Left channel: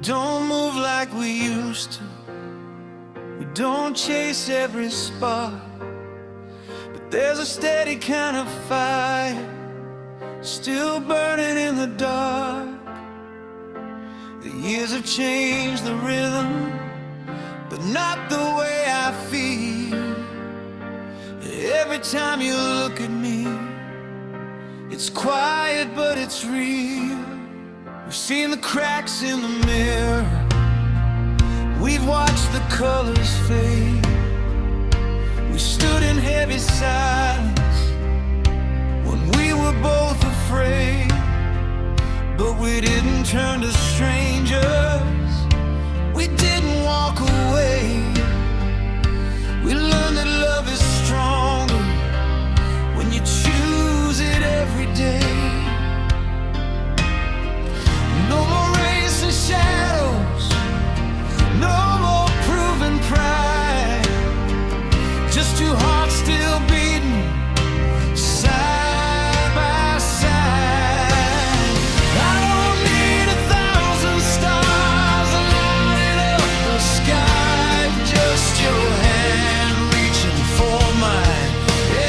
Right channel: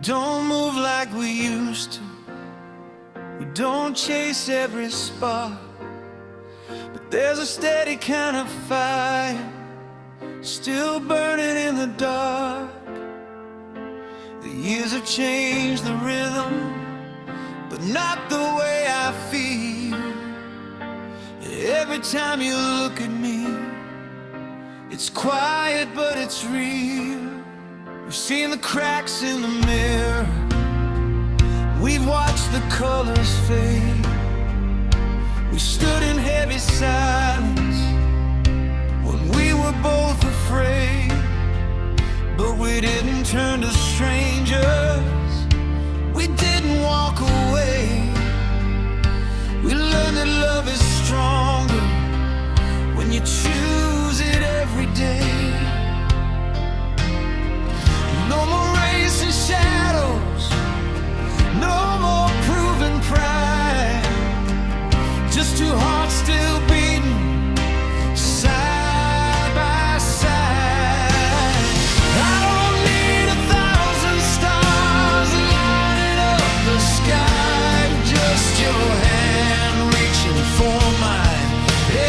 don't move like we used to. We don't chase every spark, but there's a steady kind of fire still burning in the dark. The years have changed the rhythm, but not the way I feel. Every time you look at me, it's quiet but it's real. We've seen the cracks in the mirror, we've watched the colors fade. We stood in heavy silence when we were both afraid, but we didn't turn to strangers, we didn't walk away. We learned that love is stronger when you choose it every day. No more racing shadows, no more proven pride, just two hearts still beating side by side. I don't need 1,000 stars lighting up the sky, just your hand reaching for mine.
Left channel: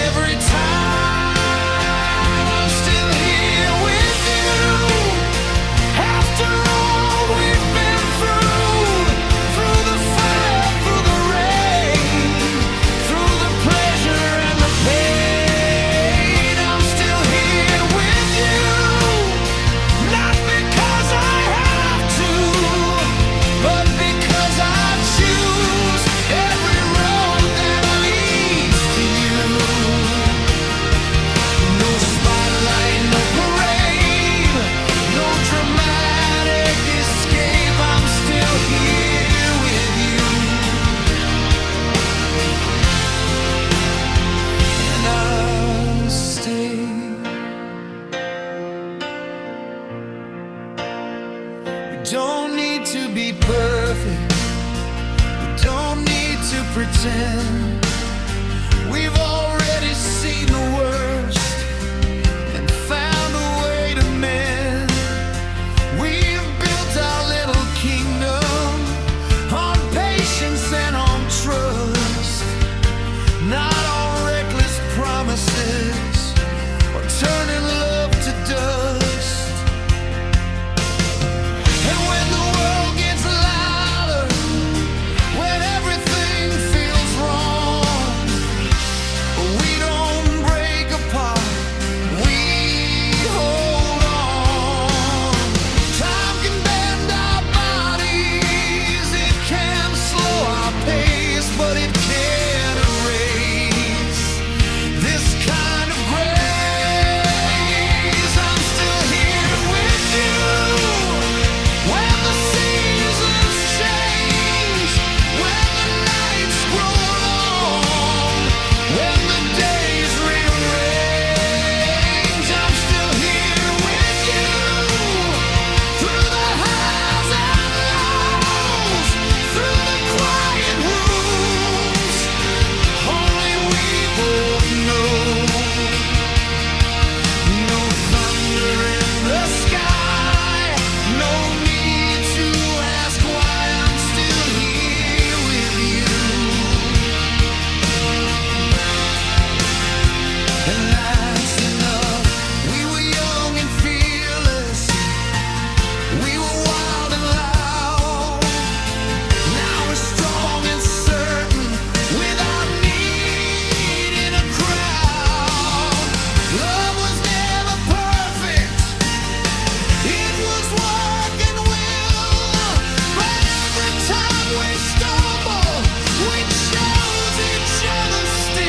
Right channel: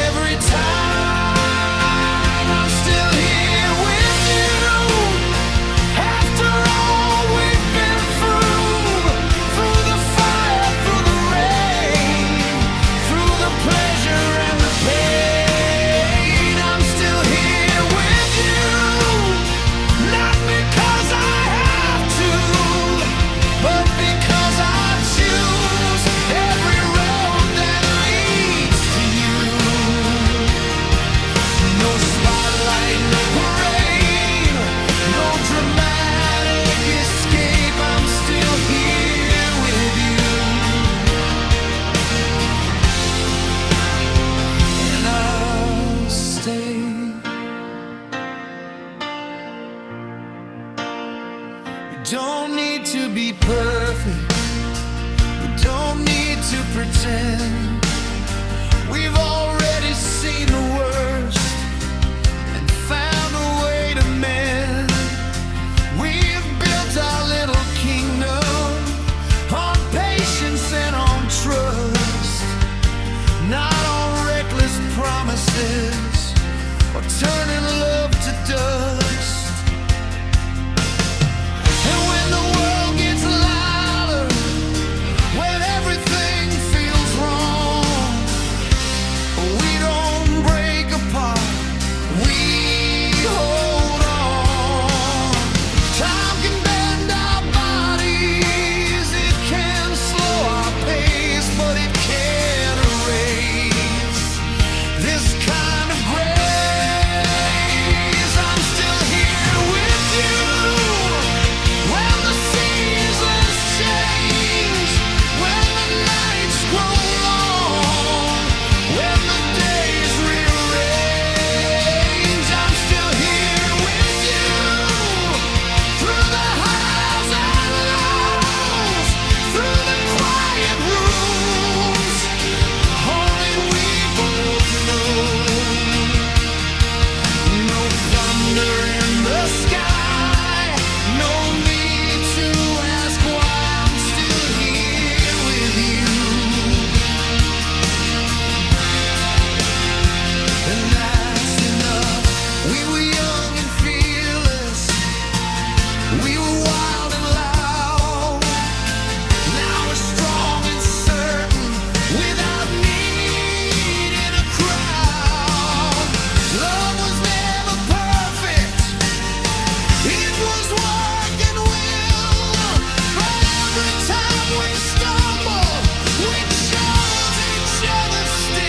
Every time I'm still here with you, after all we've been through the fire, through the rain, through the pleasure and the pain. I'm still here with you, not because I have to, but because I choose every road that leads to you. No spotlight, no parade, no dramatic escape. I'm still here with you, and I'll stay. We don't need to be perfect, we don't need to pretend. We've already seen the worst and found a way to mend. We've built our little kingdom on patience and on trust, not on reckless promises or turning love to dust. And when the world gets louder, when everything feels wrong, we don't break apart, we hold on. Time can bend our bodies, it can slow our pace, but it can't erase this kind of grace. I'm still here with you when the seasons change, when the nights grow long, when the days rearrange. I'm still here with you through the highs and lows, through the quiet rooms. Only we both know. No thunder in the sky, no need to ask why. I'm still here with you, and that's enough. We were young and fearless, we were wild and loud. Now we're strong and certain without needing a crowd. Love was never perfect, it was work and will, but every time we stumble, we chose each other still.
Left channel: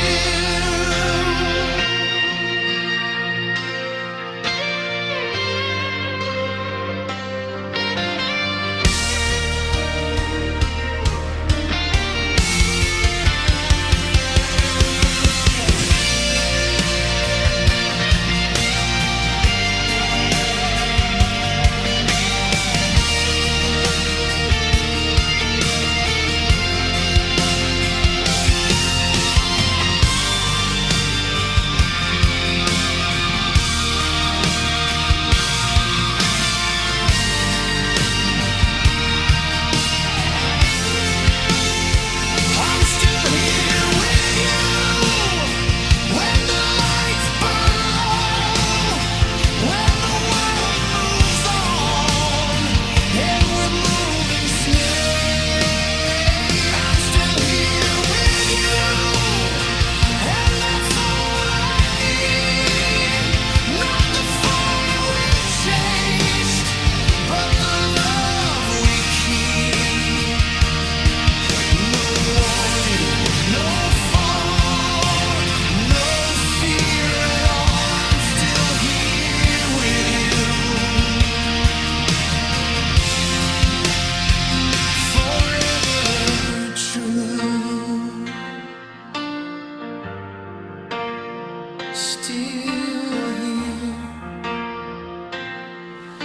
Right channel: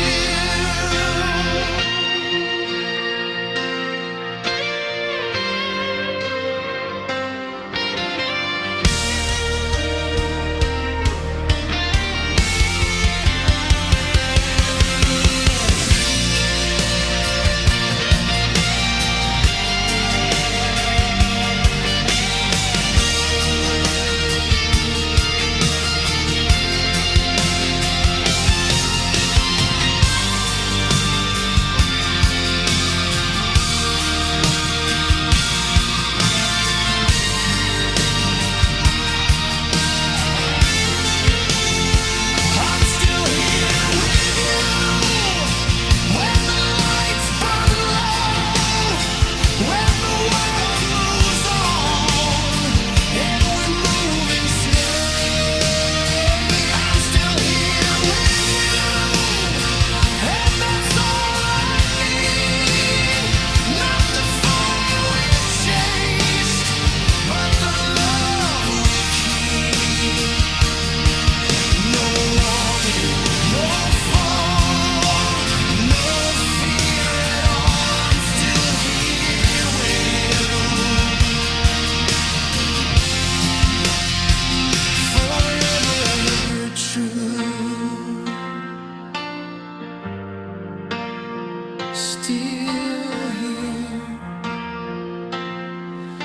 still here,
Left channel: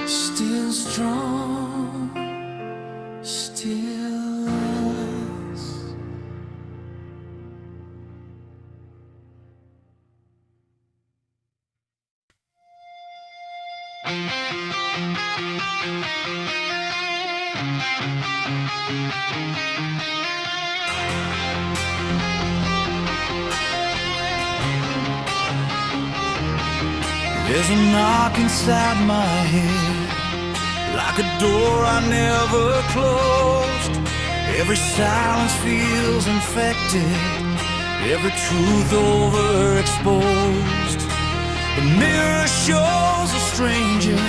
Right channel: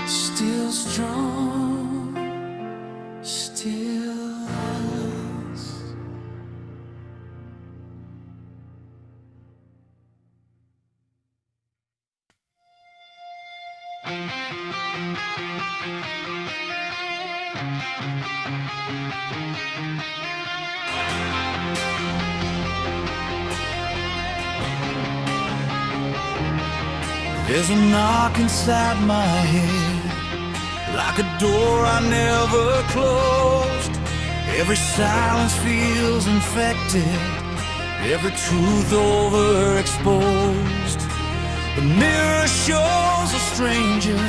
still strong, still us. There's a knock inside my head, like a door I never closed. Every silence feels infected, every truth overexposed. The mirror shows a stranger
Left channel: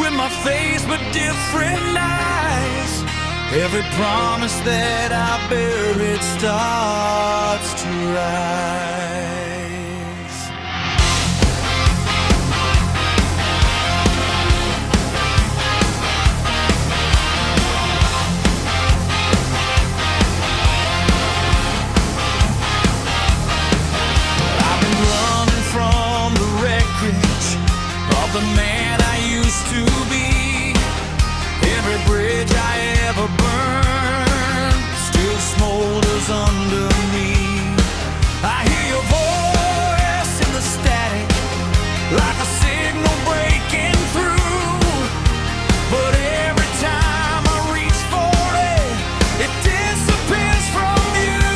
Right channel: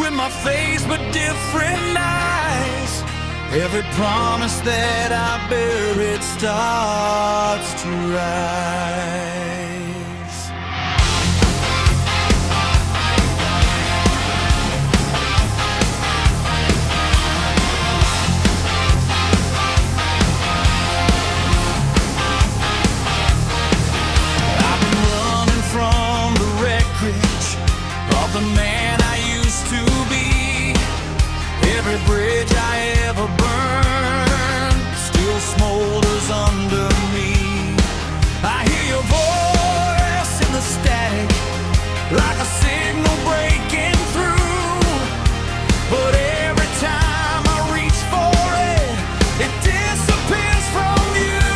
with my face but different eyes. Every promise that I buried starts to rise. From the wreckage of the man I used to be, every bridge I ever burned still smolders under me. I hear your voice in the static, like a signal breaking through. But every time I reach for it, it disappears from you.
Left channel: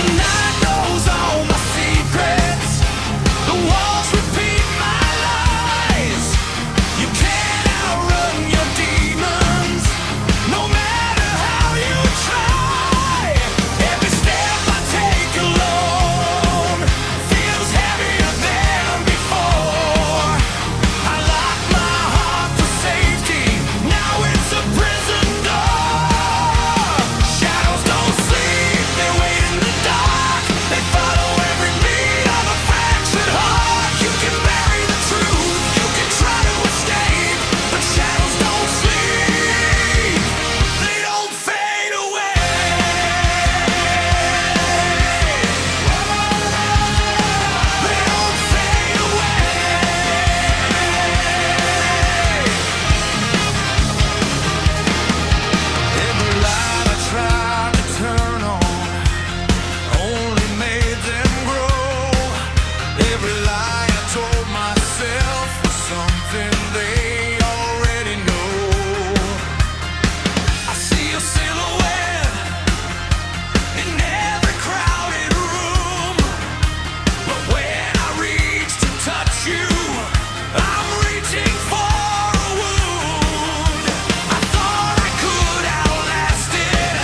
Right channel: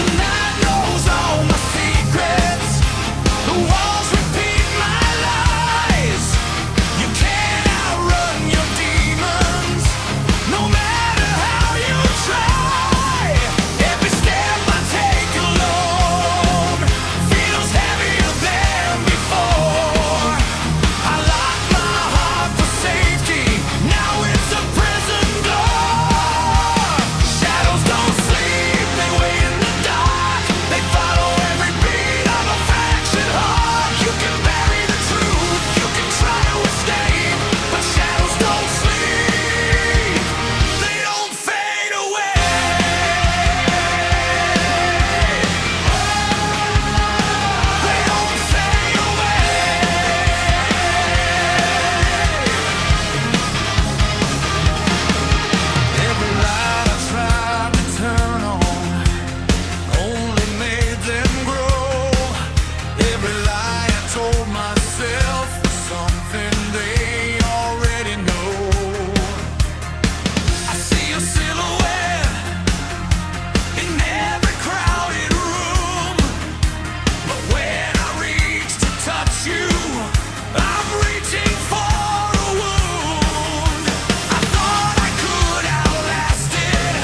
The night knows all my secrets, the walls repeat my lies. You can't outrun your demons, no matter how you try. Every step I take alone feels heavier than before. I lock my heart for safety, now it's a prison door. Shadows don't sleep, they wait in the dark, they follow every beat of a fractured heart. You can bury the truth, you can try to escape, but shadows don't sleep, they don't fade away. They don't fade away. Every light I tried to turn on only made them grow. Every lie I told myself was something they already know. I see a silhouette in every crowded room, but when I reach to touch you, I'm reaching for a wound. I thought I could outlast it,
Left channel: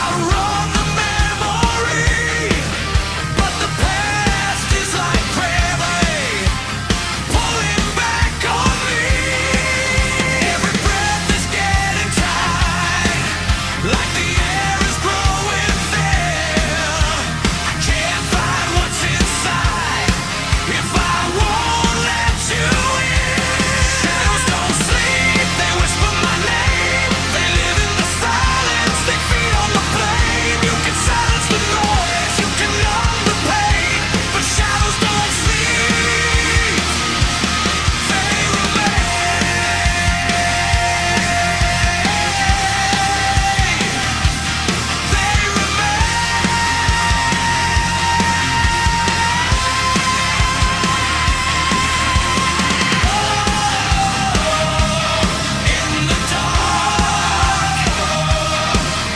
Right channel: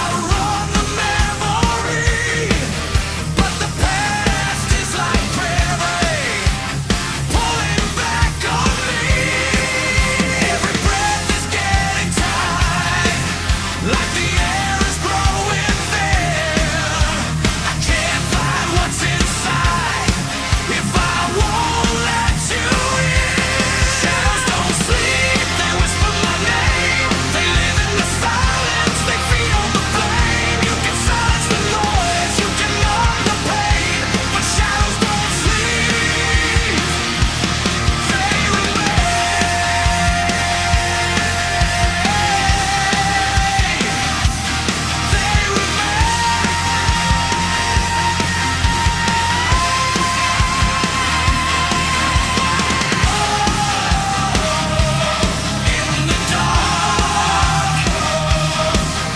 outrun the memory, but the past is like gravity, pulling back on me. Every breath is getting tight, like the air is growing thin. I can't find what's inside if I won't let you in. Shadows don't sleep, they whisper my name, they live in the silence, they feed on the flame. You can silence the noise, you can numb the pain, but shadows don't sleep, they remain. They in the dark,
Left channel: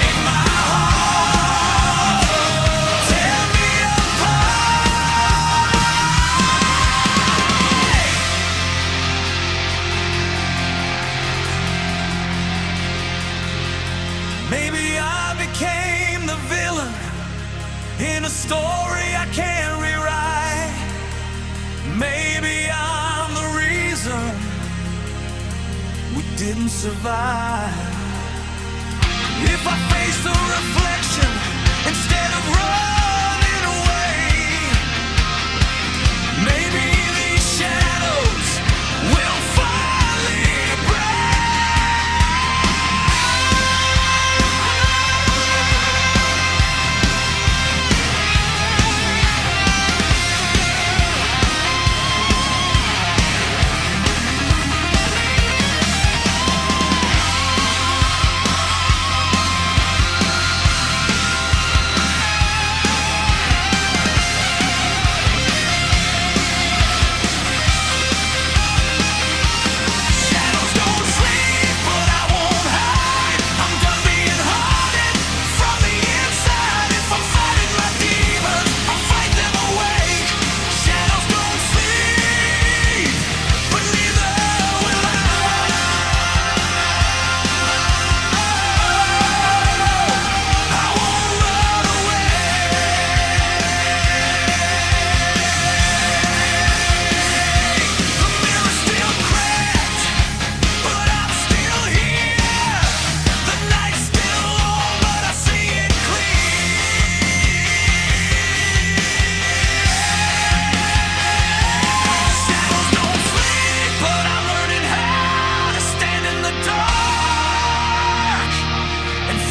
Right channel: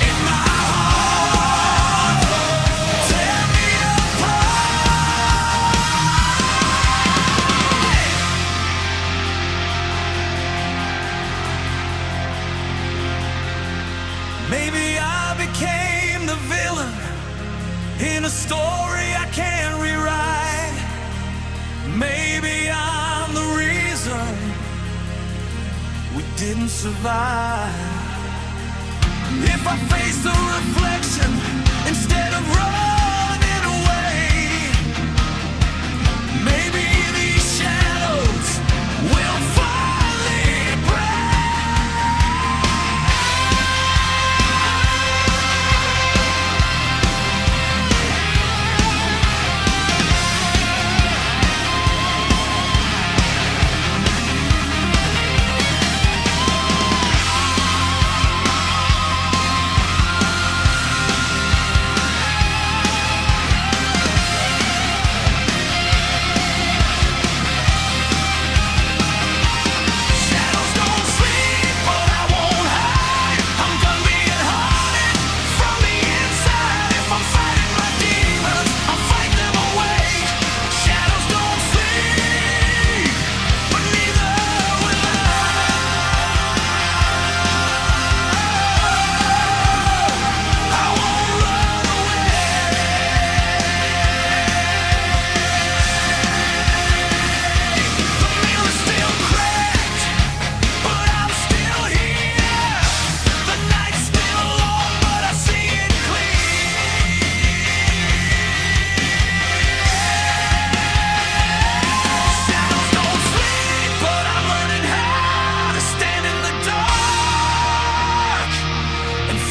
in my heart, tear me apart. Maybe I became the villain in a story I can't rewrite. Maybe I'm the reason we didn't survive. If I face the reflection instead of running away, maybe these shadows will finally break.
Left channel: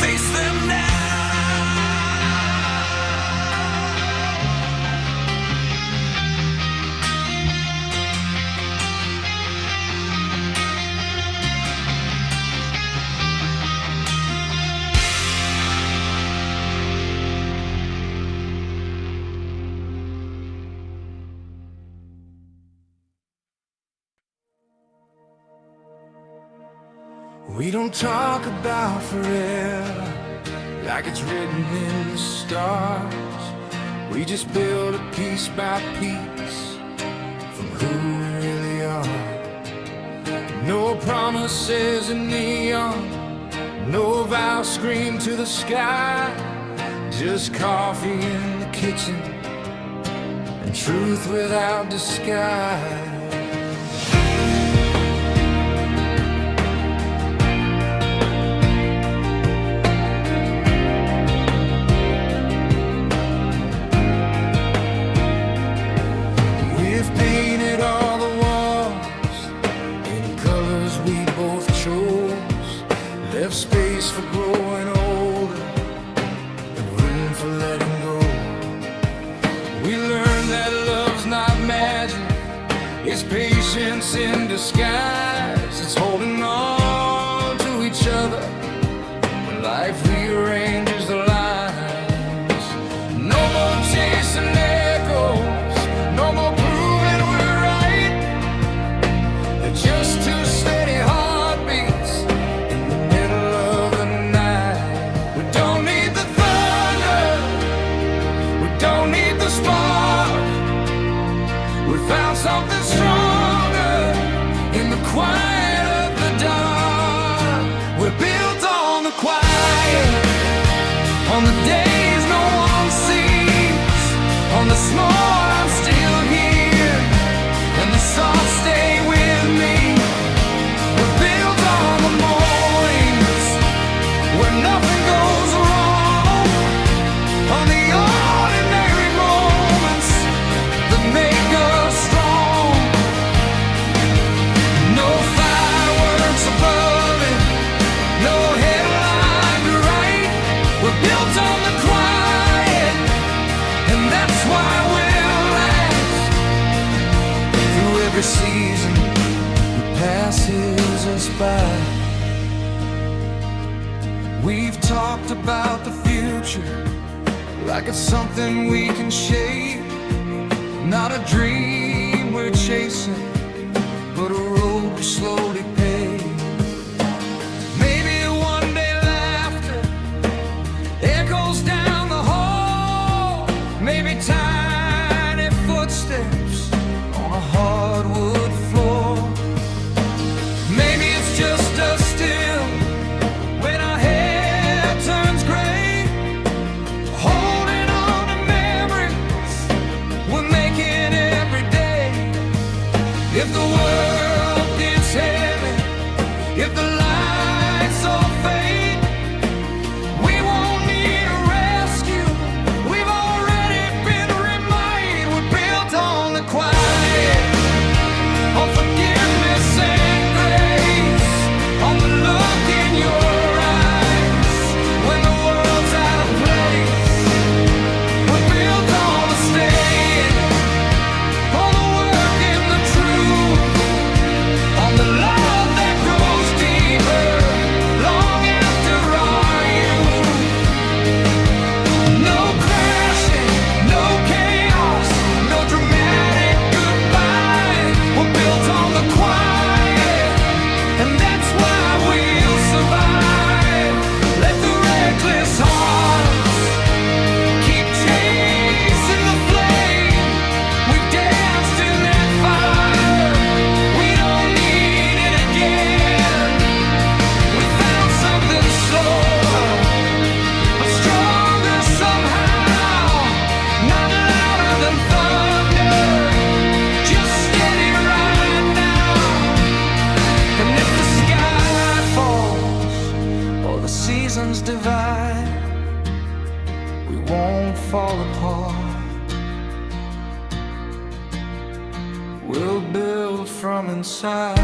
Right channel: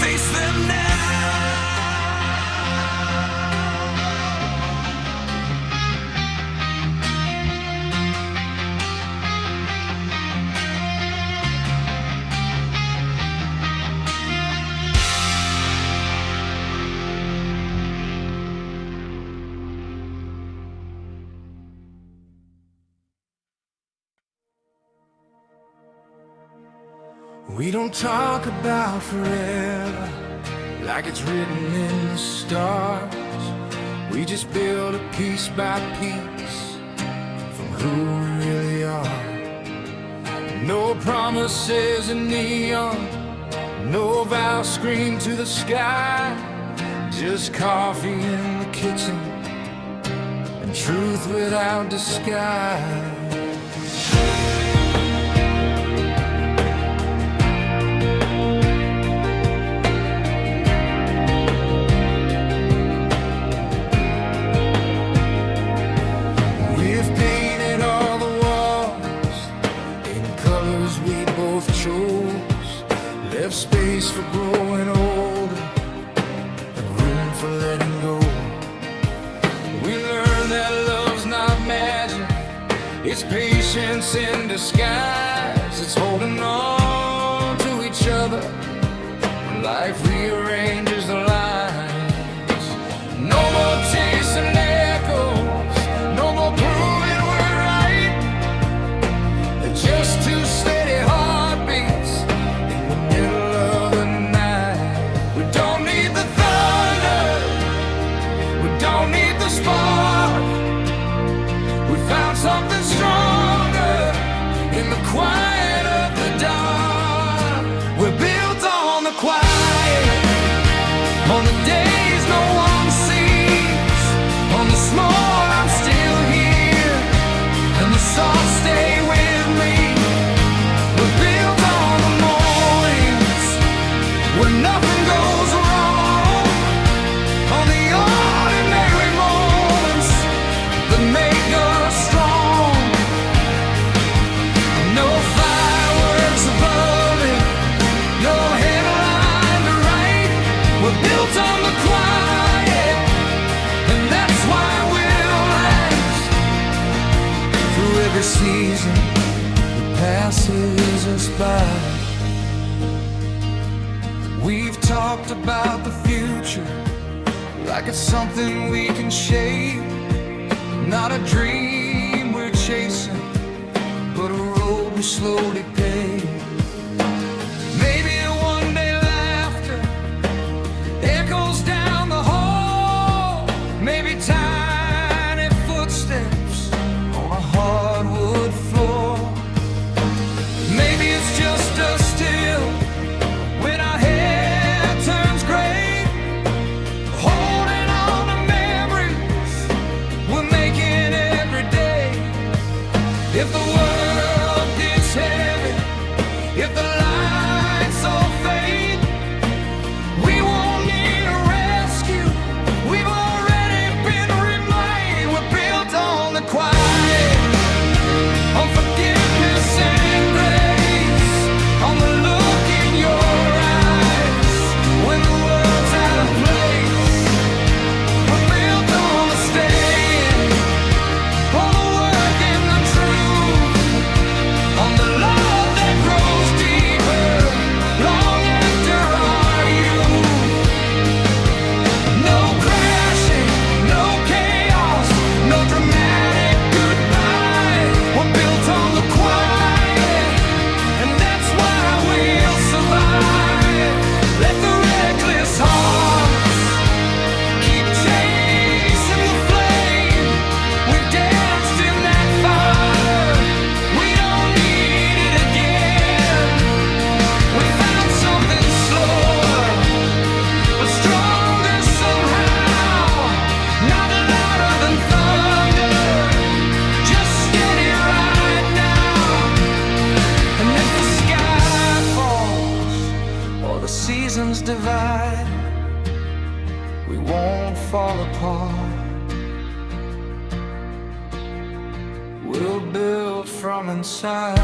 face them now. We don't talk about forever like it's written in the stars. We just build it piece by piece from who we really are. No promises in neon, no vows screamed to the sky. Just coffee in the kitchen and truth without disguise. We've painted all the walls in colors we both chose, left space for growing older and room for letting go. We learned that love's not magic, it's patience in disguise. It's holding on to each other when life rearranges the lines. No more chasing echoes, no more proving we're right. They're just two steady heartbeats in the middle of the night. We don't need the thunder, we don't need the spark. We found something stronger in the quiet of the dark. We're built on the quiet, on the days no one sees, on the small I'm still here, and the soft stay with me. We're built on the mornings where nothing goes wrong, on the ordinary moments that make us strong. No fireworks above it, no headline to write. We're built on the quiet, and that's why we'll last through every season that passes us by. We've talked about the future like it's something we can shape, not a dream we're chasing, but a road we slowly pave. Maybe one day laughter echoes down the hall, maybe tiny footsteps on a hardwood floor. Maybe it's just us still when our hair turns gray, holding on to memories we're making every day. If the world gets heavy, if the lights all fade, we won't need a rescue, we've already been remade. We're built on the quiet, on forgiveness and grace, on the look in your eyes when the world's out of place. We're built on the staying, on the work and the truth, on the love that grows deeper long after our youth. No crashing, no chaos, no dramatic goodbye. We're built on the quiet, and that's why we'll survive. Let the reckless hearts keep chasing the flame. We've danced in that fire, we don't need it again. We found something slower, but stronger somehow, not louder than thunder, just steady right now. And if the sky falls or the seasons divide, we won't fall apart. We'll build from inside.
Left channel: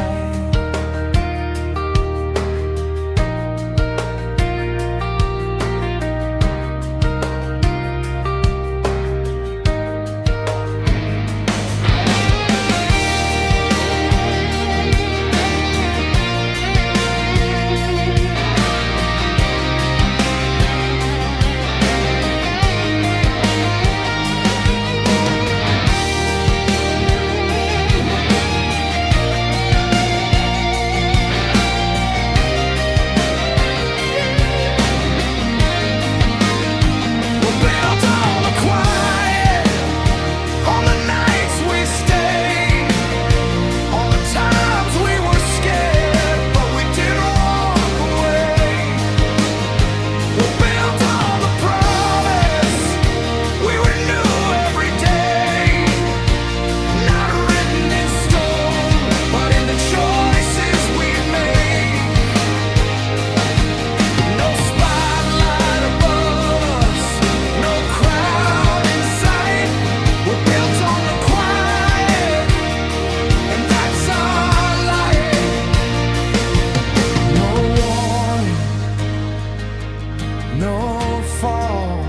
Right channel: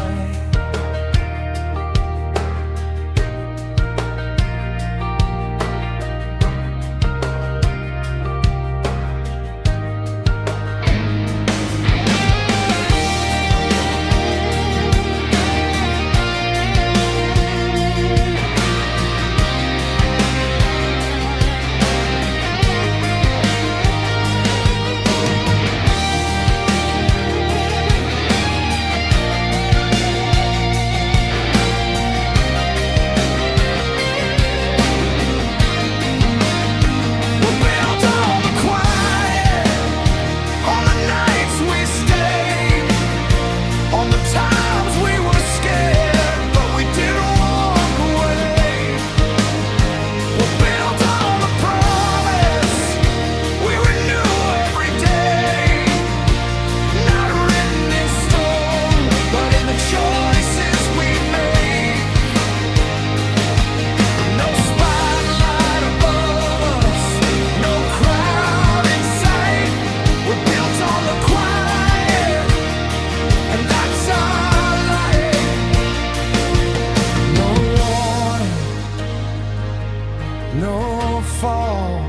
no fall,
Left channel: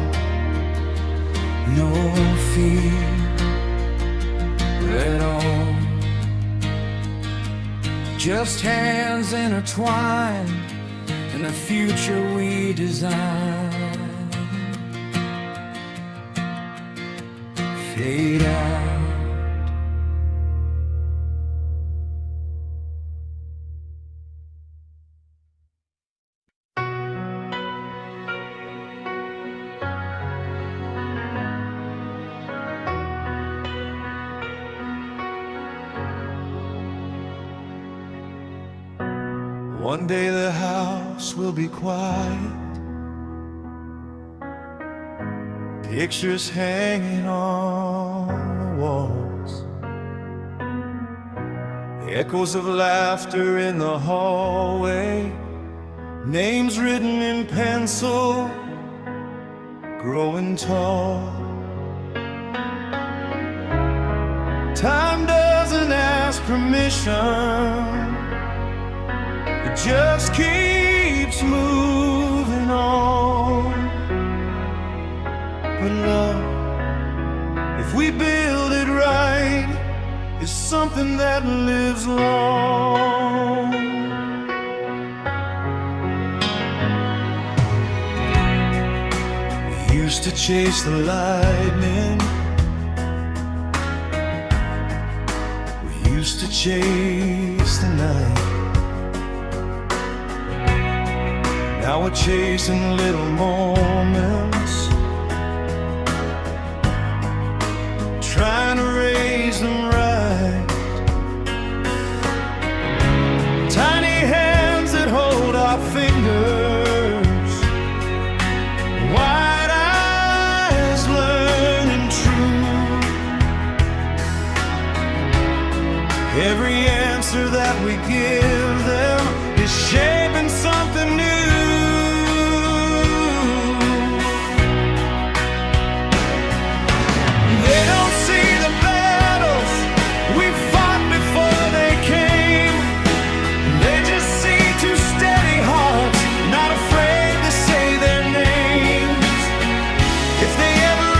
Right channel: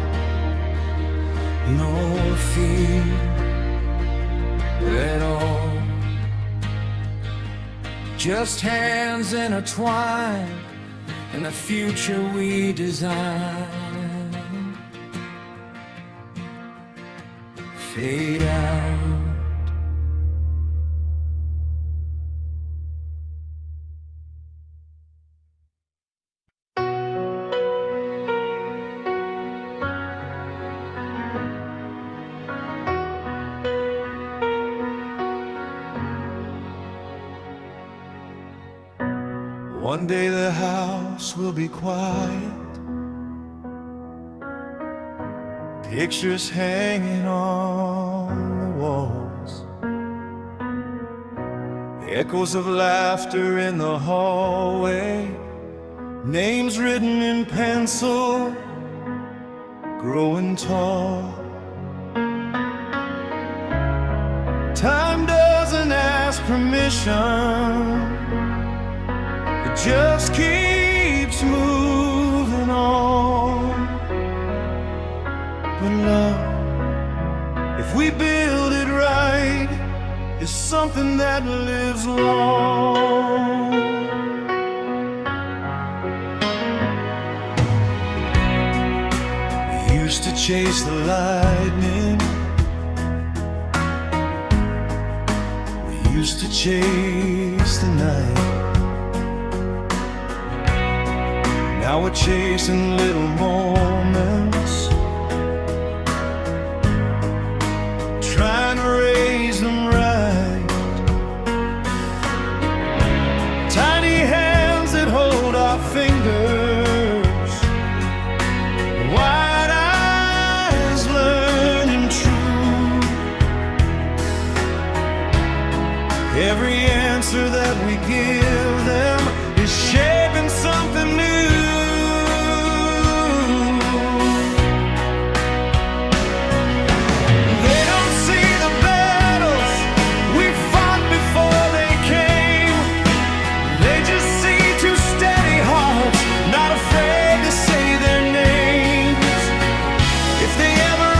no fear at all. Just hands intertwined in the future we design. Fade out. One day the house will be quiet, pictures hanging on the walls, the echoes of laughter in the hallway, names written in pencil, growing tall. Time doesn't ask permission, it just keeps moving on. But love, if we build it right, is something that lives long. We used to chase the lightning, we used to chase the night. Now we're chasing little moments, trying to raise them right. Tiny hands that hold our fingers, wide eyes learning true. Every answer that we give them is shaping something new. They don't see the battles we fought before they came. They just see two steady hearts, not afraid to say their names. If they ever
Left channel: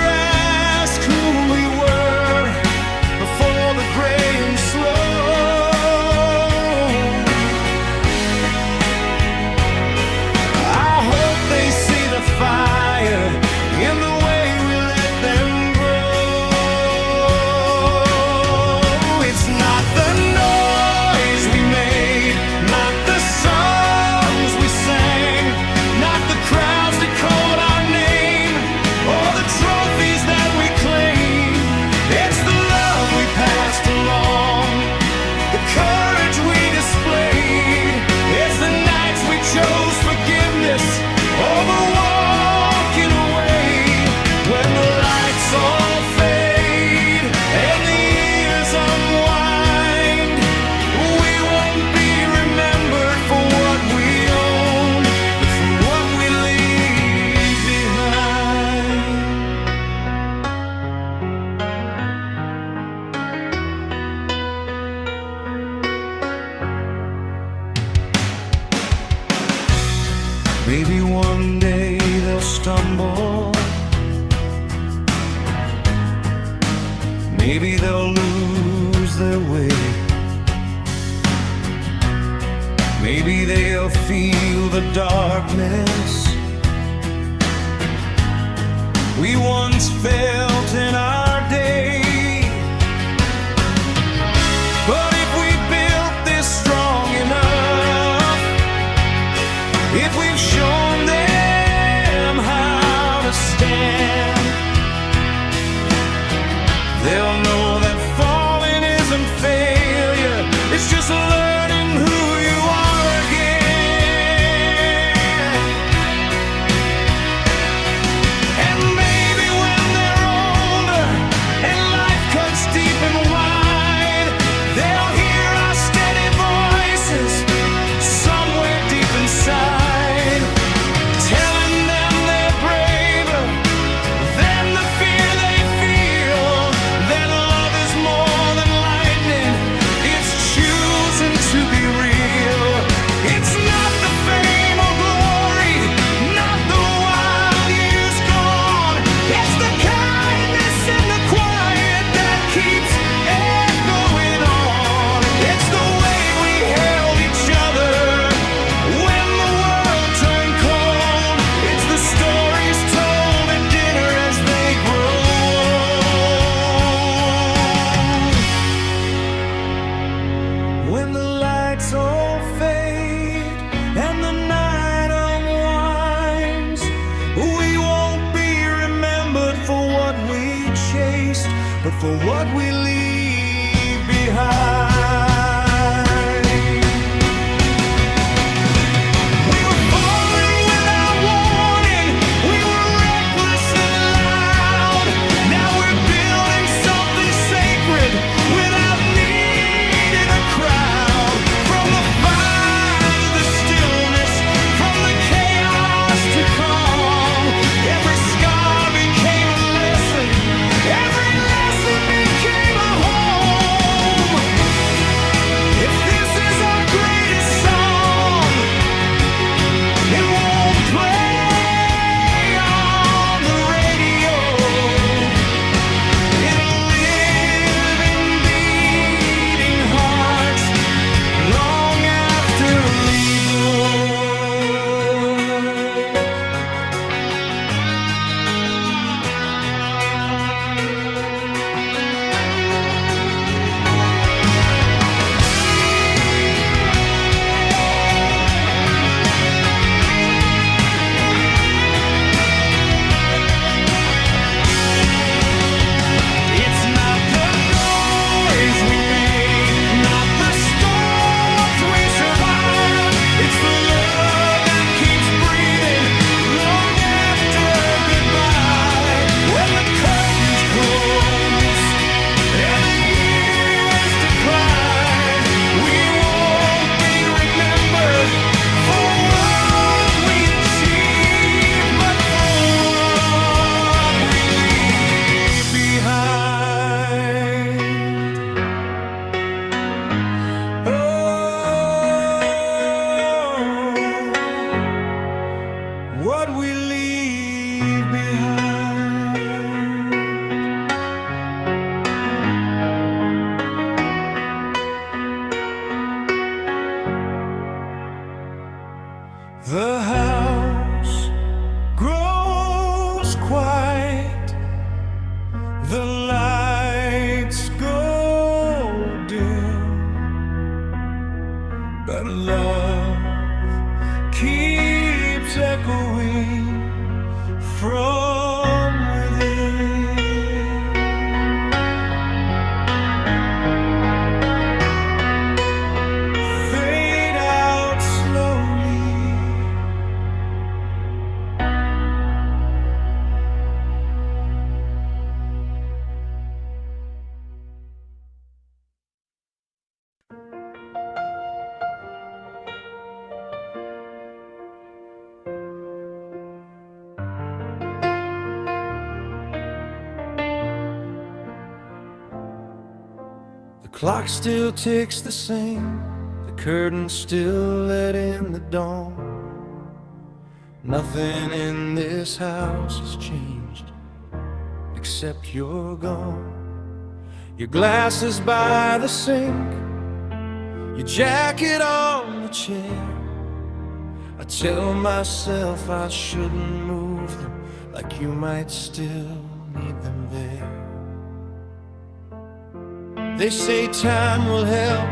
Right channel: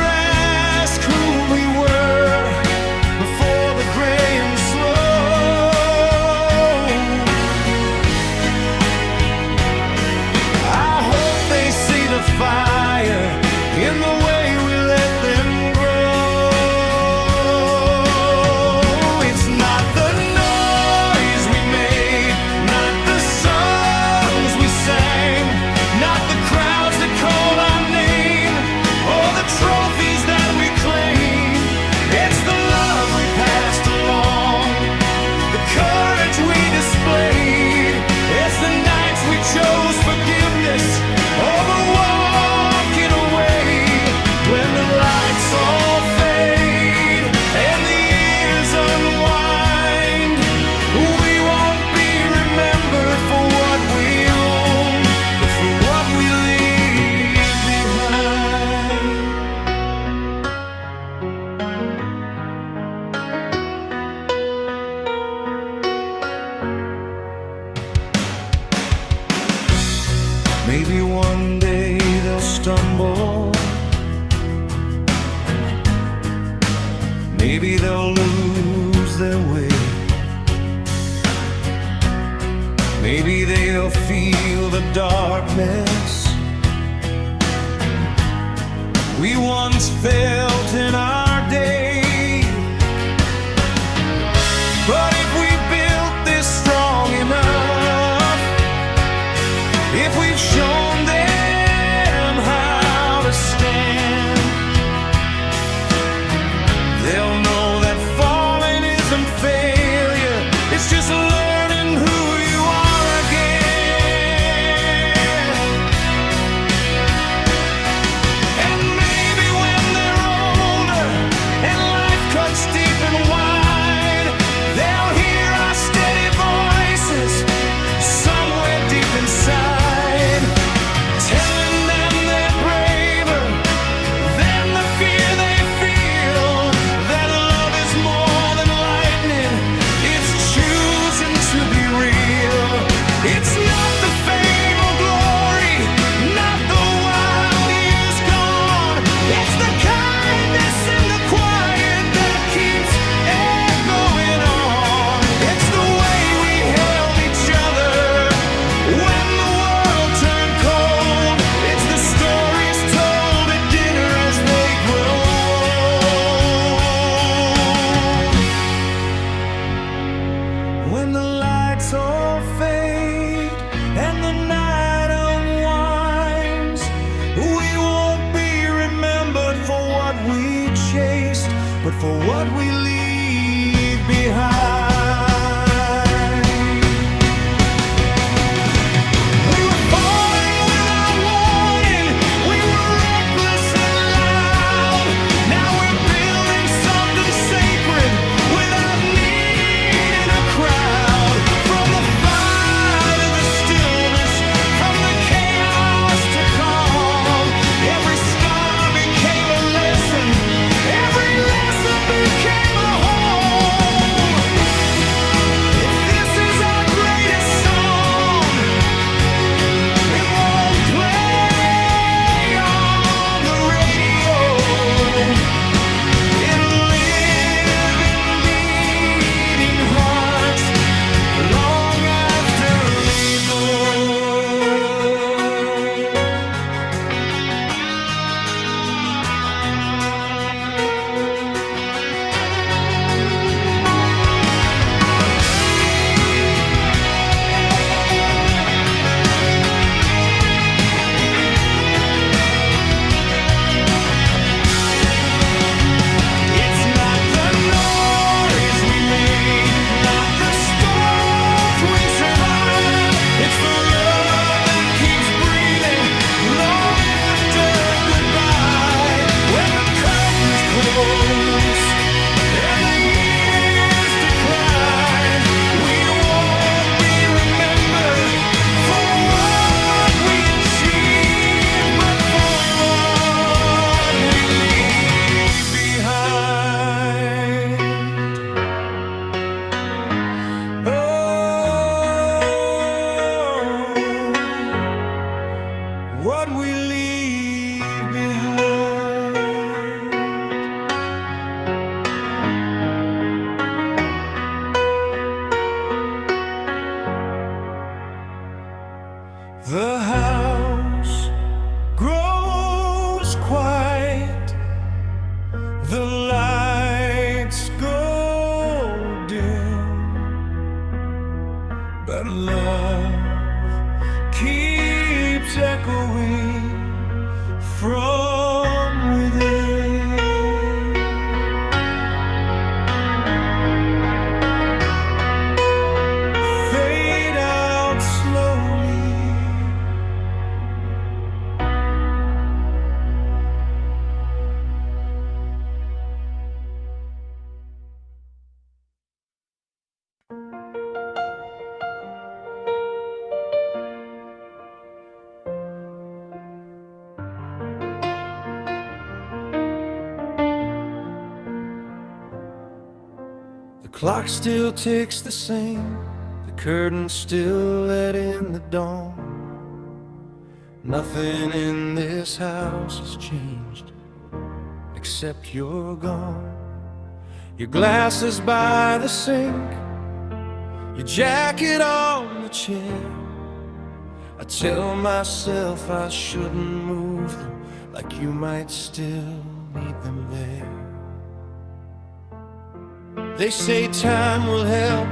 ask who we were before the gray and slow, the fire in the way we let them grow. It's not the noise we made, not the songs we sang, not the crowds that called our name, or the trophies that we claim. It's the love we passed along, the courage we displayed. It's the nights we chose forgiveness over walking away. When the lights all fade and the years unwind, we won't be remembered for what we own, but for what we leave behind. Maybe one day they'll stumble, maybe they'll lose their way, maybe they'll feel the darkness we once felt in our day. But if we built this strong enough, if we've shown them how to stand, they'll know that falling isn't failure, it's just learning who you are again. And maybe when they're older and life cuts deep and wide, they'll hear our steady voices somewhere deep inside, telling them they're braver than the fear they feel, that love is more than lightning, it's choosing lights all fade and the night unwinds, we won't be remembered for what we chased, but for what we leave behind. We were falling without warning, we were reckless and loud. Now we're building something sacred without needing a crowd. From the fire to the stillness, from the chaos to calm, every scar became a lesson, every lesson became a home. If this is our greatest song, it won't play on the radio. It'll live in beating hearts long after we go. It's not the noise we make, not the storms we survive. It's the love that keeps breathing long after goodbye. When the curtains close and the years decline, we won't be remembered for what we achieved, but for what we leave behind. Oh, what we leave behind. The house grows quiet, the lights go dim, but love keeps echoing from within. Fade out slowly. The clock still ticks the same, the curtains still let in the dawn. Nothing in this house has changed, except you're gone. Your glasses by the sink, your jacket on the chair. I tell myself I shouldn't move them, like you might still need them there. They say time will help,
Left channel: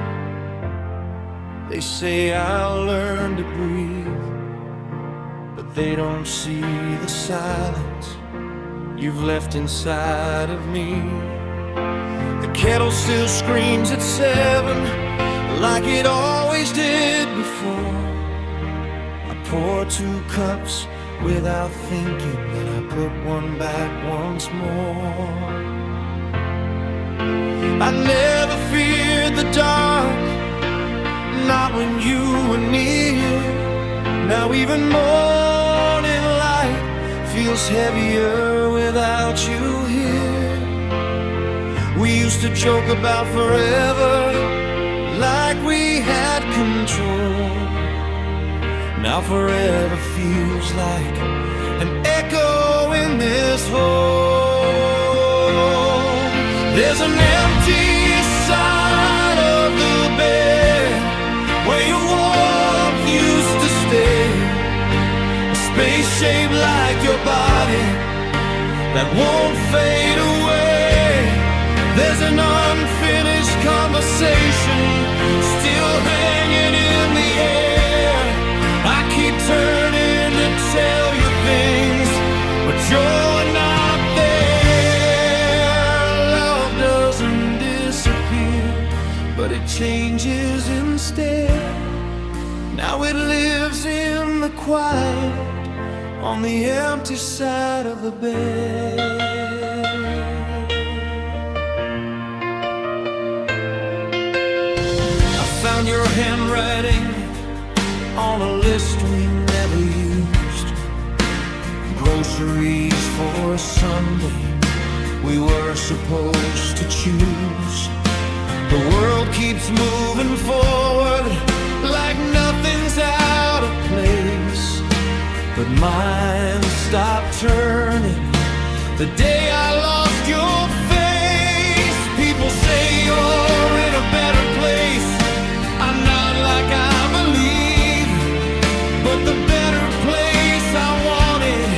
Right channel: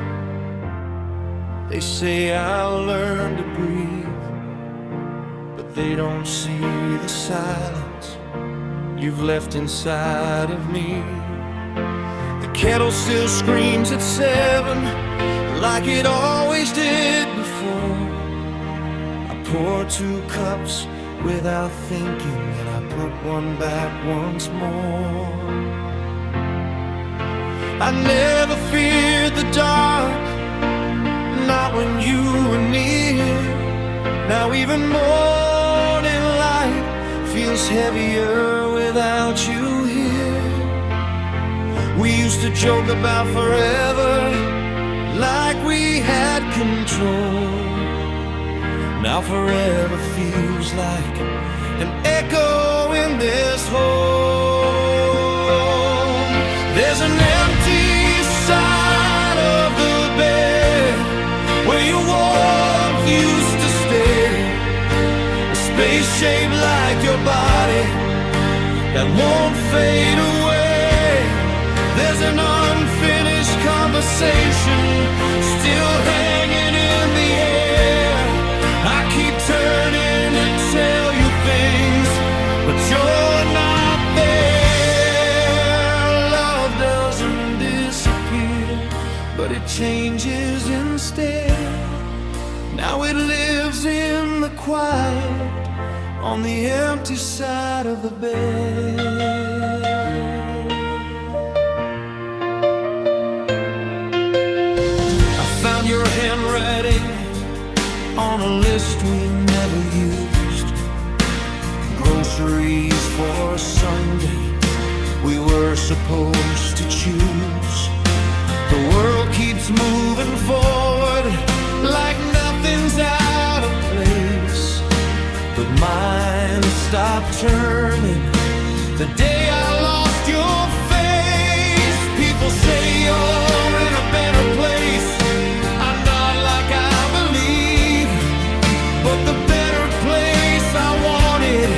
they say I'll learn to breathe, but they don't see the silence you've left inside of me. The kettle still screams at 7, like it always did before. I pour 2 cups without thinking, then I put one back once more. I never feared the dark, not when you were near. Now even morning light feels heavier without you here. We used to joke about forever, like we had control. Now forever feels like an echo in this home. There's an empty side of the bed where your warmth used to stay, a space shaped like your body that won't fade away. There's an unfinished last conversation still hanging in the air. I keep turning to tell you things, but you're not there. Love doesn't disappear, but it changes instead. Now it lives in the quiet on the empty side of the bed. I found your handwriting on a list we never used. Groceries for a Sunday we were supposed to choose. The world keeps moving forward like nothing's out of place, but mine stopped turning the day I lost your face. People say you're in a better place. I'm not like I believe, but the better place I wanted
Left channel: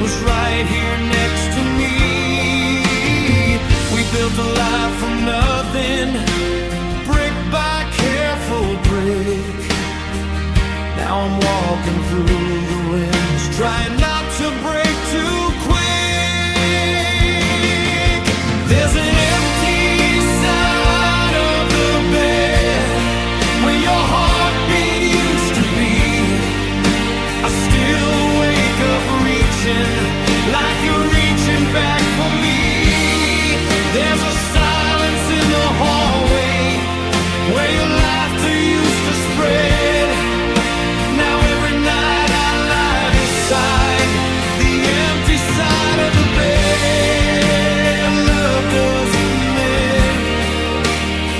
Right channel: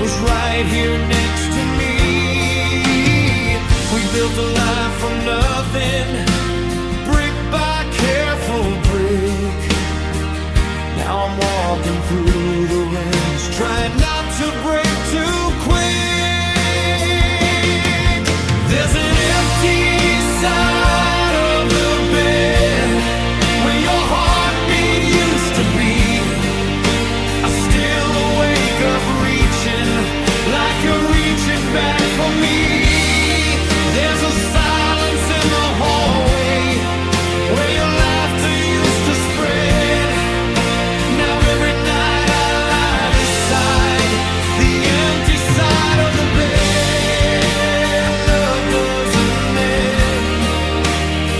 was right here next to me. We built a life from nothing, brick by careful brick. Now I'm walking through the winds, trying not to break too quick. There's an empty side of the bed where your heartbeat used to be. I still wake up reaching like you're reaching back for me. There's a silence in the hallway where your laughter used to spread. Now every night I lie beside the empty side of the bed. Love doesn't end,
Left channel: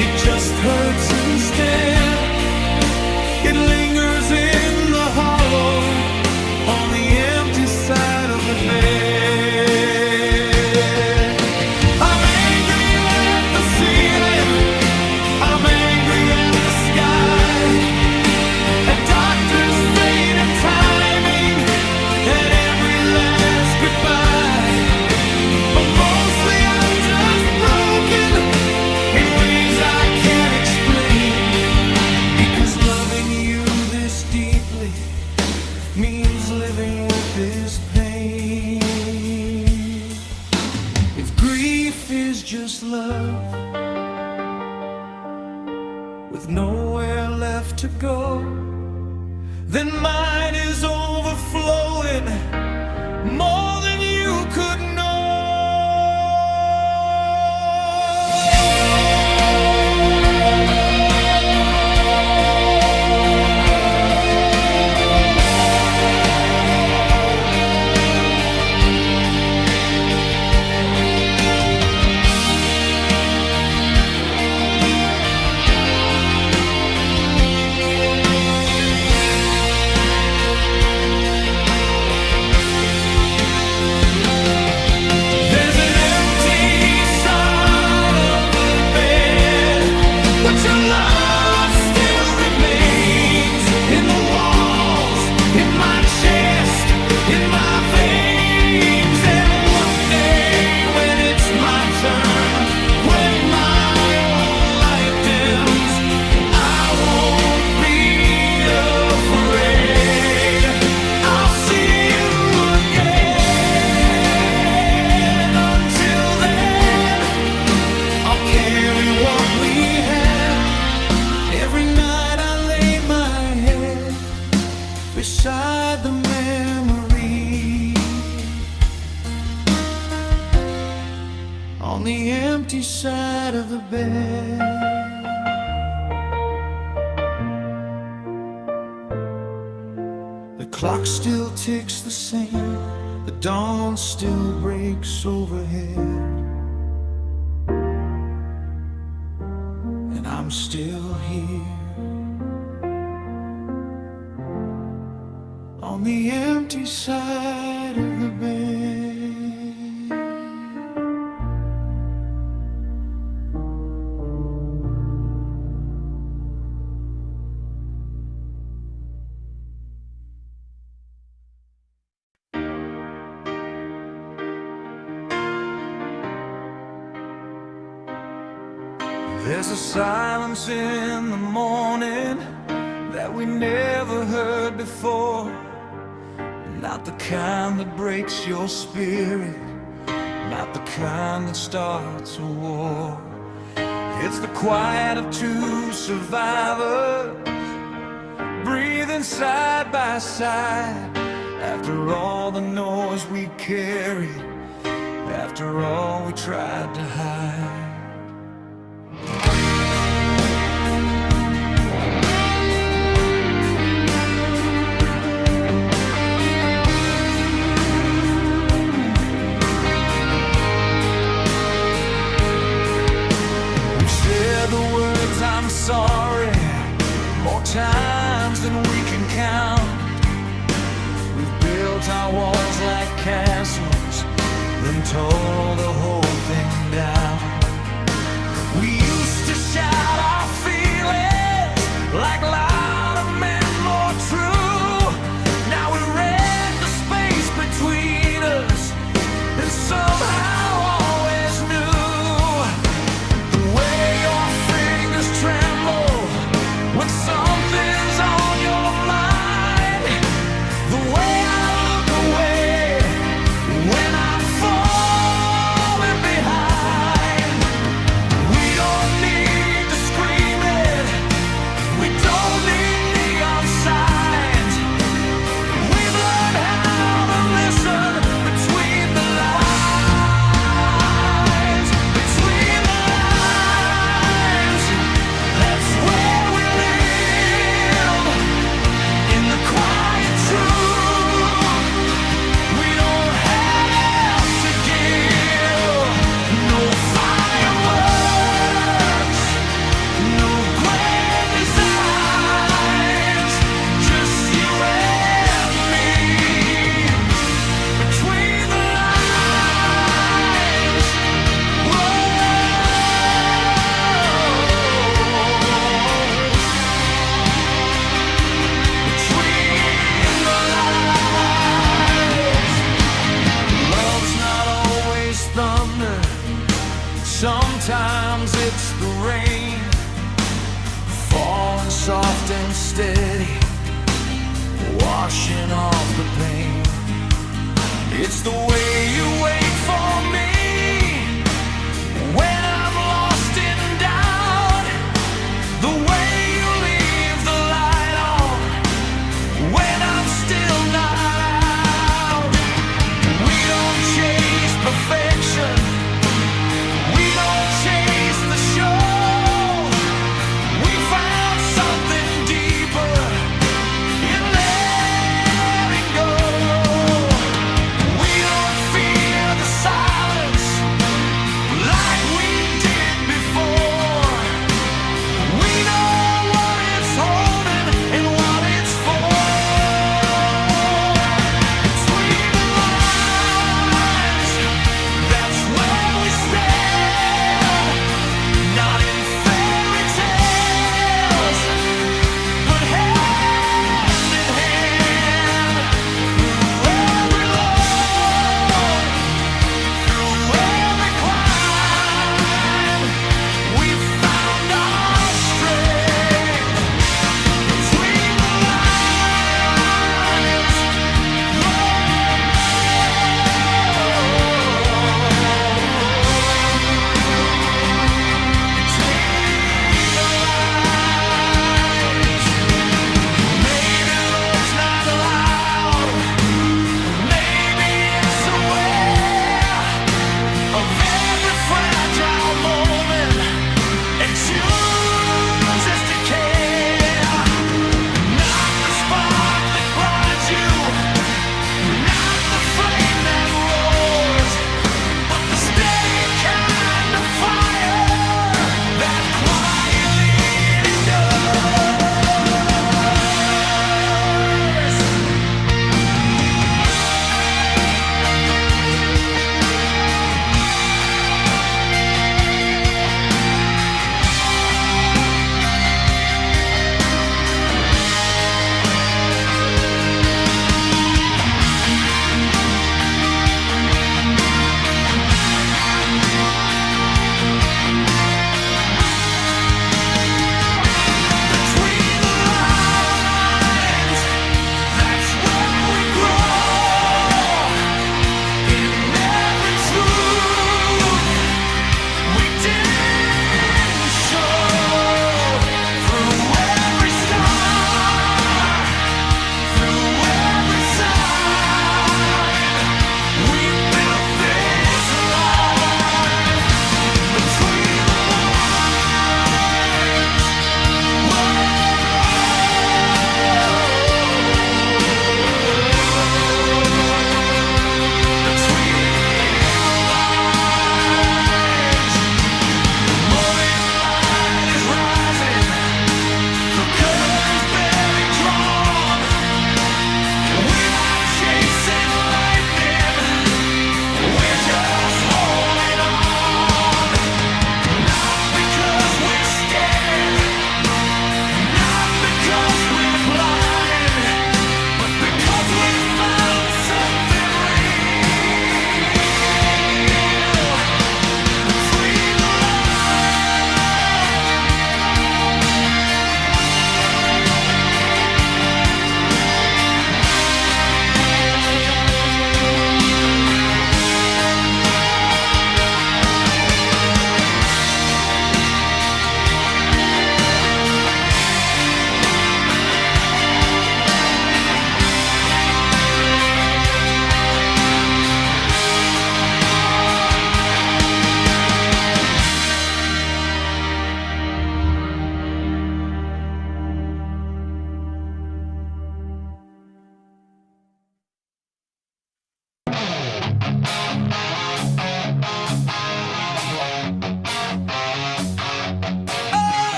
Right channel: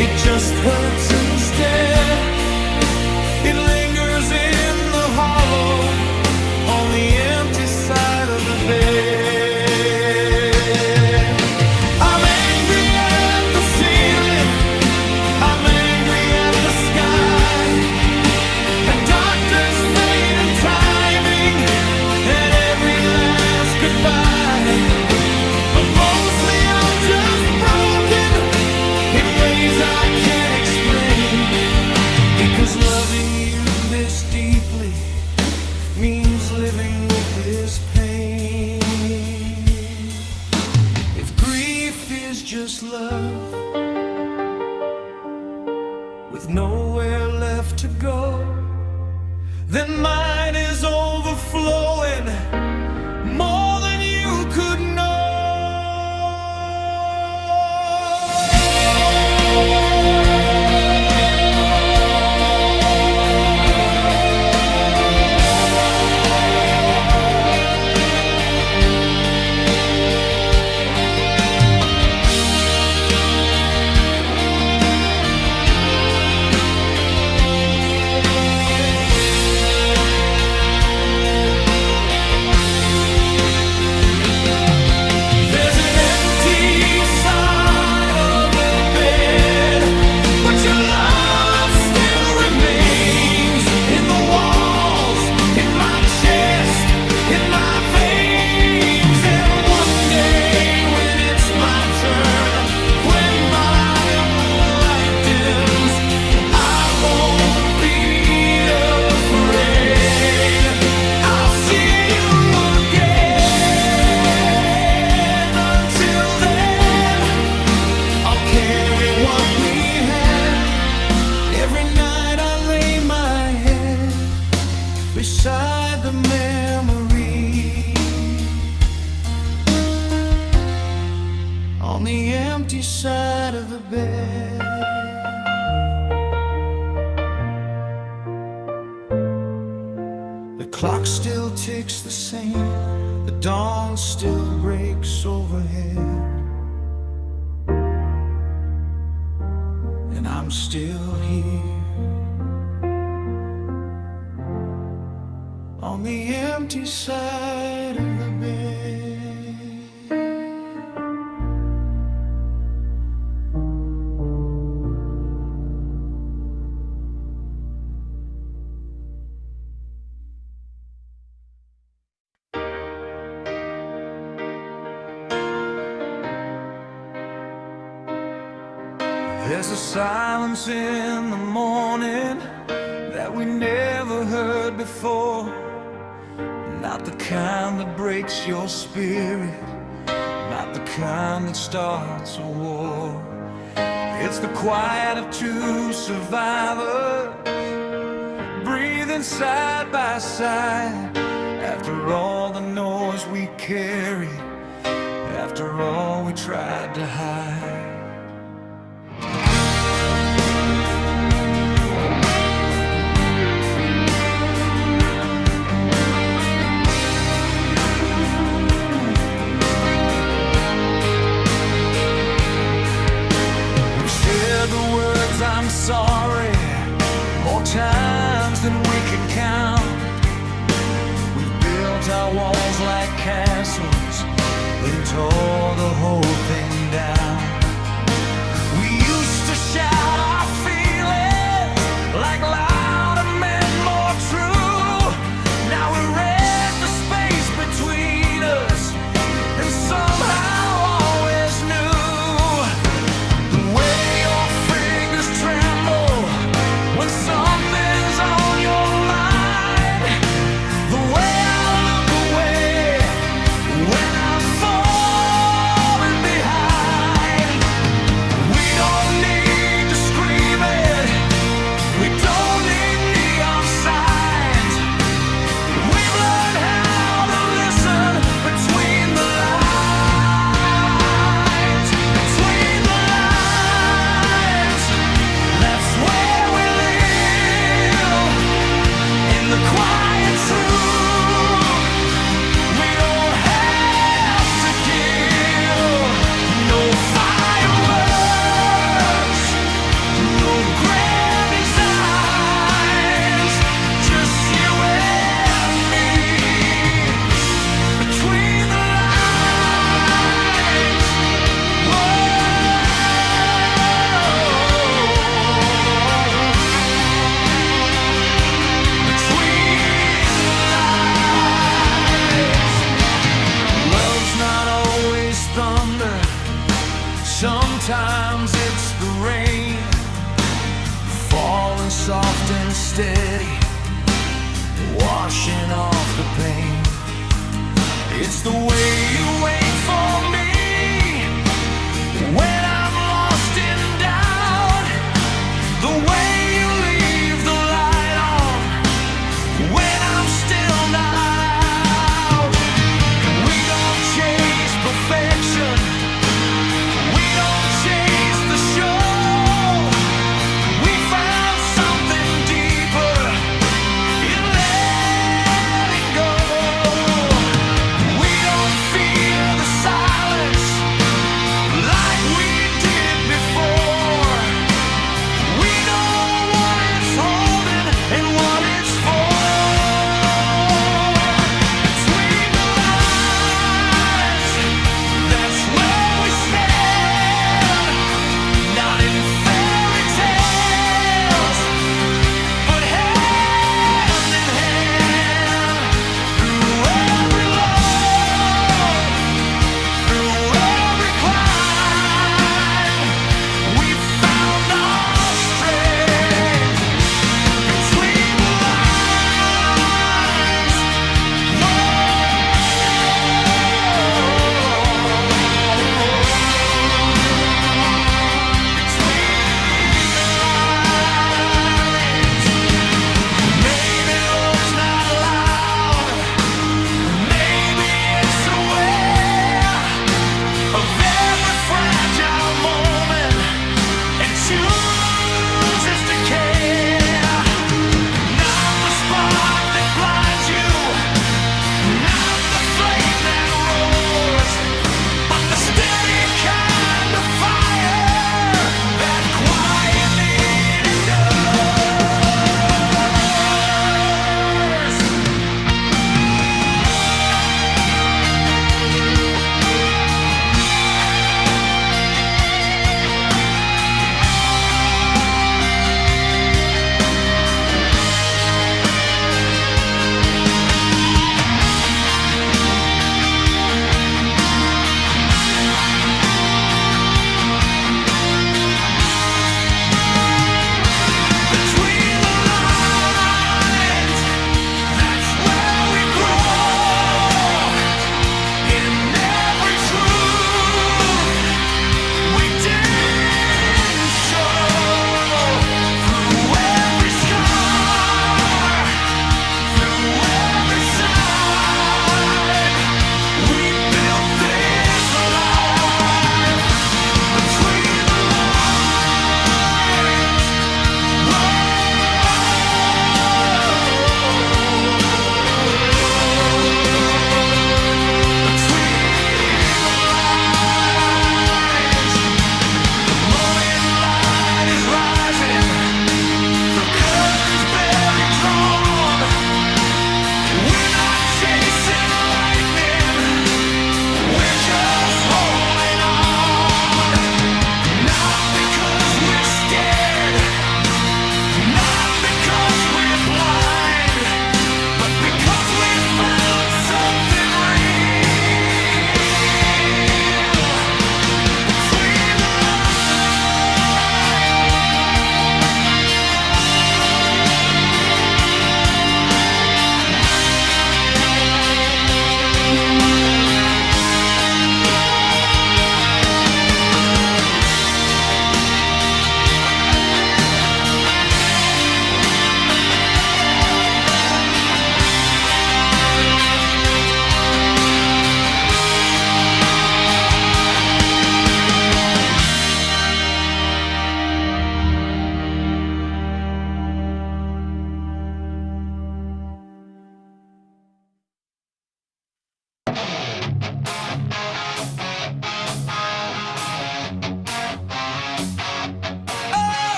it just hurts instead. It lingers in the hollow on the empty side of the bed. I'm angry at the ceiling, I'm angry at the sky, at darkness, fate and timing, at every last goodbye. But mostly I'm just broken in ways I can't explain, because loving you this deeply means living with this pain. If grief is just love with nowhere left to go, then mine is overflowing more than you could know. In my veins, and one day when it's my turn, when my own light dims, I won't be afraid. I'll see you again. Until then, I'll carry what we had. Every night I lay my head beside the memory on the empty side of the bed. The clock still ticks the same, the dawn still breaks overhead, and I'm still here on the empty side of the bed. There's a silence in the morning that we never heard before. Not the kind that breaks your spirit, not the kind that starts a war. It's the quiet of two survivors, breathing side by side. After all the noise we carried, after all we tried to hide. The words I'm sorry more times than we can count. We've built our walls like castles, then tore the whole thing down. We used to shout our feelings like louder men, more true. Now we read the space between us and somehow always knew. When something's on your mind, the way I look away when I'm falling behind. We don't need to scream it, we don't need neon signs. We've learned how to listen between the lines, between the lines. That's where the quiet truth. We don't have to give no fireworks, no grand designs, just you and me between the lines. Whoa. Thunder, sometimes it's the rain, falling soft and steady, washing off the pain. It's the way you wait for me when I'm lost in doubt, the way you leave the light on when I'm still not out. We don't chase perfection, we don't chase the show. We found something deeper in letting go. We don't fear the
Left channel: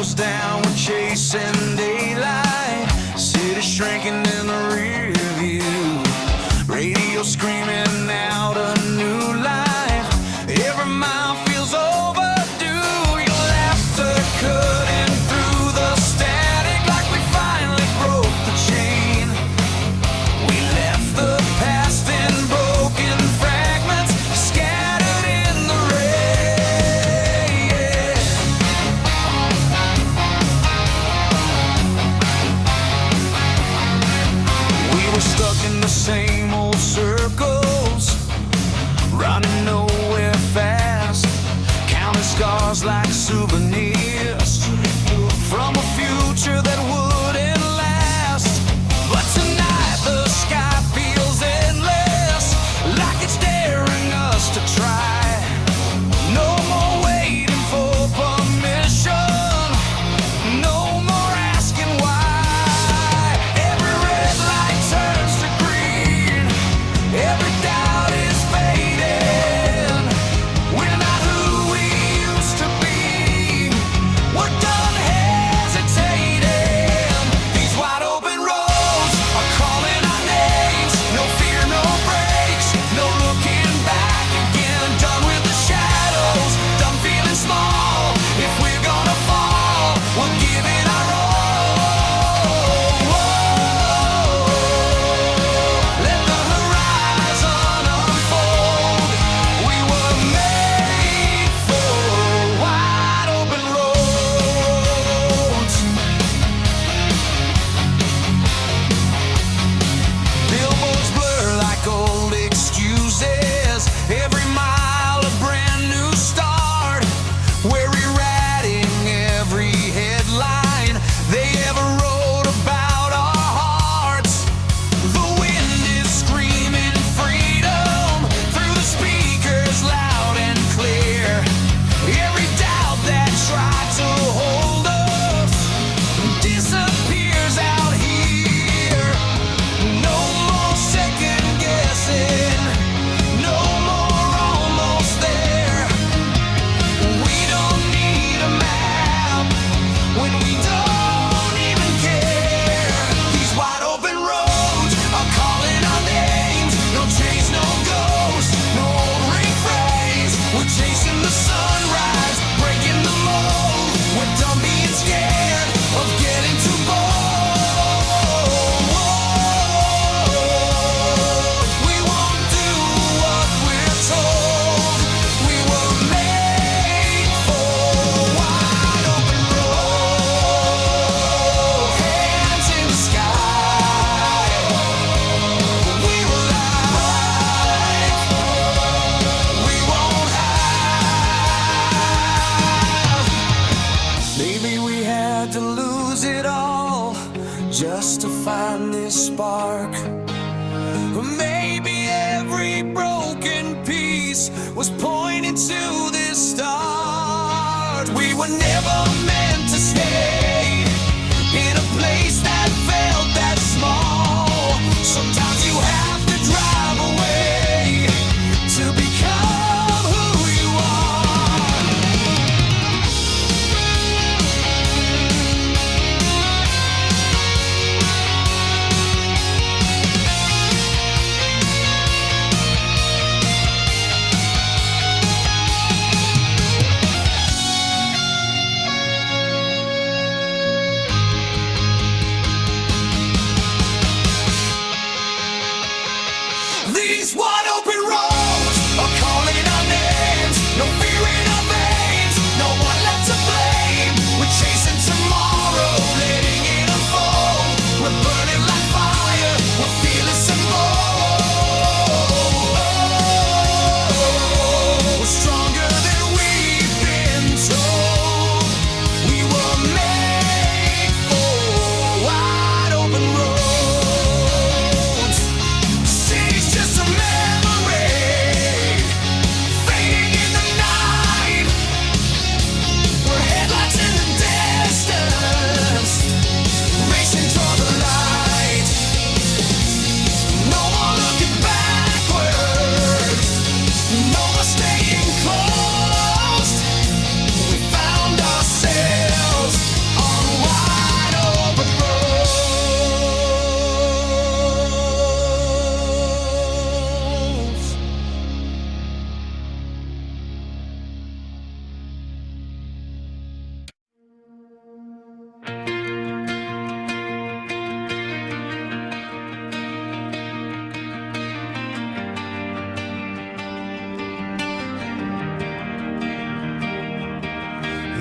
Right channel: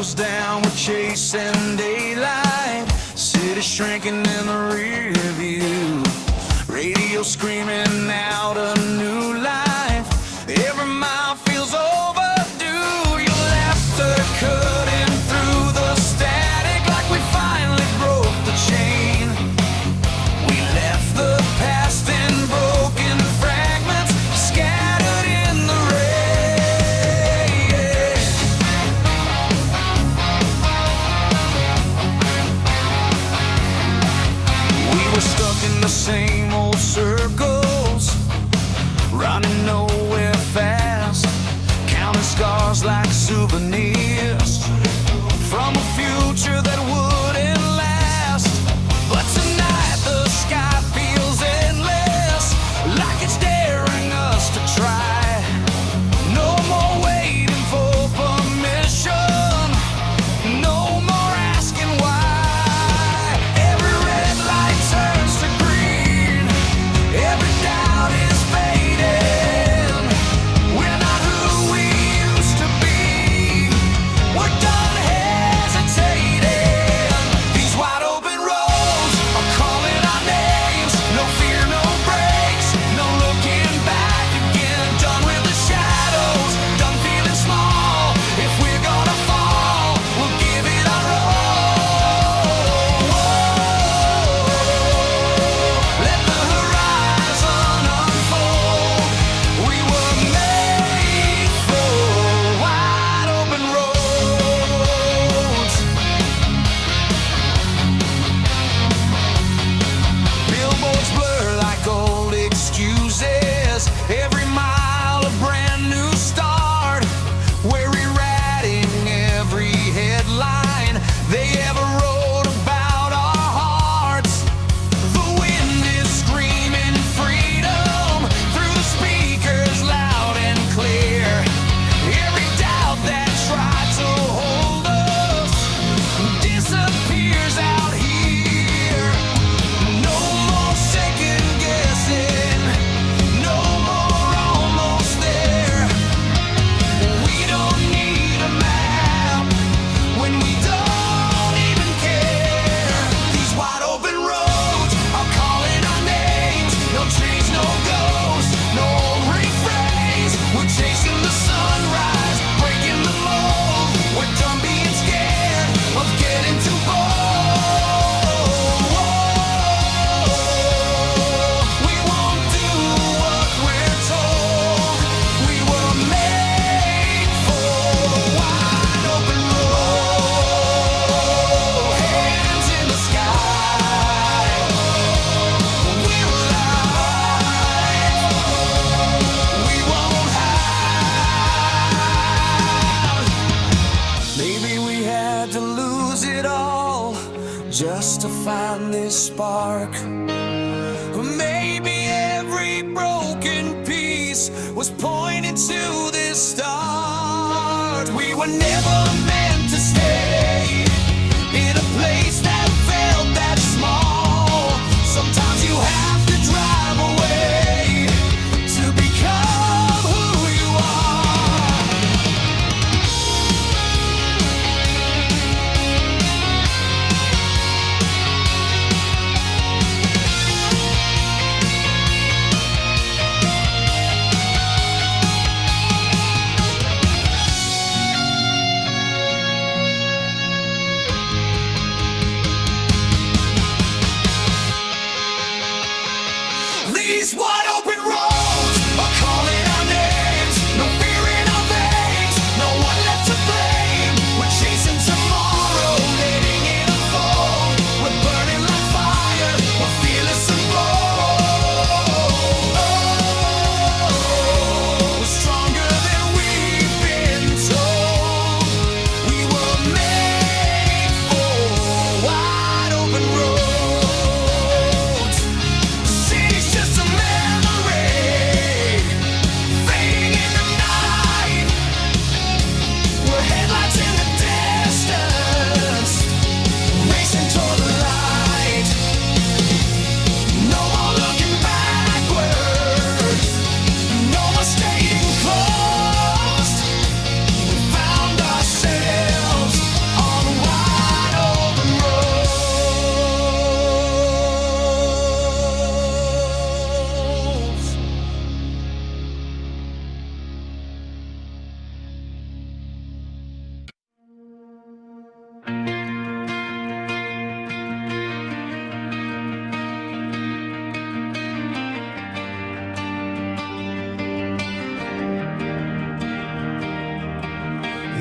windows down, we're chasing daylight. City shrinking in the rear view. Radio screaming out a new life. Every mile feels overdue. Your laughter cutting through the static like we finally broke the chain. We left the past in broken fragments, scattered in the rain. We were stuck in the same old circles, running nowhere fast, counting scars like souvenirs from a future that wouldn't last. But tonight the sky feels endless, like it's daring us to try. No more waiting for permission, no more asking why. Every red light turns to green, every doubt is fading. We're not who we used to be, we're done hesitating. These wide open roads are calling our names. No fear, no brakes, no looking back again. Done with the shadows, done feeling small. If we're gonna fall, we'll give it our all. Let the horizon unfold. We were made for wide open roads. Billboards blur like old excuses. Every mile a brand new start. We're rewriting every headline they ever wrote about our hearts. The wind is screaming freedom through the speakers loud and clear. Every doubt that tried to hold us disappears out here. No more second guessing, no more almost there. We don't need a map when we don't even care. These wide open roads are calling our names. No chains, no ghosts, no old refrains. We're chasing the sunrise, breaking the mold. We're done being scared of getting too bold. We won't do what we're told. We were made for wide open road. Hands in the sky, we're alive. We won't hide. Maybe we had to lose it all just to find this spark. Or maybe every broken piece was pointing to this start. We were never meant to stay in a place that felt that small. Sometimes you have to drive away to become who you are.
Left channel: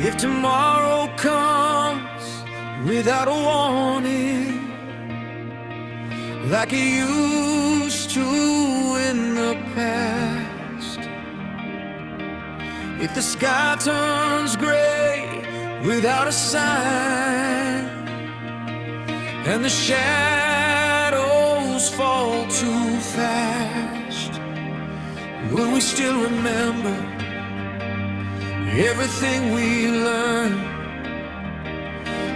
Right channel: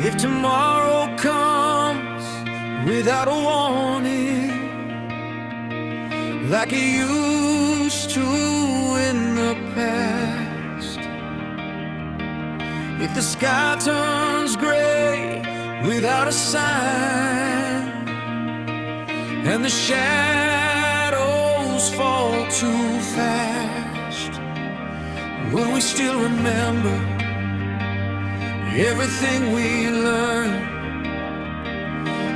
If tomorrow comes without a warning, like it used to in the past, if the sky turns gray without a sign, and the shadows fall too fast, will we still remember everything we learned,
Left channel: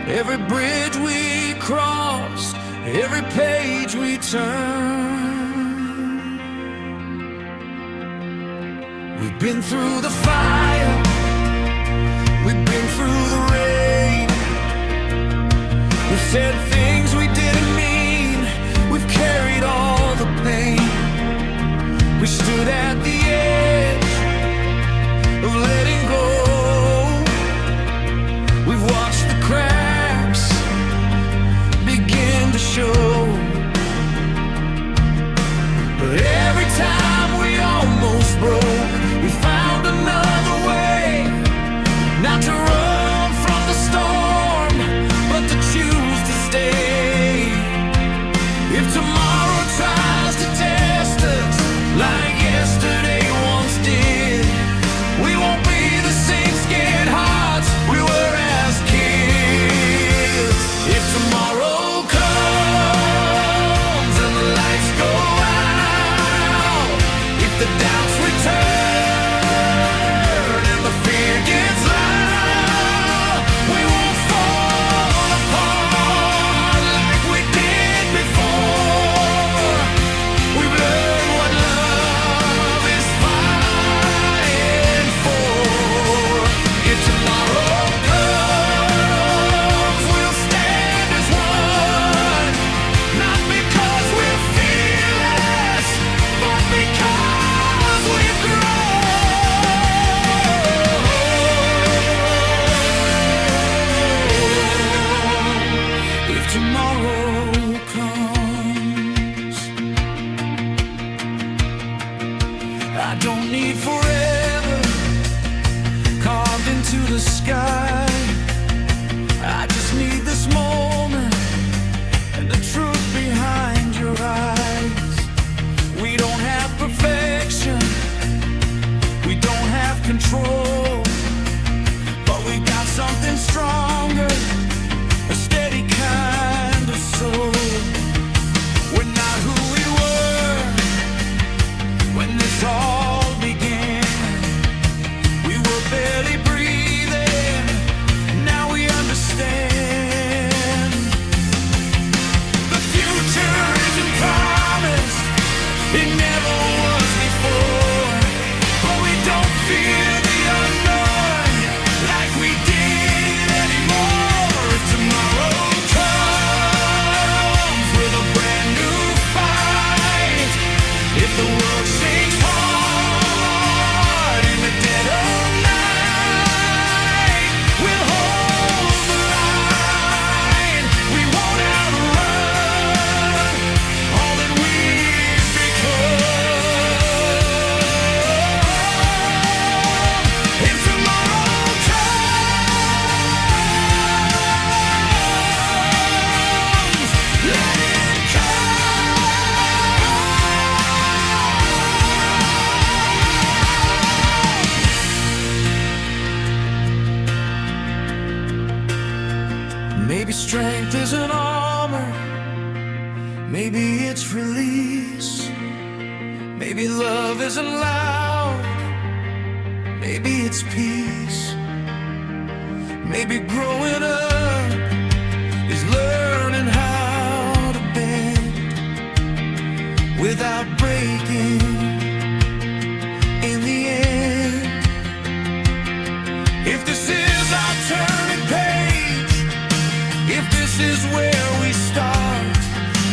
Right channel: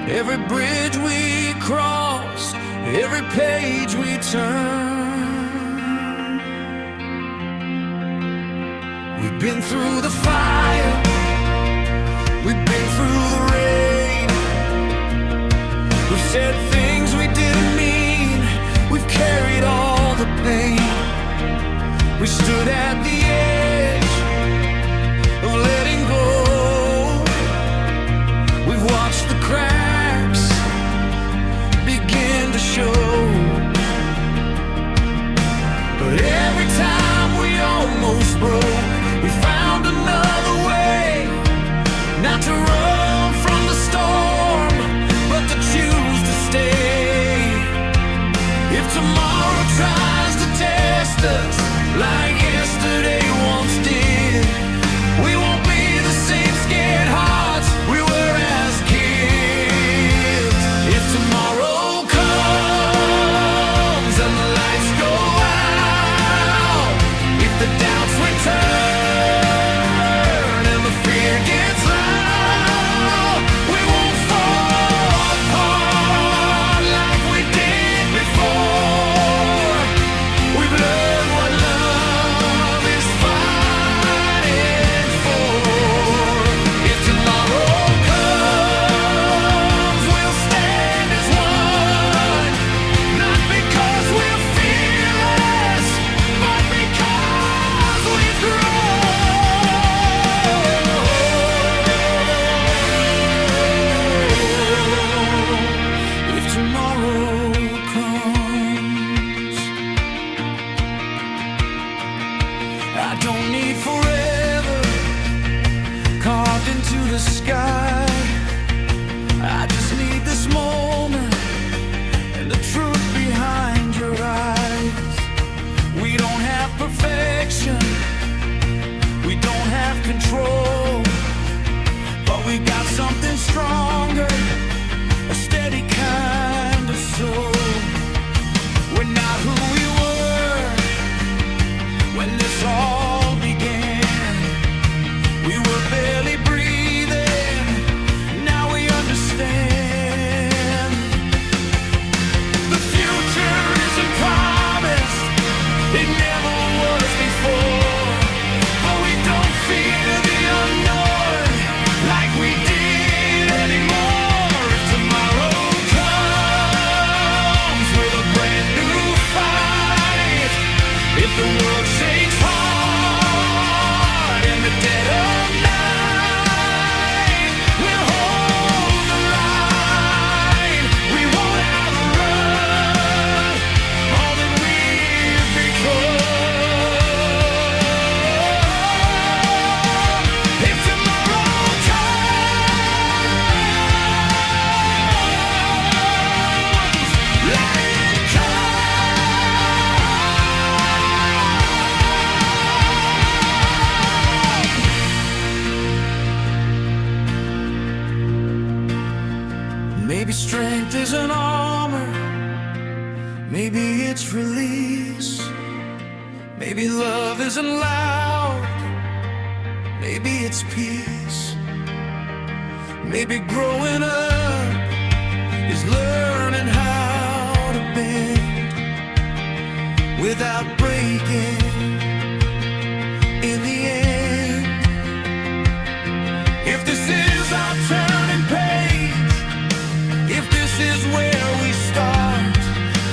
every bridge we crossed, every page we turn? We've been through the fire, we've been through the rain, we've said things we didn't mean, we've carried all the pain. We stood at the edge of letting go, we've watched the cracks begin to show. But every time we almost broke, we found another way, not to run from the storm, but to choose to stay. If tomorrow tries to test us like yesterday once did, we won't be the same scared hearts we were as kids. If tomorrow comes and the lights go out, if the doubts return and the fear gets loud, we won't fall apart like we did before. We've learned what love is fighting for. If tomorrow comes, we'll stand as one, not because we're fearless, but because we've grown. If tomorrow comes, I don't need forever carved into the sky. I just need this moment and the truth behind your eyes. We don't have perfection, we don't have control, but we got something stronger, a steady kind of soul. We're not who we were when this all began. We were barely breathing, now we understand. The future isn't promised, it never was before, but we don't fear the unknown like we did anymore. If tomorrow comes with a brand new fight, if the world shakes hard in the dead of night, we'll hold the line. We won't outrun all that we've become. If tomorrow comes, let it come. Maybe strength isn't armor, maybe it's release. Maybe love isn't loud, maybe it's peace. Maybe growing up is learning how to bend without breaking in the end. If this is our turning page, if this is where we start,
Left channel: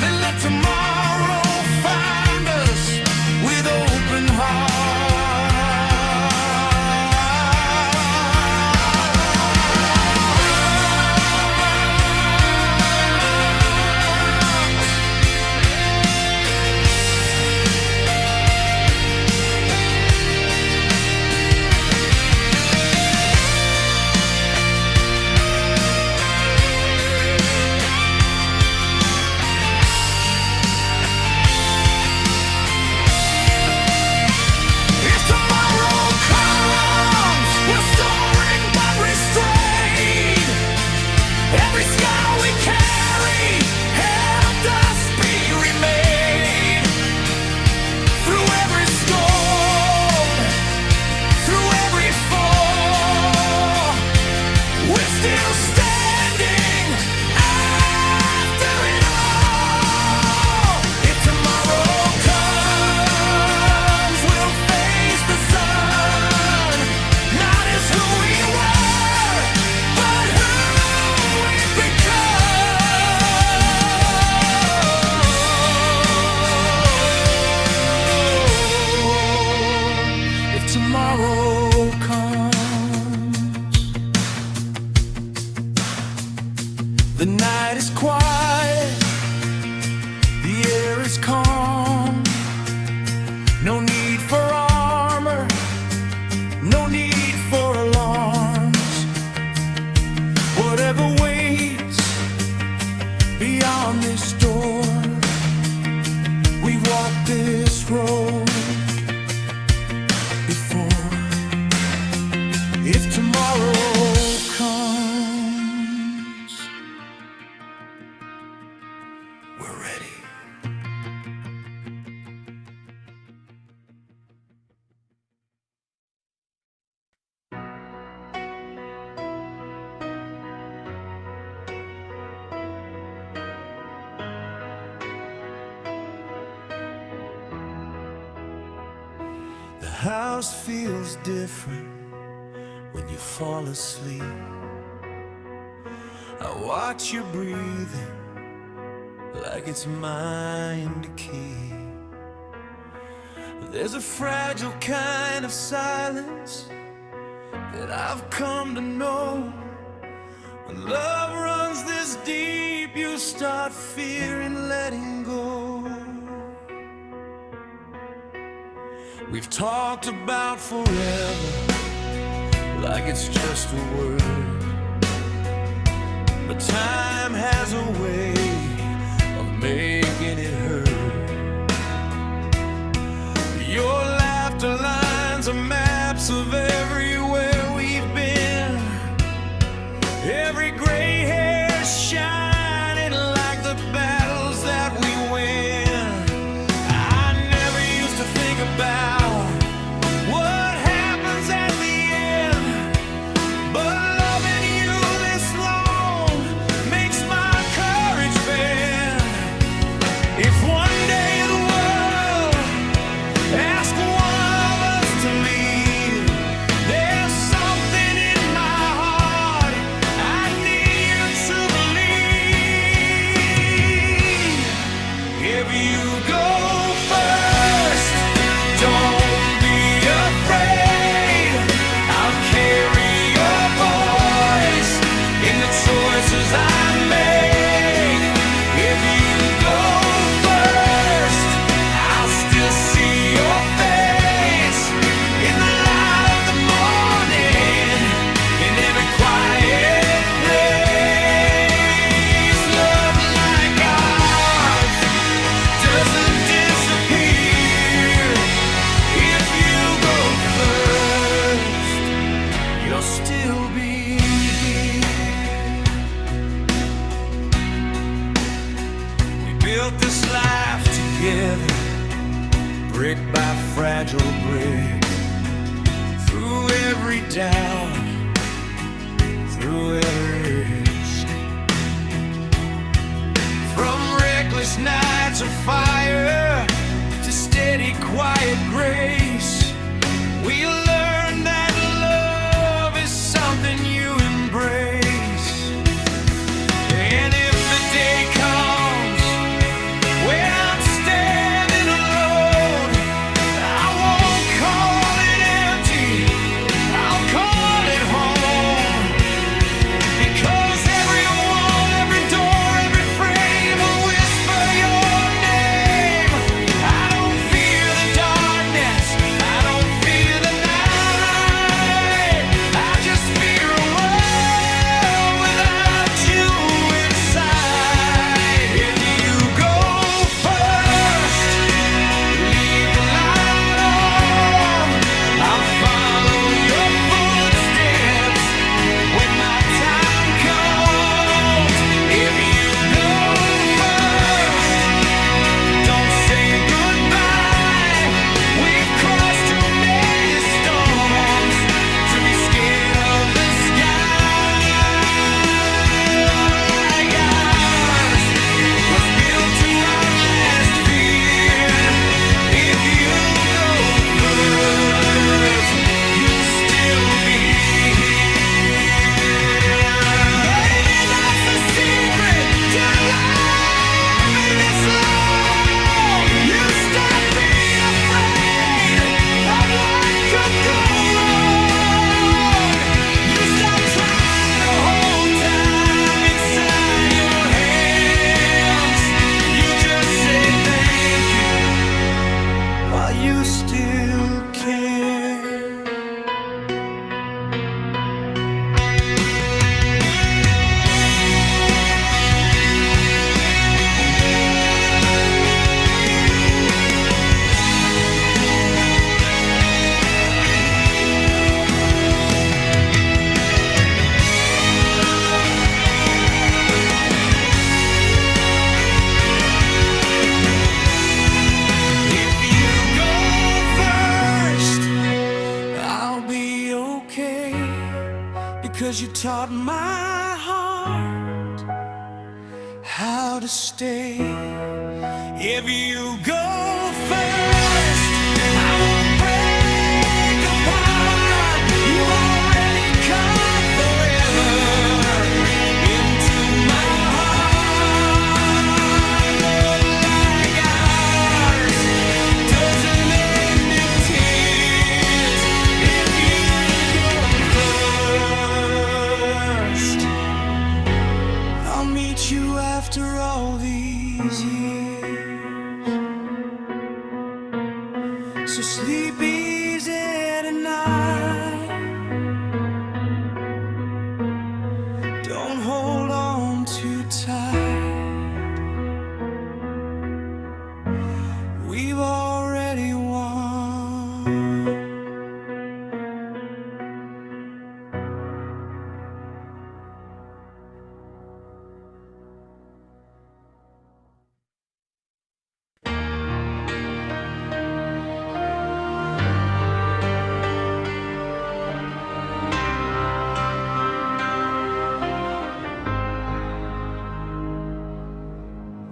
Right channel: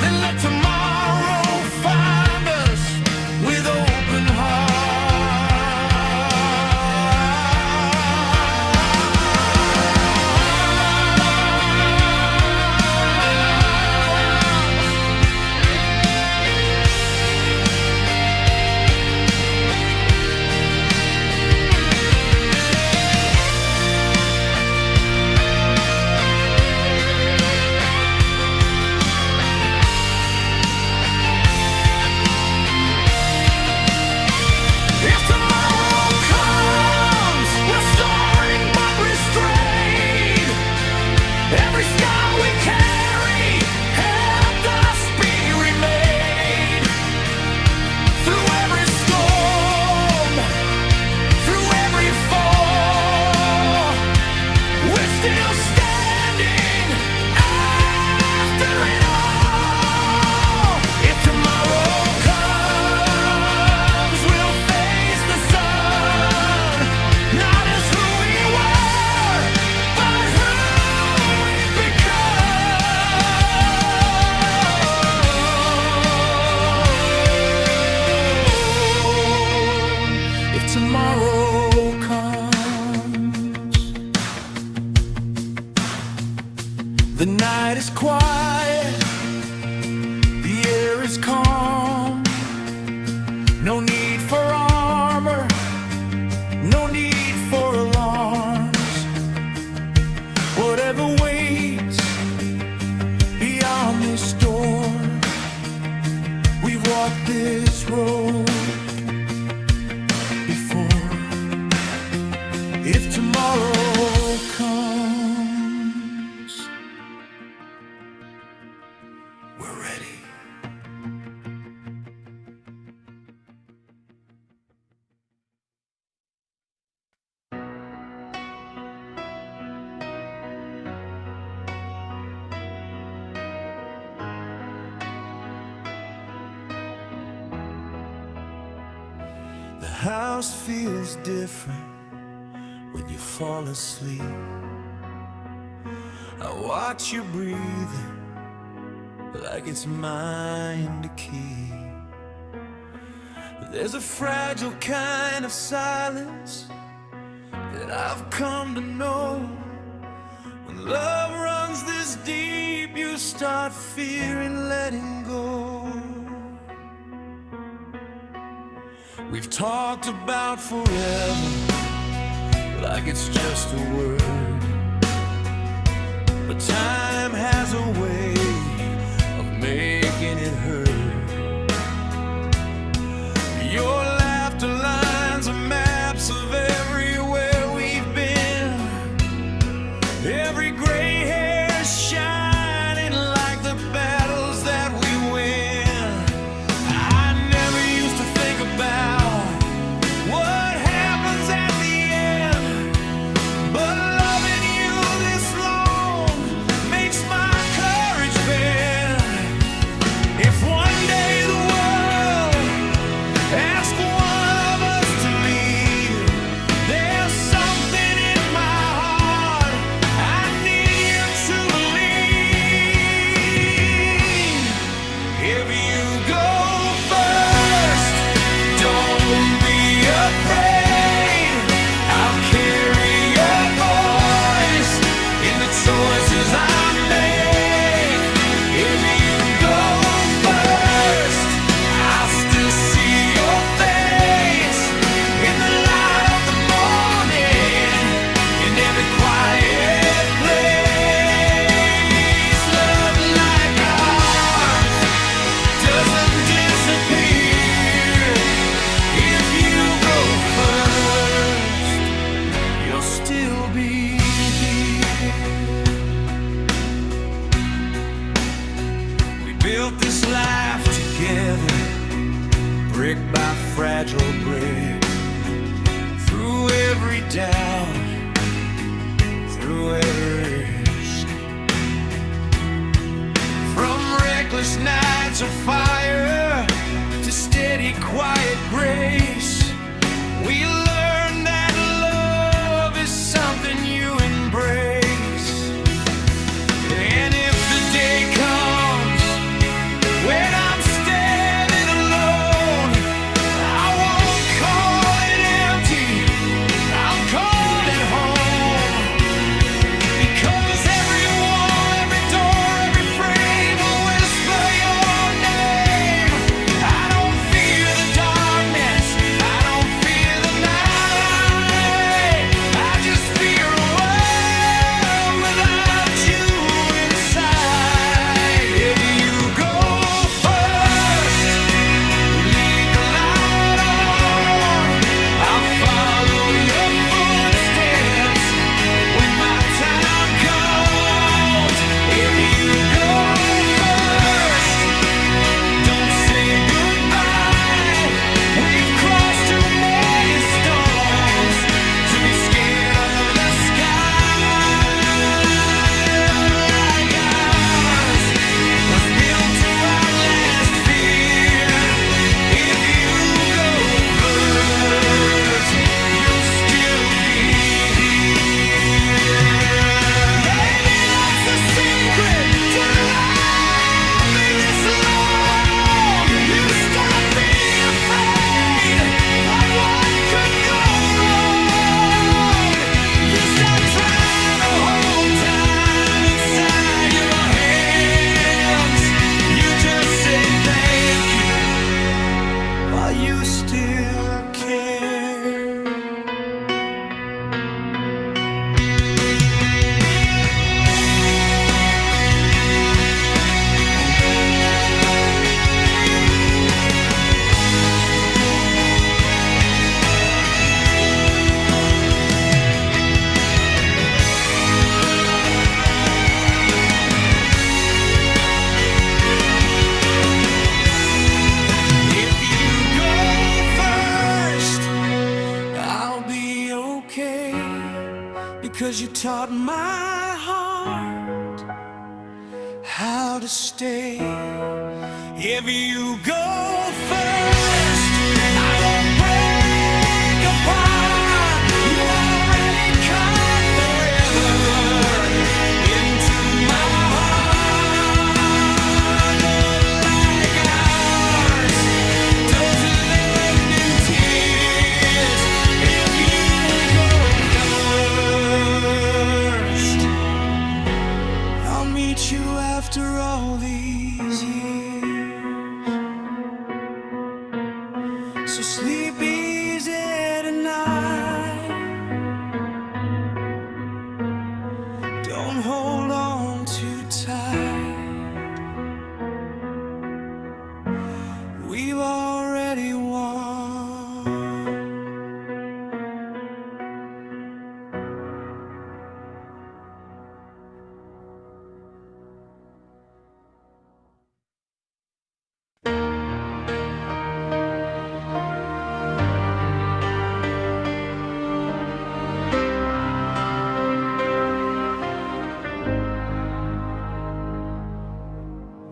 then let tomorrow find us with open hearts. we carry helped us be remade. Through every storm, through every fall, we're still standing after it all. If tomorrow comes, we'll face the sun, not as who we were, but who we've become. If tomorrow comes, the night is quiet, the air is calm. No need for armor, no need for alarms. Whatever waits beyond this door, we've walked this road before. If tomorrow comes, we're ready. The house feels different when you fall asleep. I watch you breathing like it's mine to keep. But there's a fragile kind of silence that I've come to know. When love runs this deep, you start fearing letting go. We've talked about forever like it's just a word, but time has a way of making it hurt. Your laughter lines are maps of everywhere we've been. Every gray hair shining like the battles that we win. I never used to think about what happens at the end, but loving you this long makes my courage bend. If one day the world asks one of us to leave, there's something in my heart I need you to believe. If you go first, don't be afraid. I'll carry your voice in the choices I make. If you go first, I'll still see your face in the light of the morning, in every quiet place. Love like ours doesn't disappear. If you go first, you'll still be here. We built this life together, brick by fragile brick, through every doubt, through every risk. From reckless nights of fire to steady, quiet grace, we learned that love is something you embrace. And if the day comes when I'm standing alone, I won't call it empty, I'll call it home. Because every wall, every door, every frame will whisper your name. I don't fear the darkness, I don't fear the night. I just fear a world without you inside. still care. Because you taught my heart how to stay. If you go first, I won't break apart. You've already come forever into my heart. Love like ours doesn't end in tears. If you I'll meet you after all these years. So sleep easy tonight. Don't hold on too tight. We've already won.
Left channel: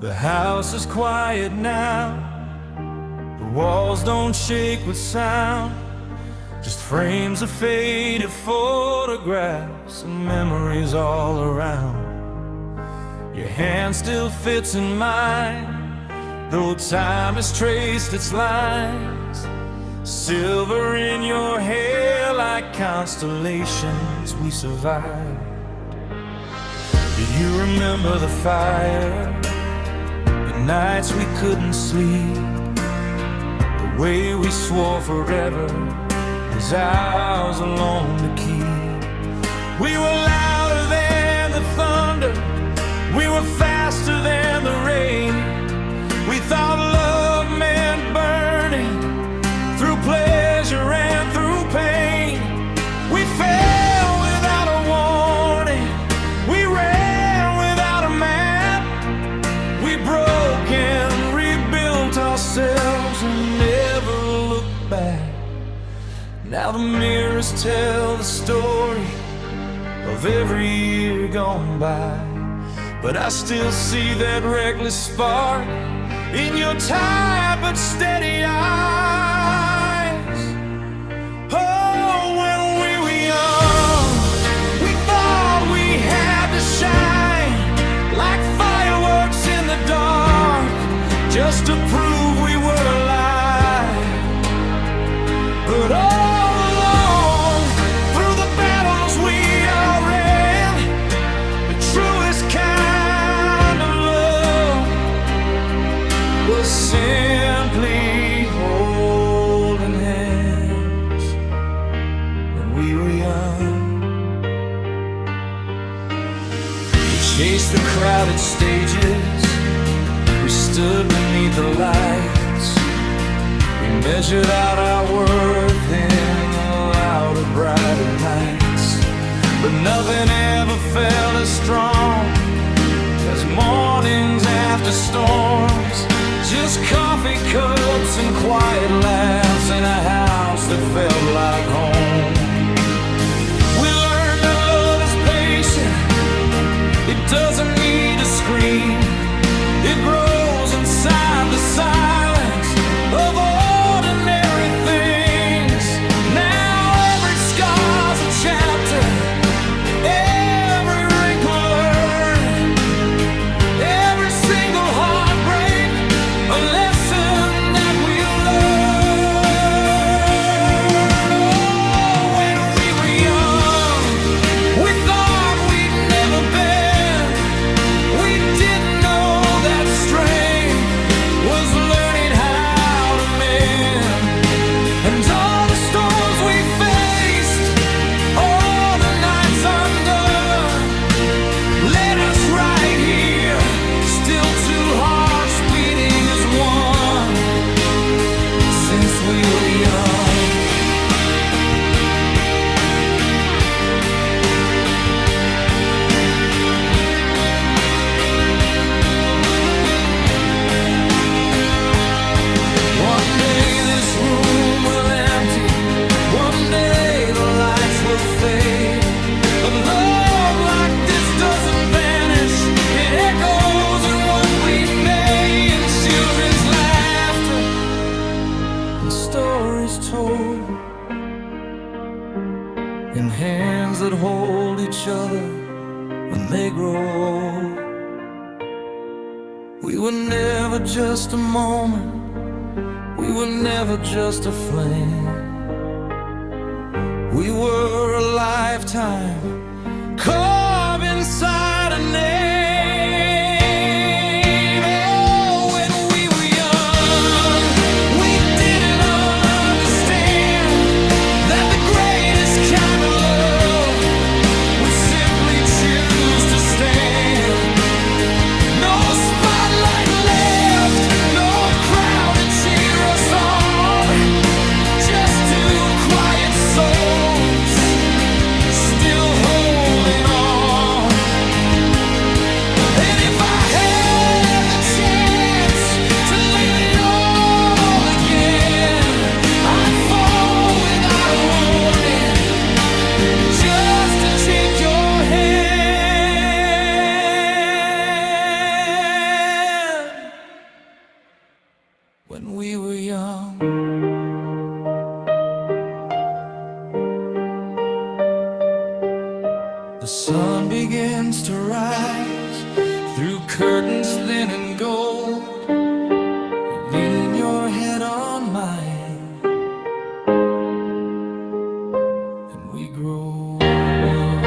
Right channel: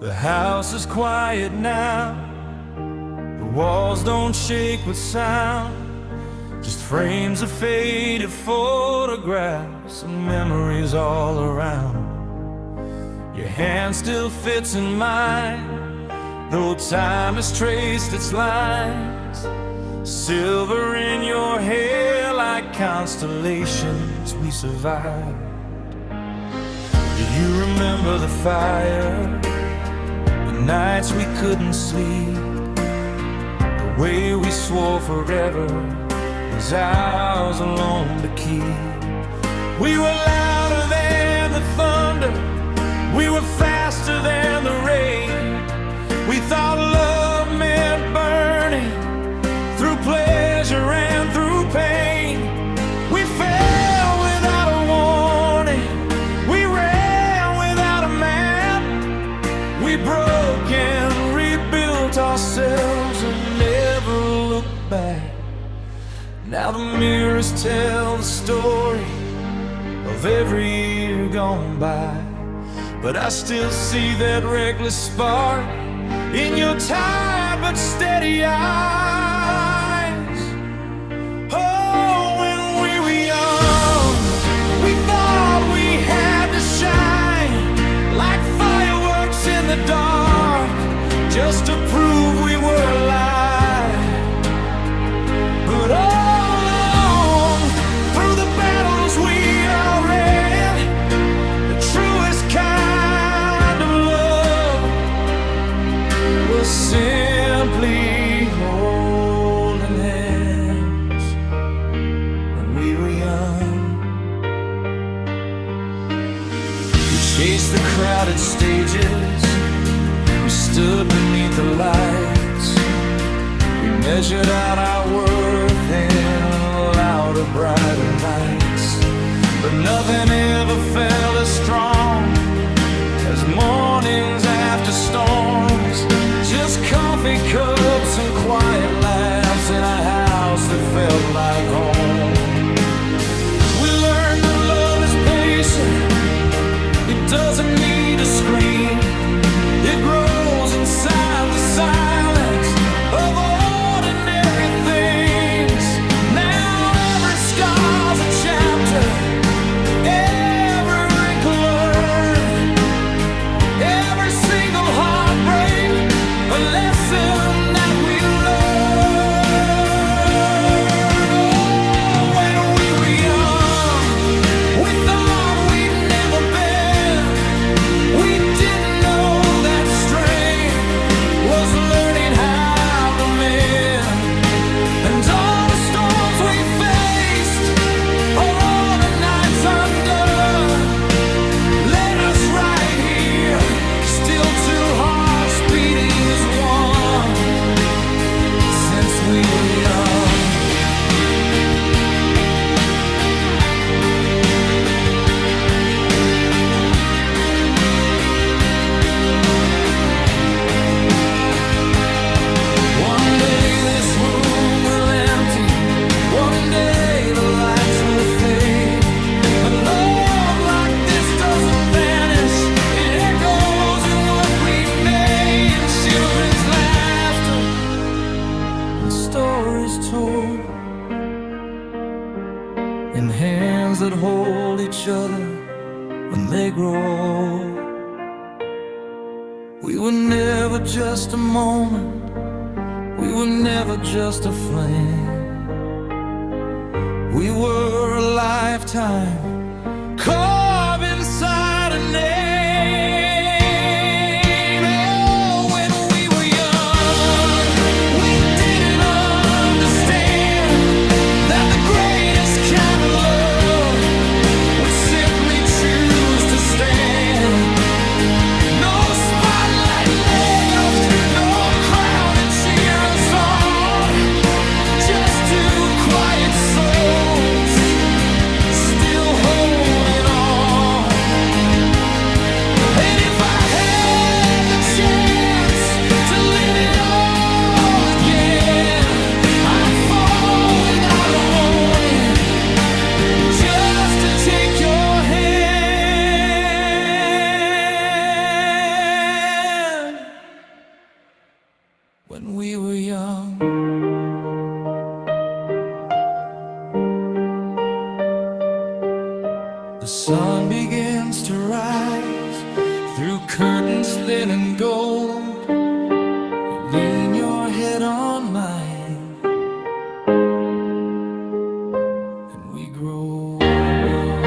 The house is quiet now. The walls don't shake with sound. Just frames of faded photographs and memories all around. Your hand still fits in mine, though time has traced its lines. Silver in your hair like constellations we survived. Do you remember the fire? Nights we couldn't sleep, the way we swore forever was ours alone to keep. We were louder than the thunder, we were faster than the rain. We thought love meant burning through pleasure and through pain. We fell without a warning, we ran without a map. We broke and rebuilt ourselves and never looked back. Now the mirrors tell the story of every year gone by, but I still see that reckless spark in your tired but steady eyes. Oh, when we were young, we thought we had to shine like fireworks in the dark, just to prove we were alive. But all along, through the battles we all ran, the truest kind of love was simply holding hands when we were young. We chased the crowded stages, we stood beneath the lights. We measured out our worth in louder, brighter nights. But nothing ever felt as strong as mornings after storms. Just coffee cups and quiet laughs in a house that felt like home. We learned that love is patient, it doesn't need a scream. It grows inside the silence of ordinary things. Now every scar's a chapter, every wrinkle learned, every single heartbreak a lesson that we learned. Oh, when we were young, we thought we'd never bend. We didn't know that strength was learning how to mend. two hearts beating as one since we were young. One day this room will empty, one day the lights will fade, but love like this doesn't vanish, it echoes in what we made, in children's laughter and stories told, in hands that hold each other when they grow old. We were never just a moment, we were never just a flame. We were a lifetime carved inside a name. Oh, when we were young, we didn't understand that the greatest kind of love would simply choose to stand. No spotlight left, no crowd to cheer us on, just two quiet souls still holding on. And if I had the chance to live it all again, I'd fall without a warning, just to take your hand. When we were young, the sun begins to rise through curtains thin and gold. You lean your head on mine, and we grow old.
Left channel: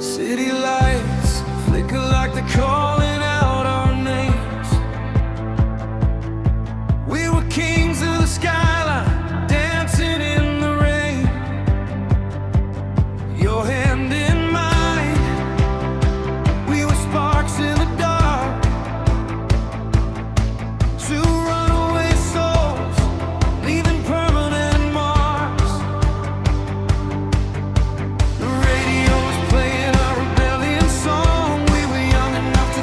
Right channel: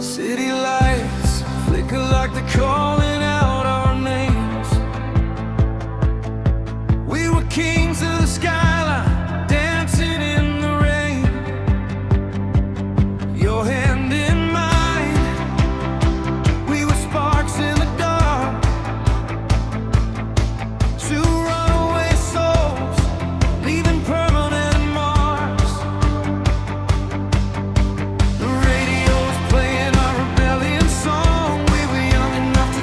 City lights flicker like they're calling out our names. We were kings of the skyline, dancing in the rain. Your hand in mine, we were sparks in the dark, two runaway souls leaving permanent marks. The radio's playing our rebellion song. We were young enough to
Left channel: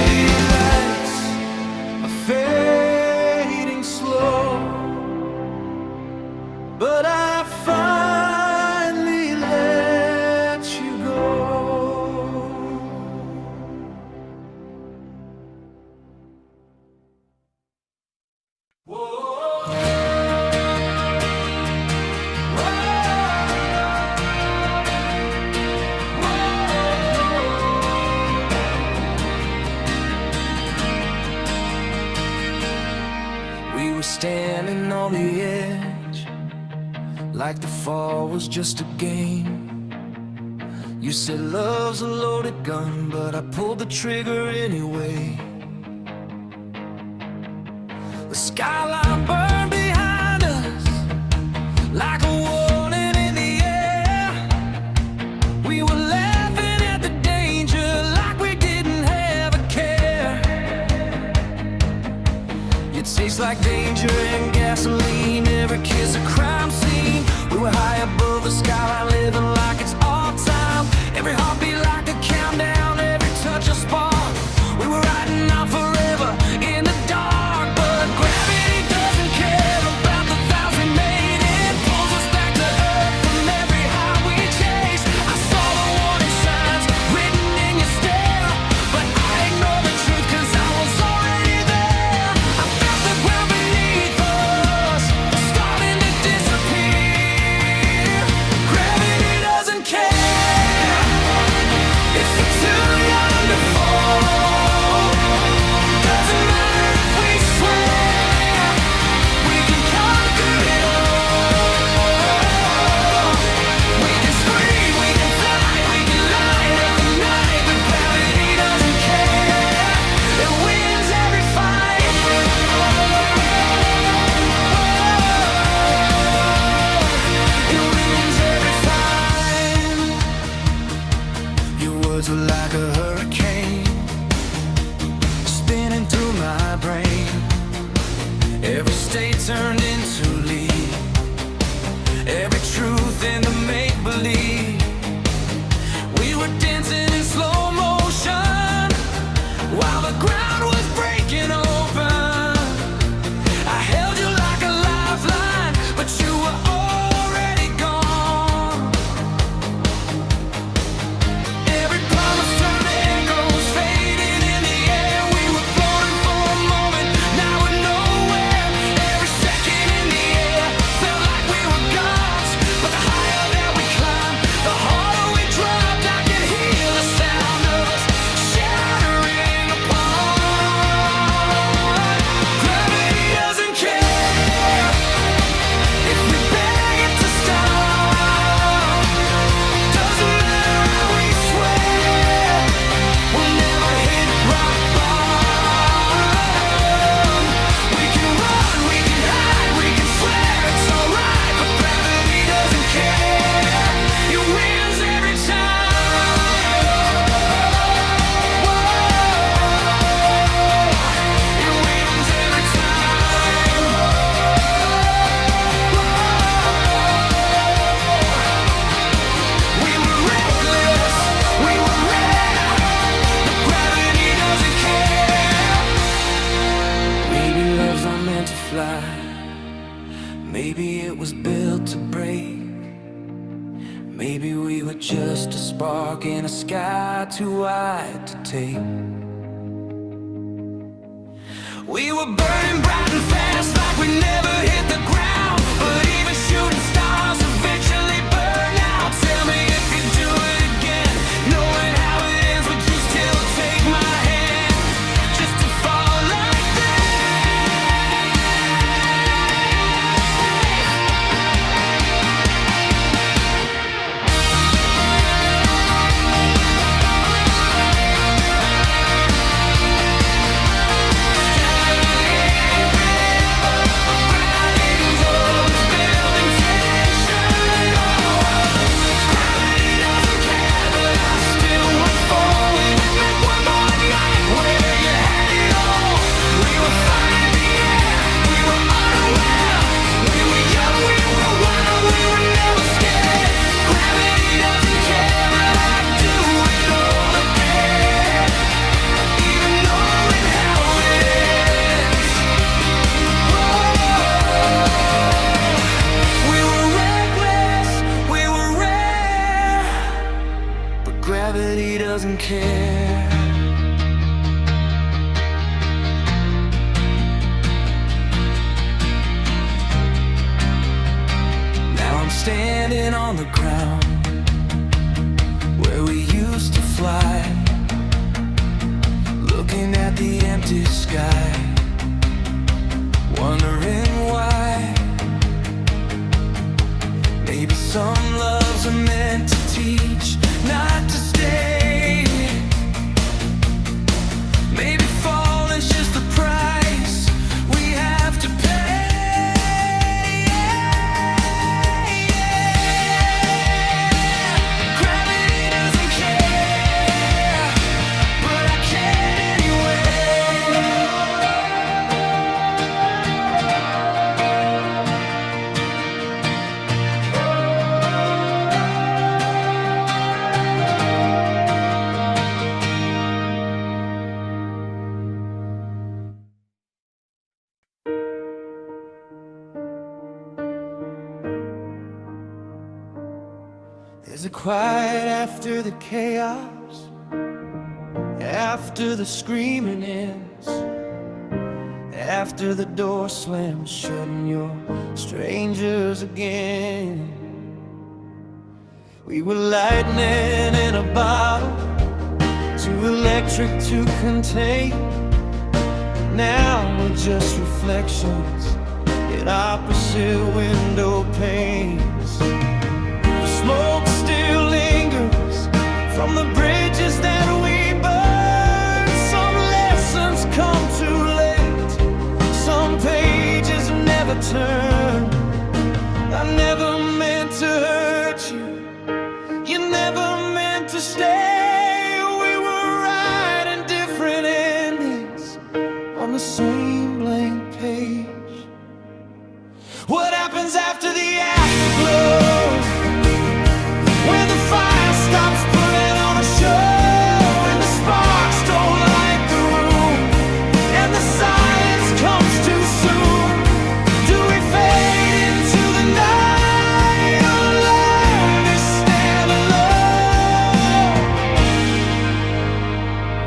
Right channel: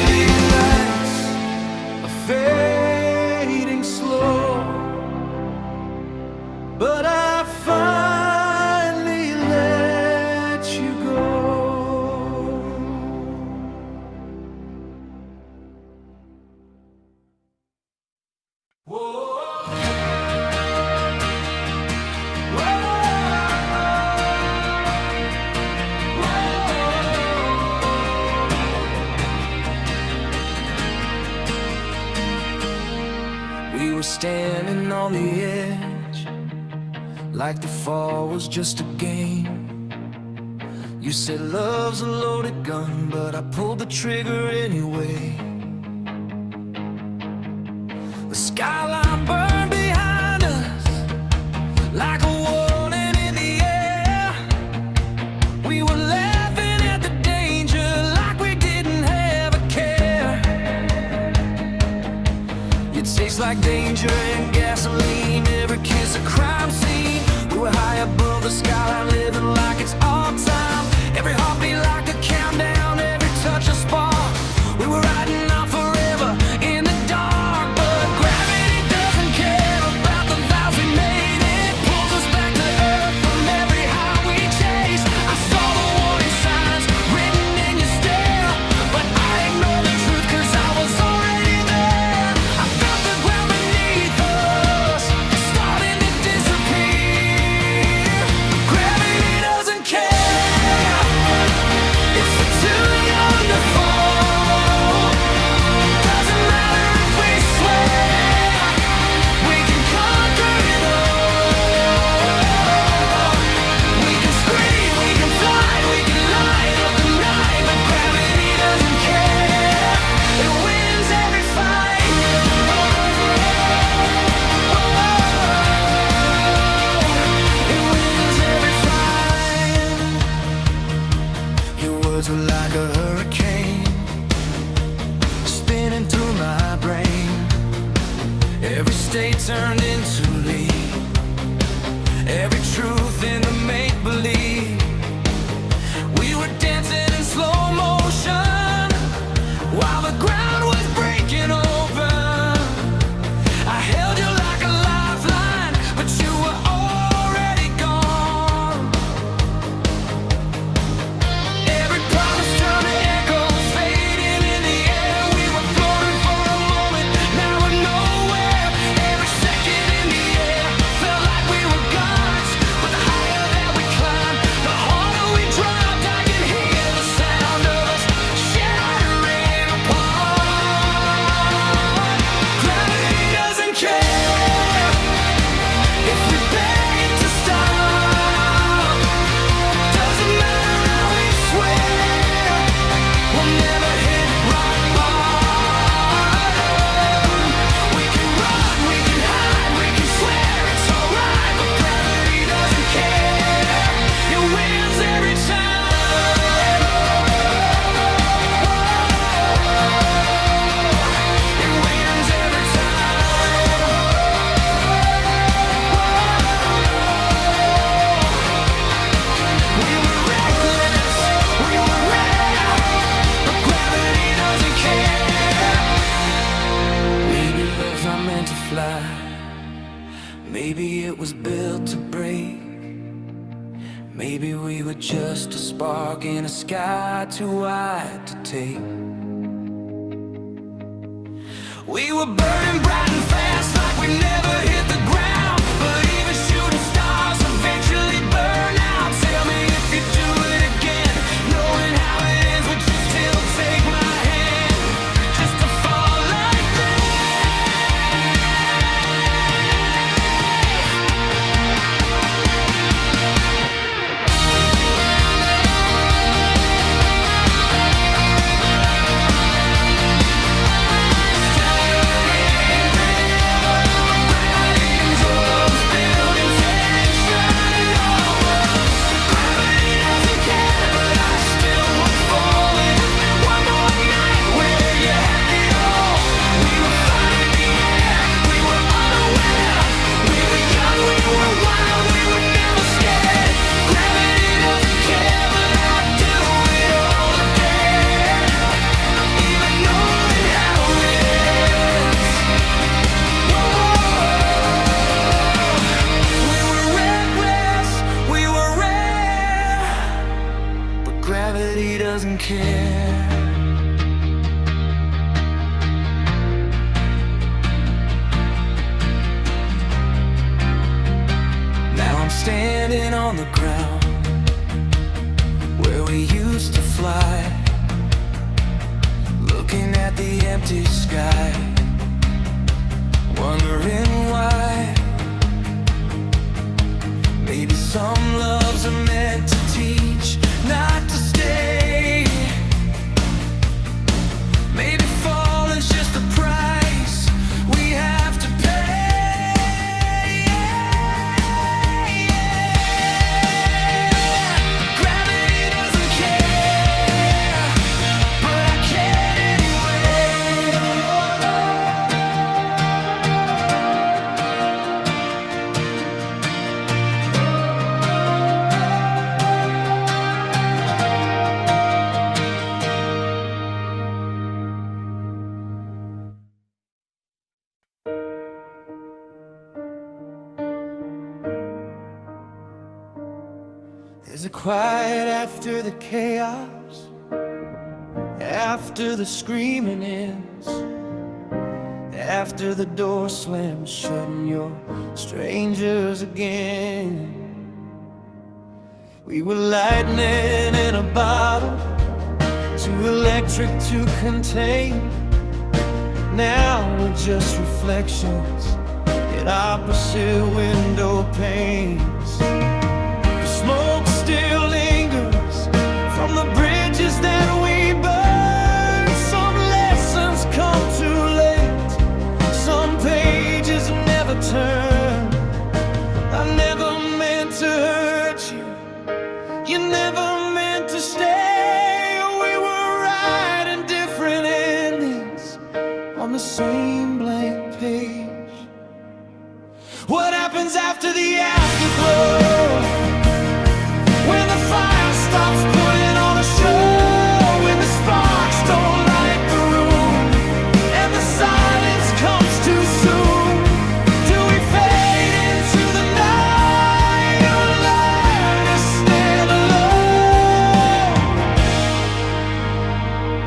City lights are fading slow, but I finally let you go. Whoa. We were standing on the edge, like the fall was just a game. You said love's a loaded gun, but I pulled the trigger anyway. The skyline burned behind us like a warning in the air. We were laughing at the danger like we didn't have a care. It tastes like danger and gasoline, every kiss a crime scene. We were high above the skyline, living like it's all time. Every heartbeat like a countdown, every touch a spark. We were riding on forever in the dark, but gravity doesn't care about the vows we made. It pulls us back to earth from every high we chase. I saw the warning signs written in your stare, but I ignored the truth 'cause I was already there. I felt the ground beneath us starting to disappear. Gravity doesn't care if we're too young to fall. Doesn't matter if we swear we can conquer it all. We can scream, we can fly, we can light up the night, but gravity doesn't care. It wins every fight. Whoa, it wins every fight. Your words were like a hurricane, spinning through my brain. Every state turned into lead, every truth in the make-believe. We were dancing in slow motion while the ground was breaking open. I held you like a lifeline, but you were already gone. Every promise turned to echoes, fading in the air. We were floating for a moment, now we're nowhere. Every second in the air felt like we were gods, but the higher that we climbed, the harder we dropped. I can hear the sound of us shattering apart. Gravity doesn't care if we beg it to stop. Doesn't matter how we swear, we'll never hit rock bottom. We can run, we can hide, we can swear it's alright, but gravity doesn't care. It wins every time. Whoa, it wins every time. Whoa, we were reckless, we were rare, but gravity doesn't care. Maybe love's not meant to fly, maybe it was built to break. Maybe we were just a spark in a sky too wide to take. We were burning bright and fast like we never hit the ground, but even shooting stars eventually burn out. Tell me if you do it again, knowing how it ends, would you still take my hand just to fall like that? care. Now I'm standing on the ground where we used to fly, looking at the empty sky, wondering why. Maybe some loves are meant to teach, not to stay. Maybe fall is just the price we have to pay. There's a quiet after the chaos, after the screaming ends, after the door slams shut and you're strangers again. We were lightning in a bottle, too electric to contain. Now we're just reflections in opposite window panes. The smoke still lingers from the bridges that we burned. Some lessons come too late, some pages never turn. I never meant to hurt you, you never meant to stay. We were writing different endings on the same blank page. What happens after the afterglow? When the fire stops putting on a show, when the sparks don't light the room, and the silence comes too soon, do we fade into the night or learn to stand alone?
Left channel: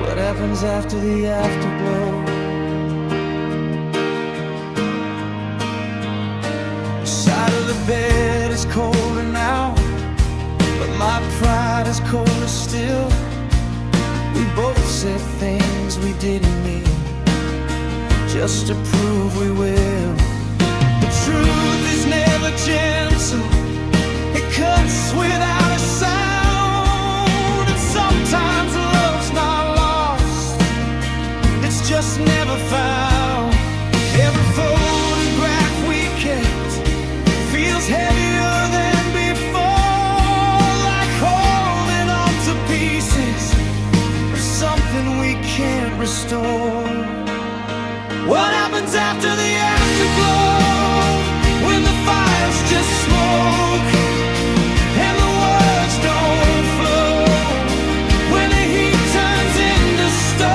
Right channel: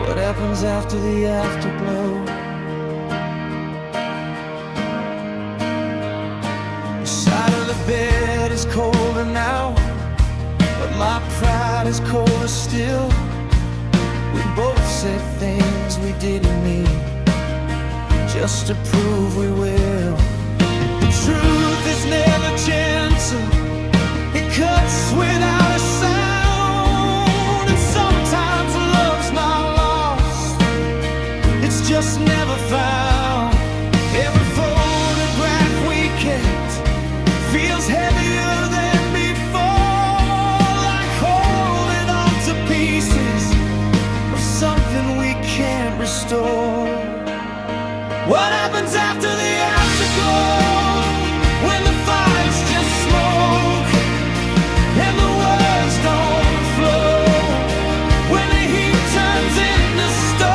What happens after the afterglow? The side of the bed is colder now, but my pride is colder still. We both said things we didn't mean, just to prove we will. The truth is never gentle, it cuts without a sound. And sometimes love's not lost, it's just never found. Every photograph we kept feels heavier than before, like holding on to pieces of something we can't restore. What happens after the afterglow? When the fire's just smoke and the words don't flow, when the heat turns into stone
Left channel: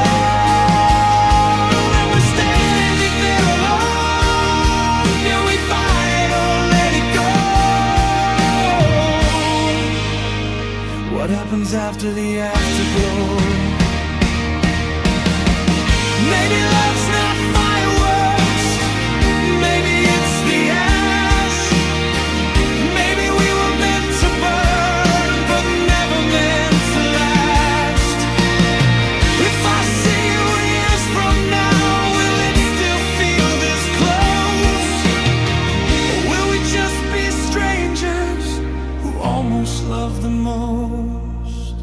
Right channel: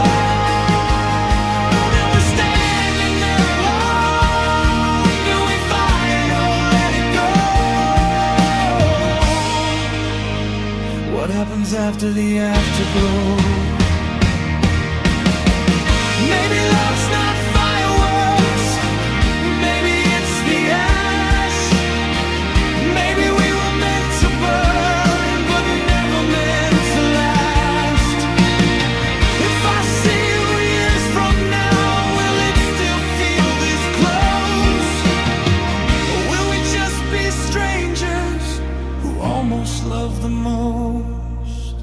and we're standing there alone, do we fight or let it go? What happens after the afterglow? Maybe love's not fireworks, maybe it's the ash. Maybe we were meant to burn, but never meant to last. If I see you years from now, will it still feel this close? Or will we just be strangers who almost love the most?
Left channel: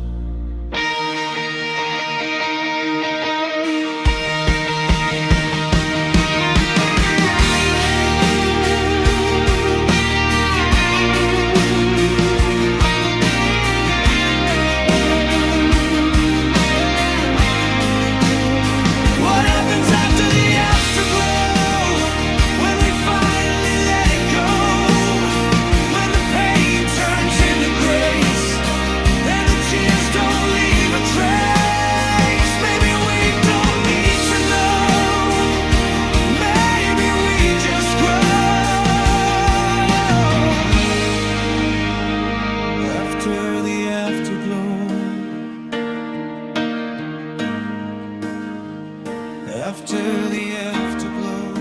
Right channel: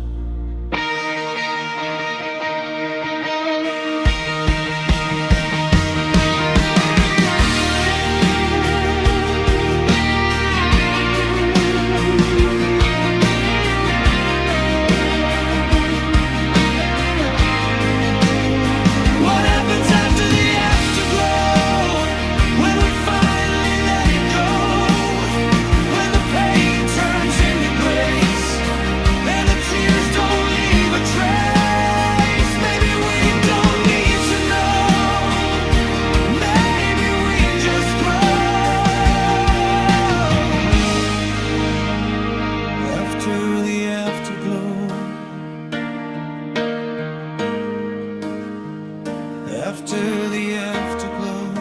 After the afterglow,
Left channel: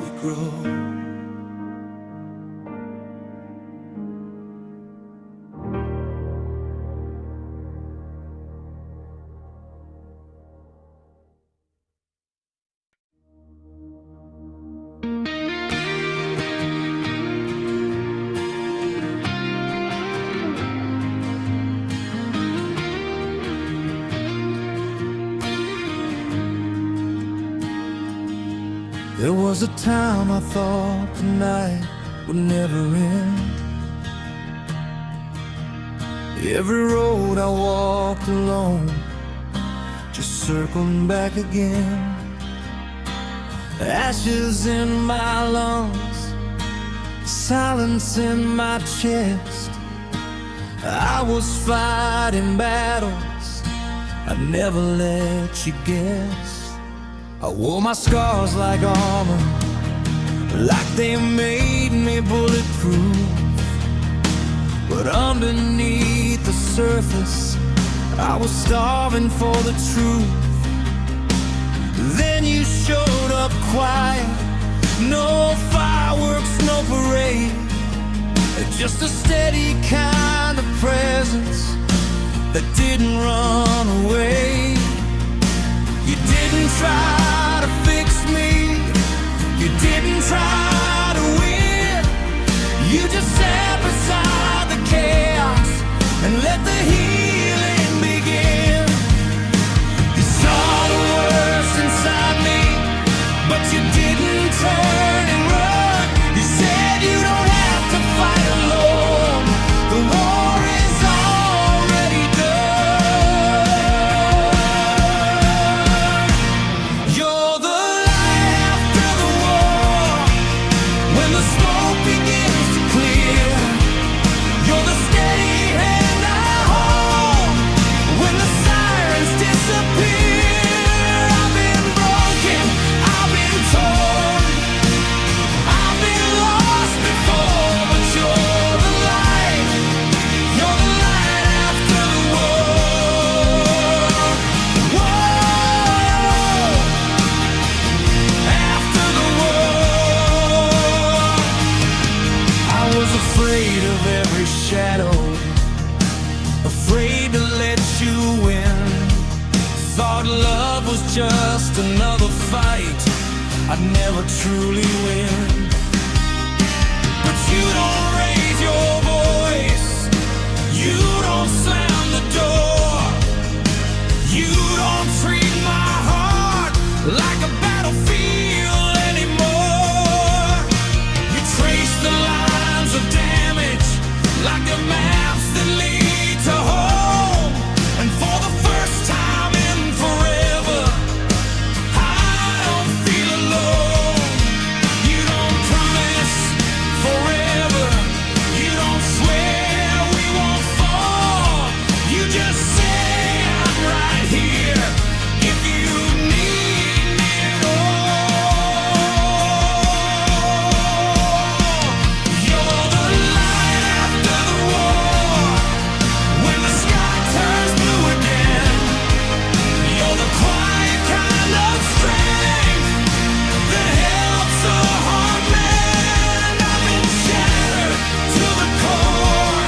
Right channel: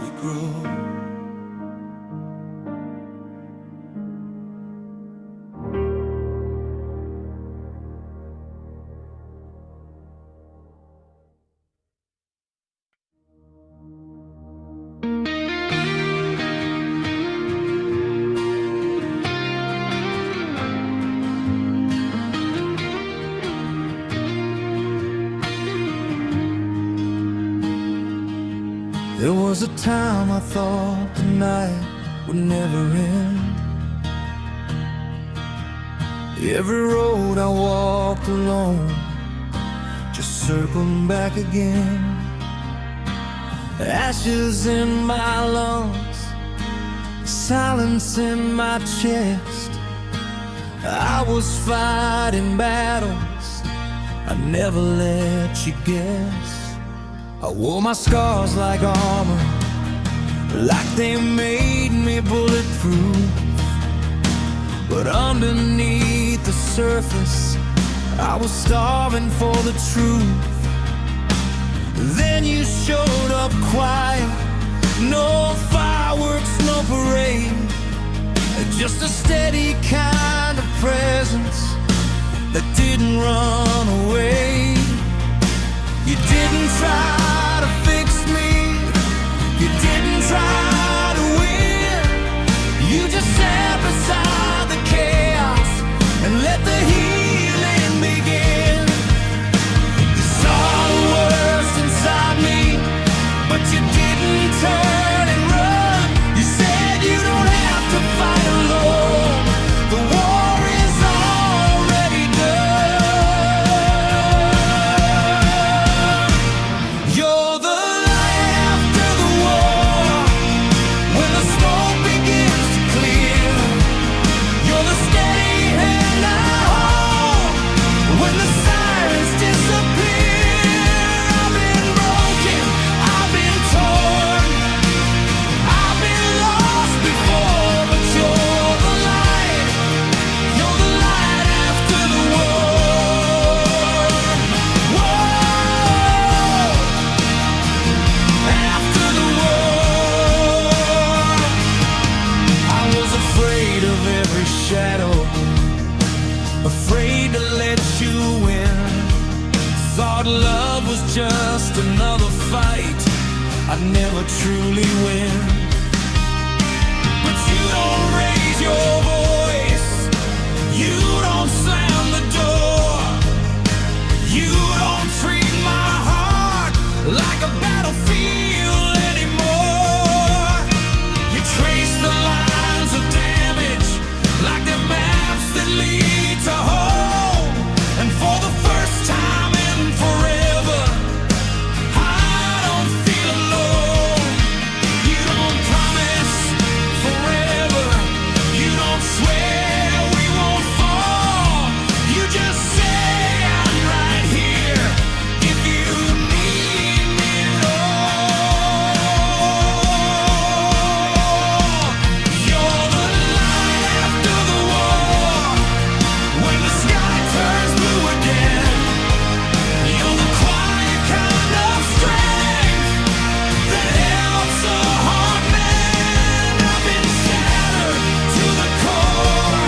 we grow. There was a time I thought the night would never end. Every road I walked alone just circled back again. Ashes in my lungs, silence in my chest. I was fighting battles I'd never let you guess. I wore my scars like armor, like they made me bulletproof. But underneath the surface, I was starving for the truth. Then you showed up quiet, no fireworks, no parade, just a steady kind of presence that didn't run away. You didn't try to fix me, you didn't try to win. You just sat beside the chaos and let the healing begin. You saw the worst inside me, but you didn't turn and run. You said you don't have to fight alone, the war is already done. You're the light after the war, when the smoke begins to clear. You're the steady hand I hold when the sirens disappear. I've been broken, I've been torn, I've been lost before, but you're the light after the war. Whoa, after the war. I was afraid of every shadow, afraid to let you in. Thought love was just another fight I'd never truly win. But you don't raise your voice, you don't slam the door, you don't treat my heart like a battlefield anymore. You trace the lines of damage like the maps that lead to home. And for the first time in forever, I don't feel alone. You don't promise forever, you don't swear we won't fall. You just say I'm right here if you need me at all. You're the light after the war, when the sky turns blue again. You're the quiet kind of strength that helps a hard man. I've been shattered to the core,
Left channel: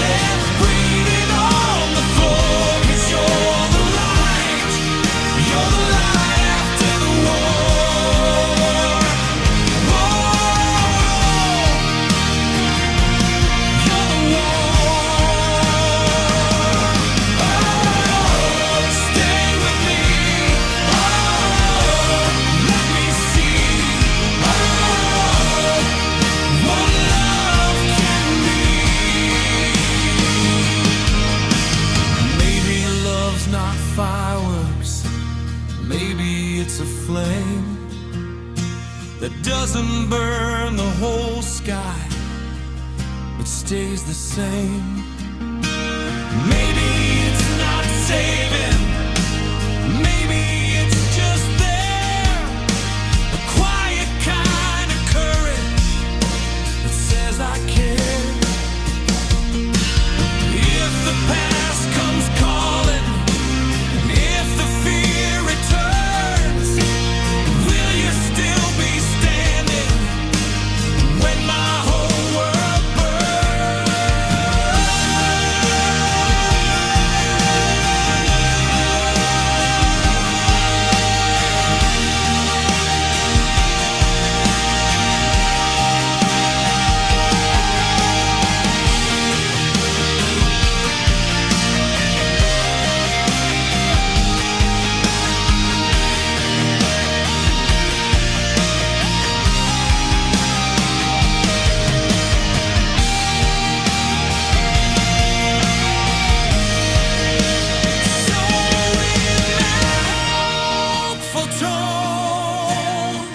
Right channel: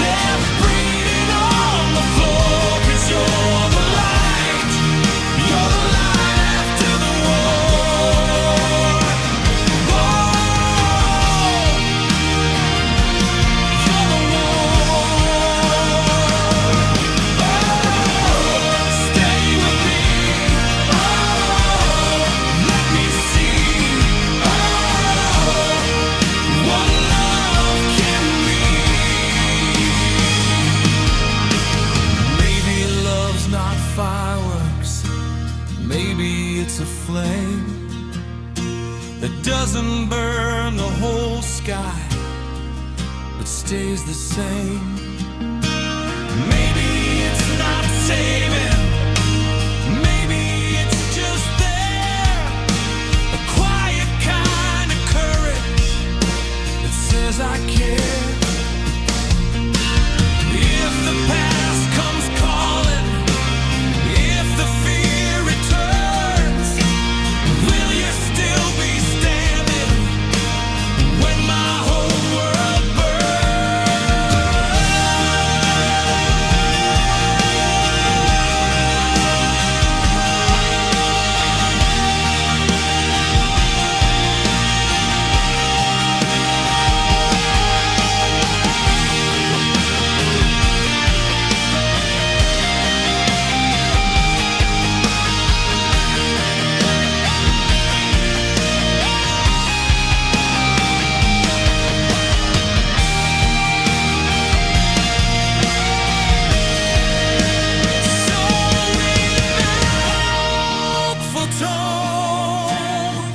left bleeding on the floor. 'Cause you're the light after the war. Whoa, you're the war. Stay with me, let me see what love can be. Maybe love's not fireworks, maybe it's a flame that doesn't burn the whole sky, but stays the same. Maybe it's not saving, maybe it's just there, a quiet kind of courage that says I care. If the past comes calling, if the fear it tone,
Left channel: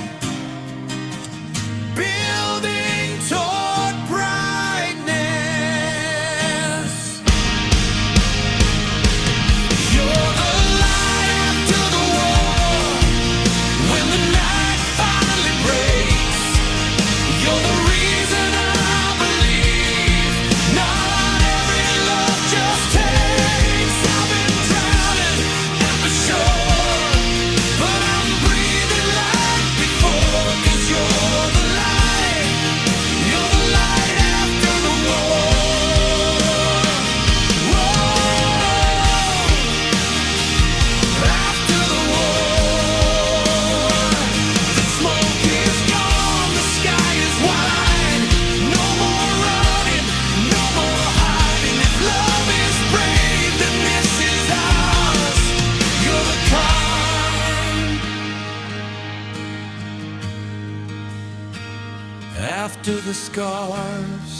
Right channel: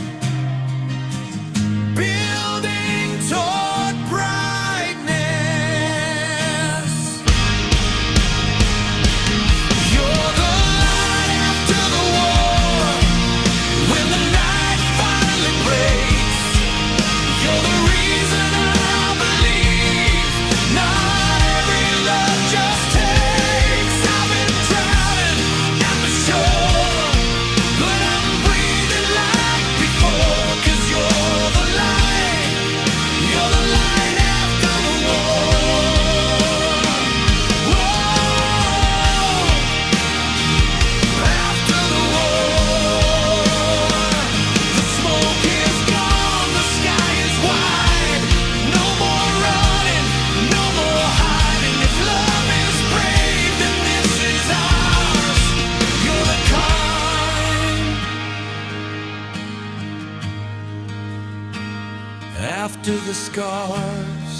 building toward brightness. You're the light after the war, when the night finally breaks. You're the reason I believe not every love just takes. I've been drowning at the shore, but I'm breathing like before. 'Cause you're the light after the war. Whoa, after the war. The smoke is gone, the sky is wide. No more running, no more hiding. If love is brave, then this is ours. You're the kind. After the scars,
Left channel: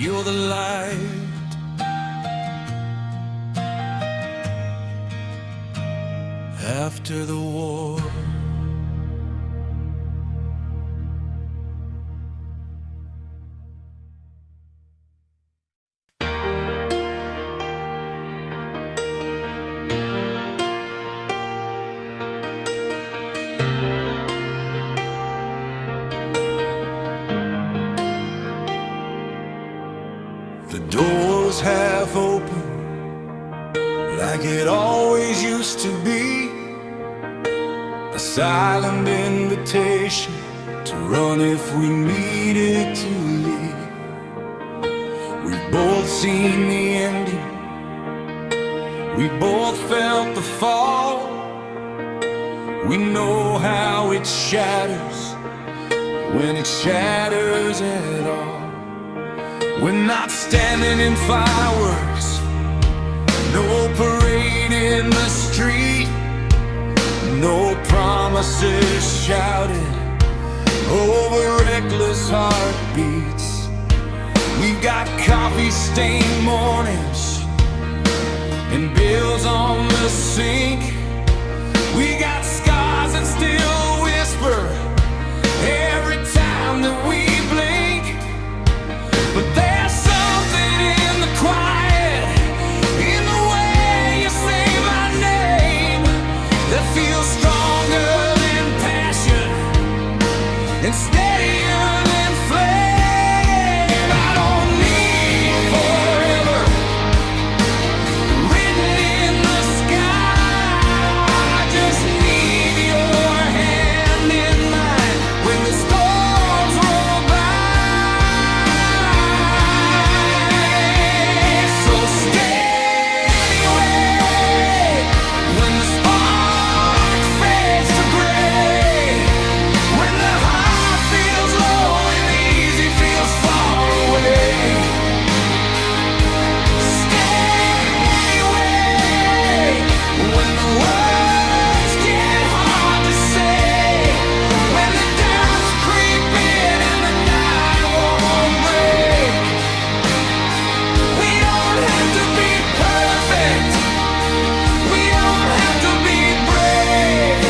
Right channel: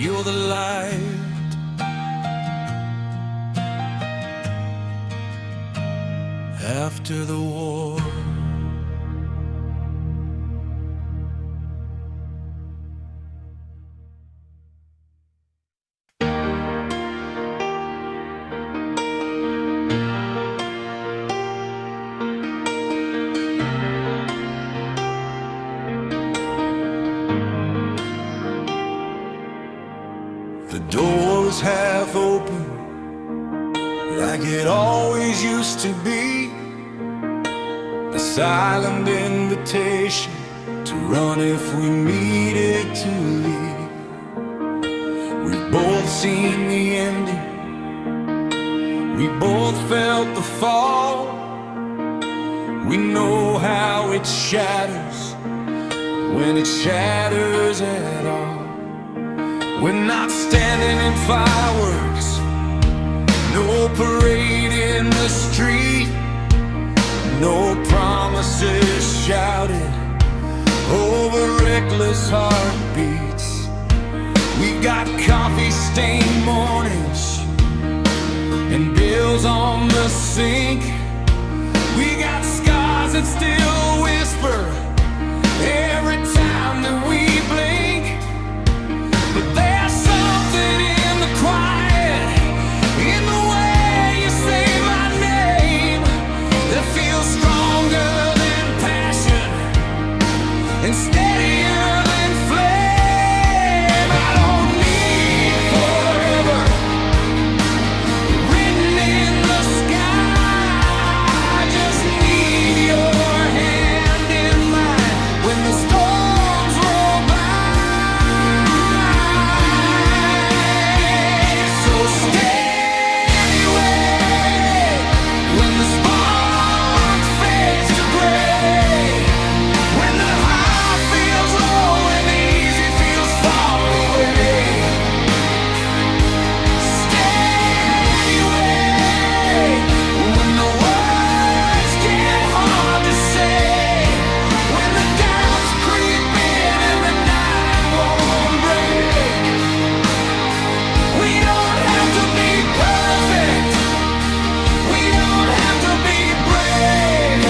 you're the light. After the war. The door was half open, like it always used to be. A silent invitation to run if we needed to leave. We've both seen the ending, we both felt the fall. We know how it shatters, when it shatters at all. We're not standing in fireworks, no parade in the street, no promises shouted over reckless heartbeats. We've got coffee-stained mornings and bills on the sink. We got scars that still whisper every time that we blink. But there's something in the quiet, in the way you say my name, that feels stronger than passion and steadier than flame. I don't need forever written in the sky. I just need your hand in mine when the storms roll by. So stay anyway when the spark fades to gray, when the high feels low and the easy feels far away. Stay anyway when the words get hard to say, when the doubts creep in and the night won't break. We don't have to be perfect, we don't have to be brave.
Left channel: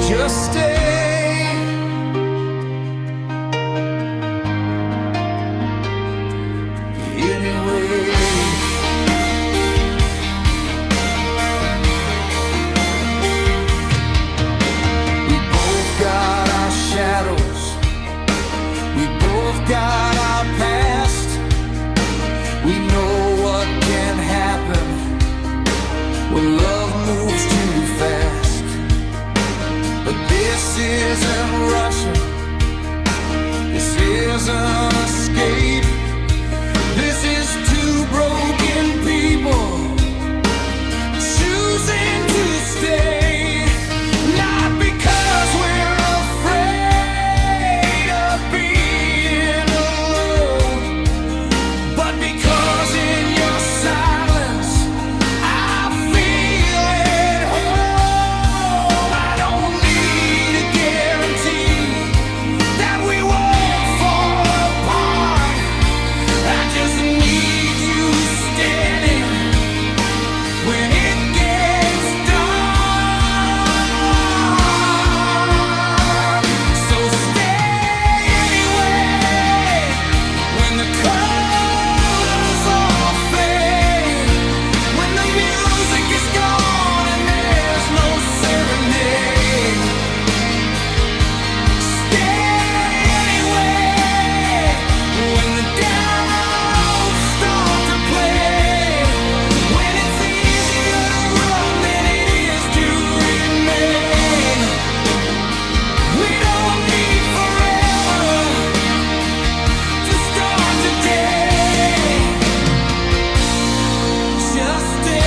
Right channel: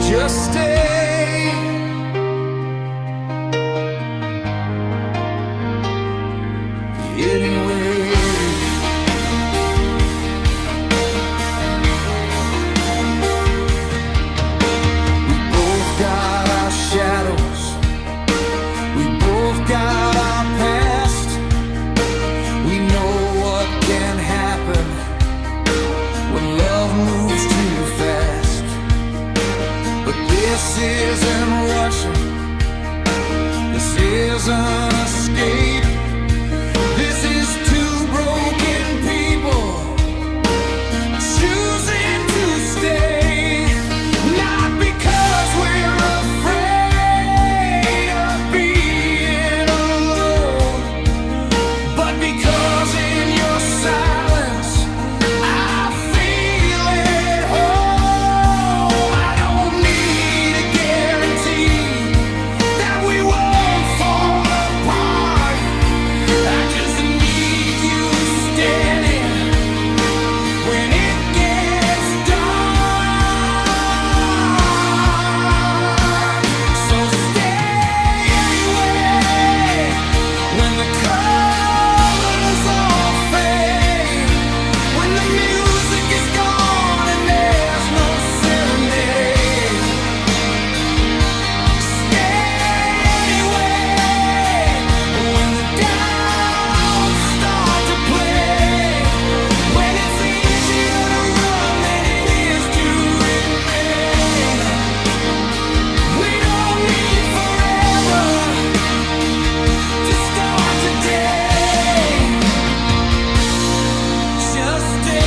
Just stay. Anyway, we both got our shadows, we both got our past. We know what can happen when love moves too fast. But this isn't Russian, this isn't escape. This is two broken people choosing to stay. Not because we're afraid of being alone, but because in your silence I feel at home. I don't need a guarantee that we won't fall apart. just stay.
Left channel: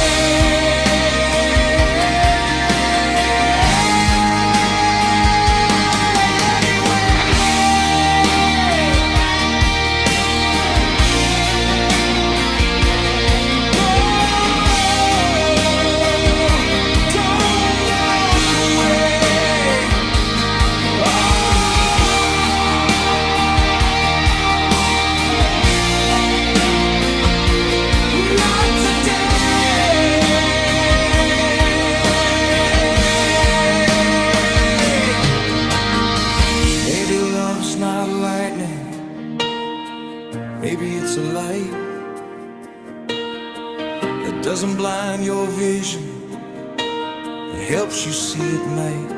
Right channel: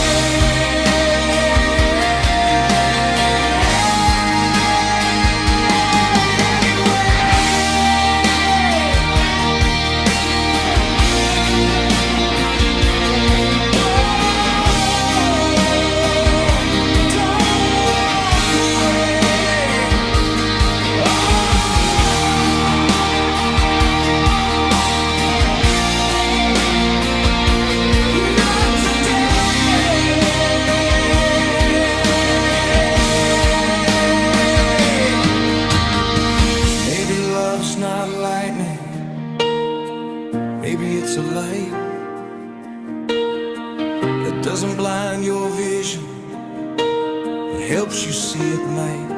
Maybe love's not lightning, maybe it's a light that doesn't blind your vision, but helps you see at night.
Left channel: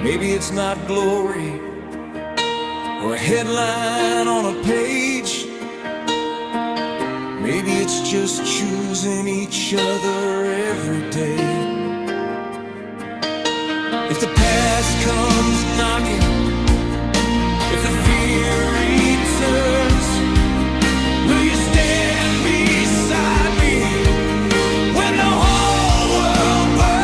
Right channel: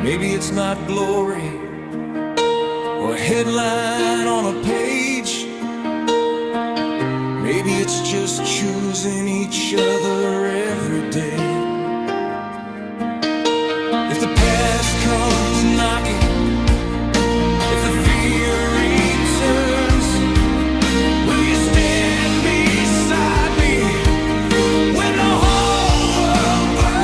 Maybe it's not glory or a headline on a page. Maybe it's just choosing each other every day. If the past comes knocking, if the fear returns, will you stand beside me when the whole world burns?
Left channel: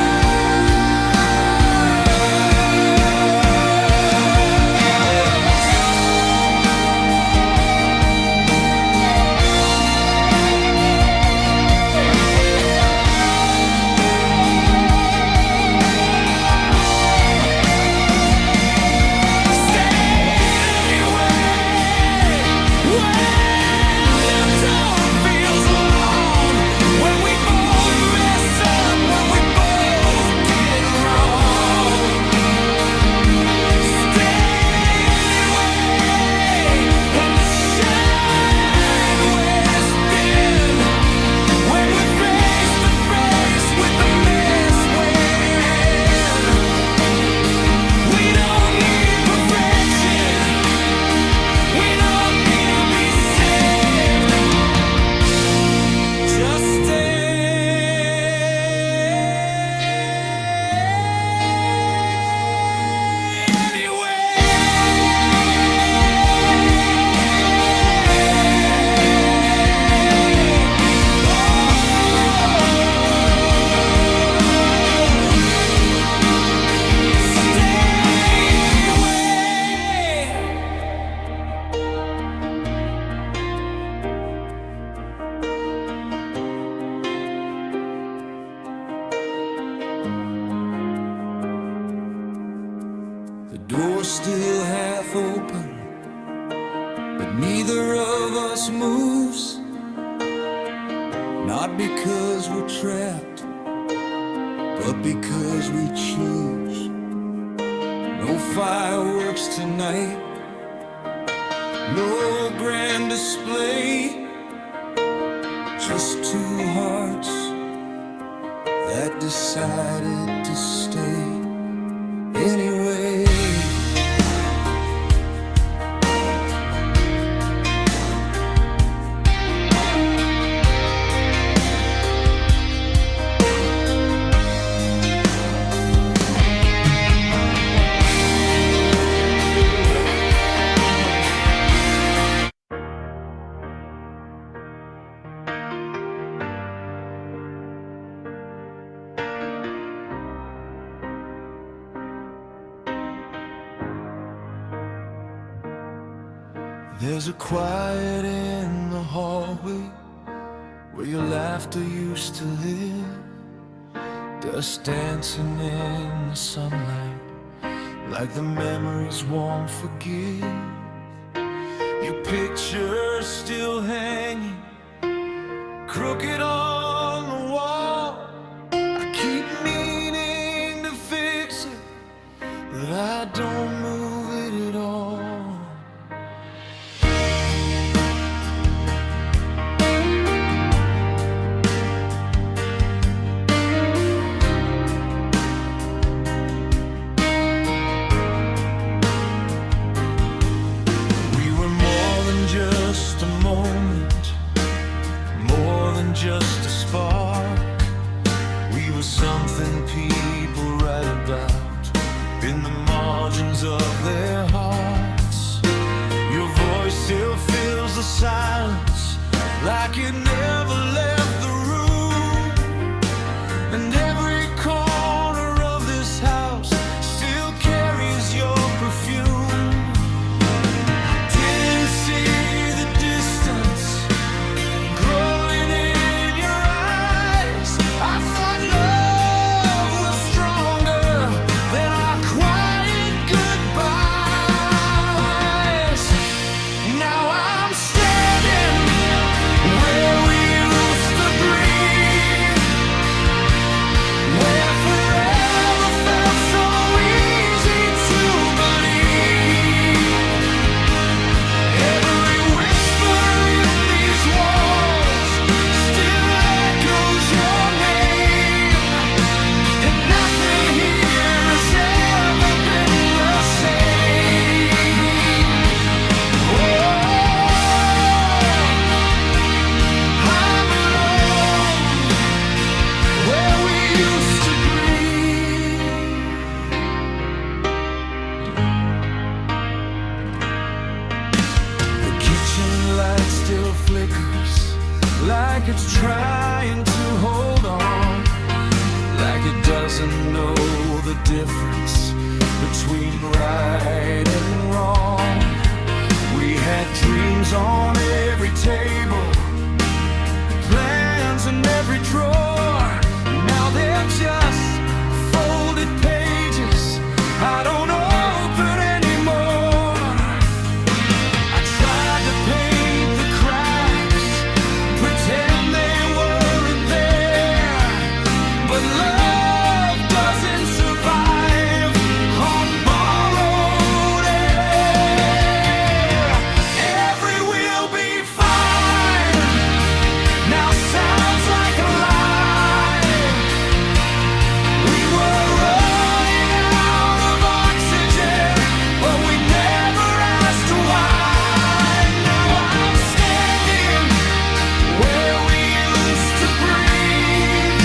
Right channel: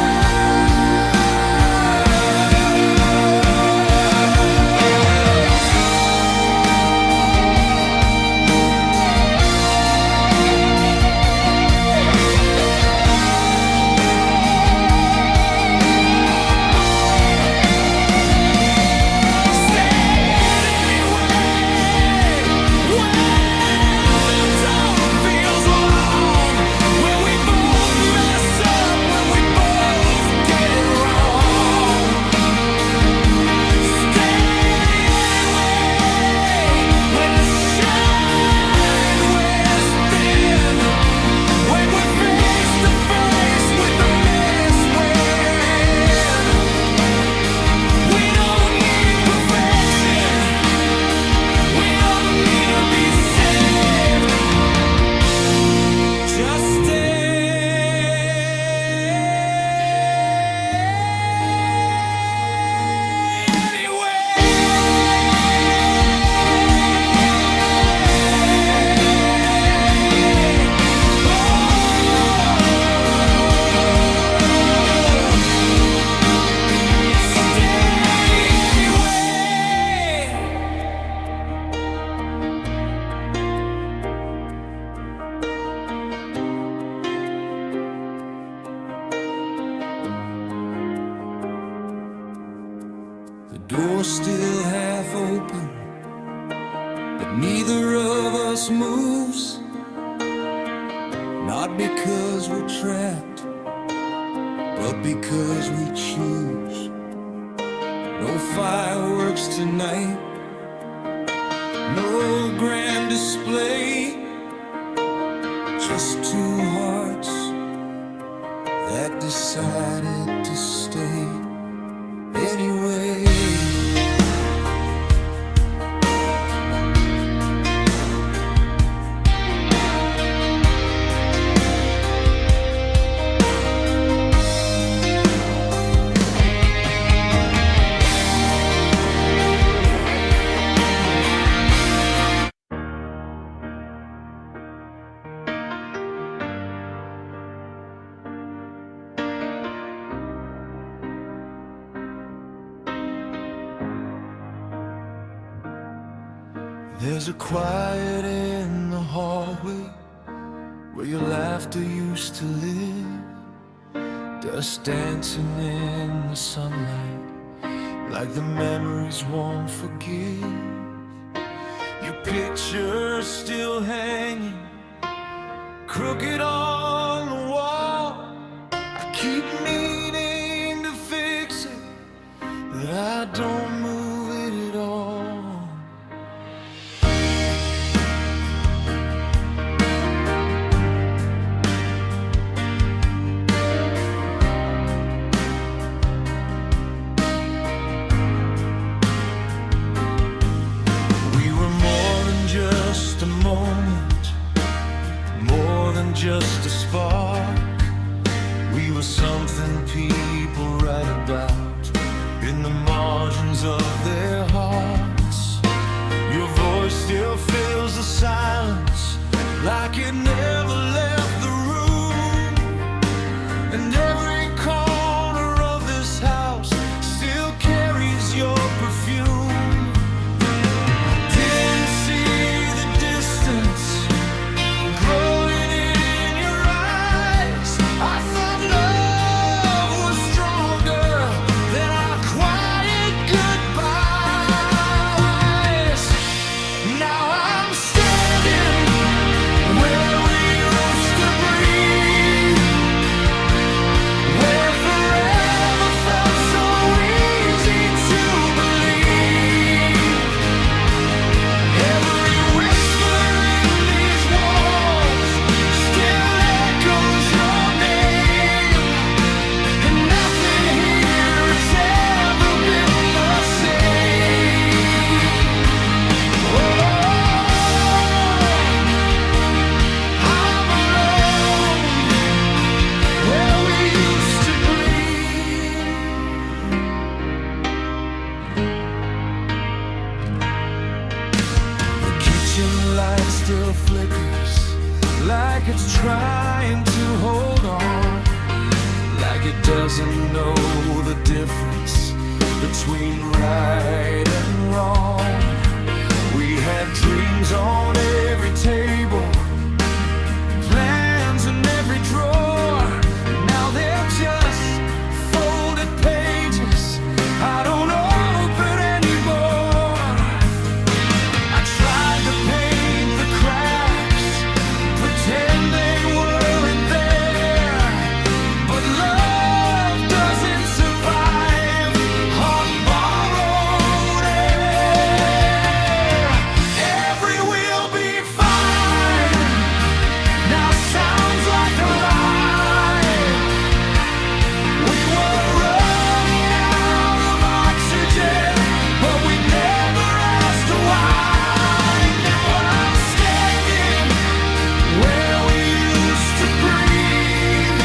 Just the door's still half open, but neither of us moves. Not because we're trapped, but because we choose. No fireworks tonight, no grand display, just two hearts that decided to stay anyway. There's a quiet in the hallway where your laughter used to live, dust dancing in the sunlight like the memories won't forgive. Your picture's still hanging crooked on the wall. I keep meaning to fix it, but I don't move it at all. Just a moment, more than just a spark. We were something people write about in the margins of their hearts. Your voice still fills the silence like it never left the room. And every corner of this house still carries your perfume. I didn't see the distance growing in your eyes. I thought love was stronger than our quiet goodbyes. Now I'm standing where we used to breathe, where forever felt so easy to believe. Every whisper in these walls still echoes your name, and nothing here has ever been the same. Oh, I'm alone where we used to breathe. The kitchen light still flickers, like it's trying to hold on, like it doesn't know the difference between right and wrong. We had dreams on every table, plans in every drawer. Now they're just folded pages I don't open anymore. I tried to paint the cracks, pretend they weren't there, but love doesn't survive on borrowed air. Every will be fine now sounds like a lie. We were running out of oxygen, but we never asked why. Now I'm standing where we used to breathe,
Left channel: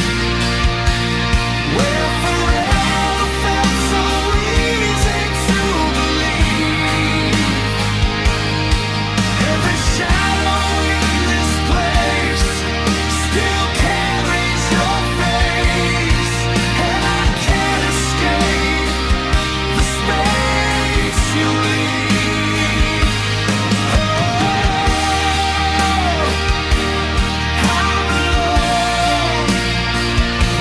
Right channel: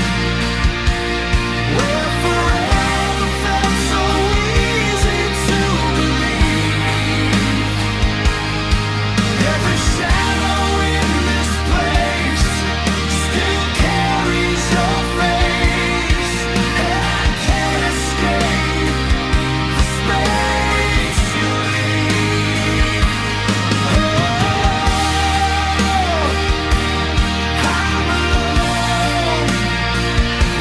where forever felt so easy to believe. Every shadow in this place still carries your face, and I can't escape the space you leave. Oh, I'm alone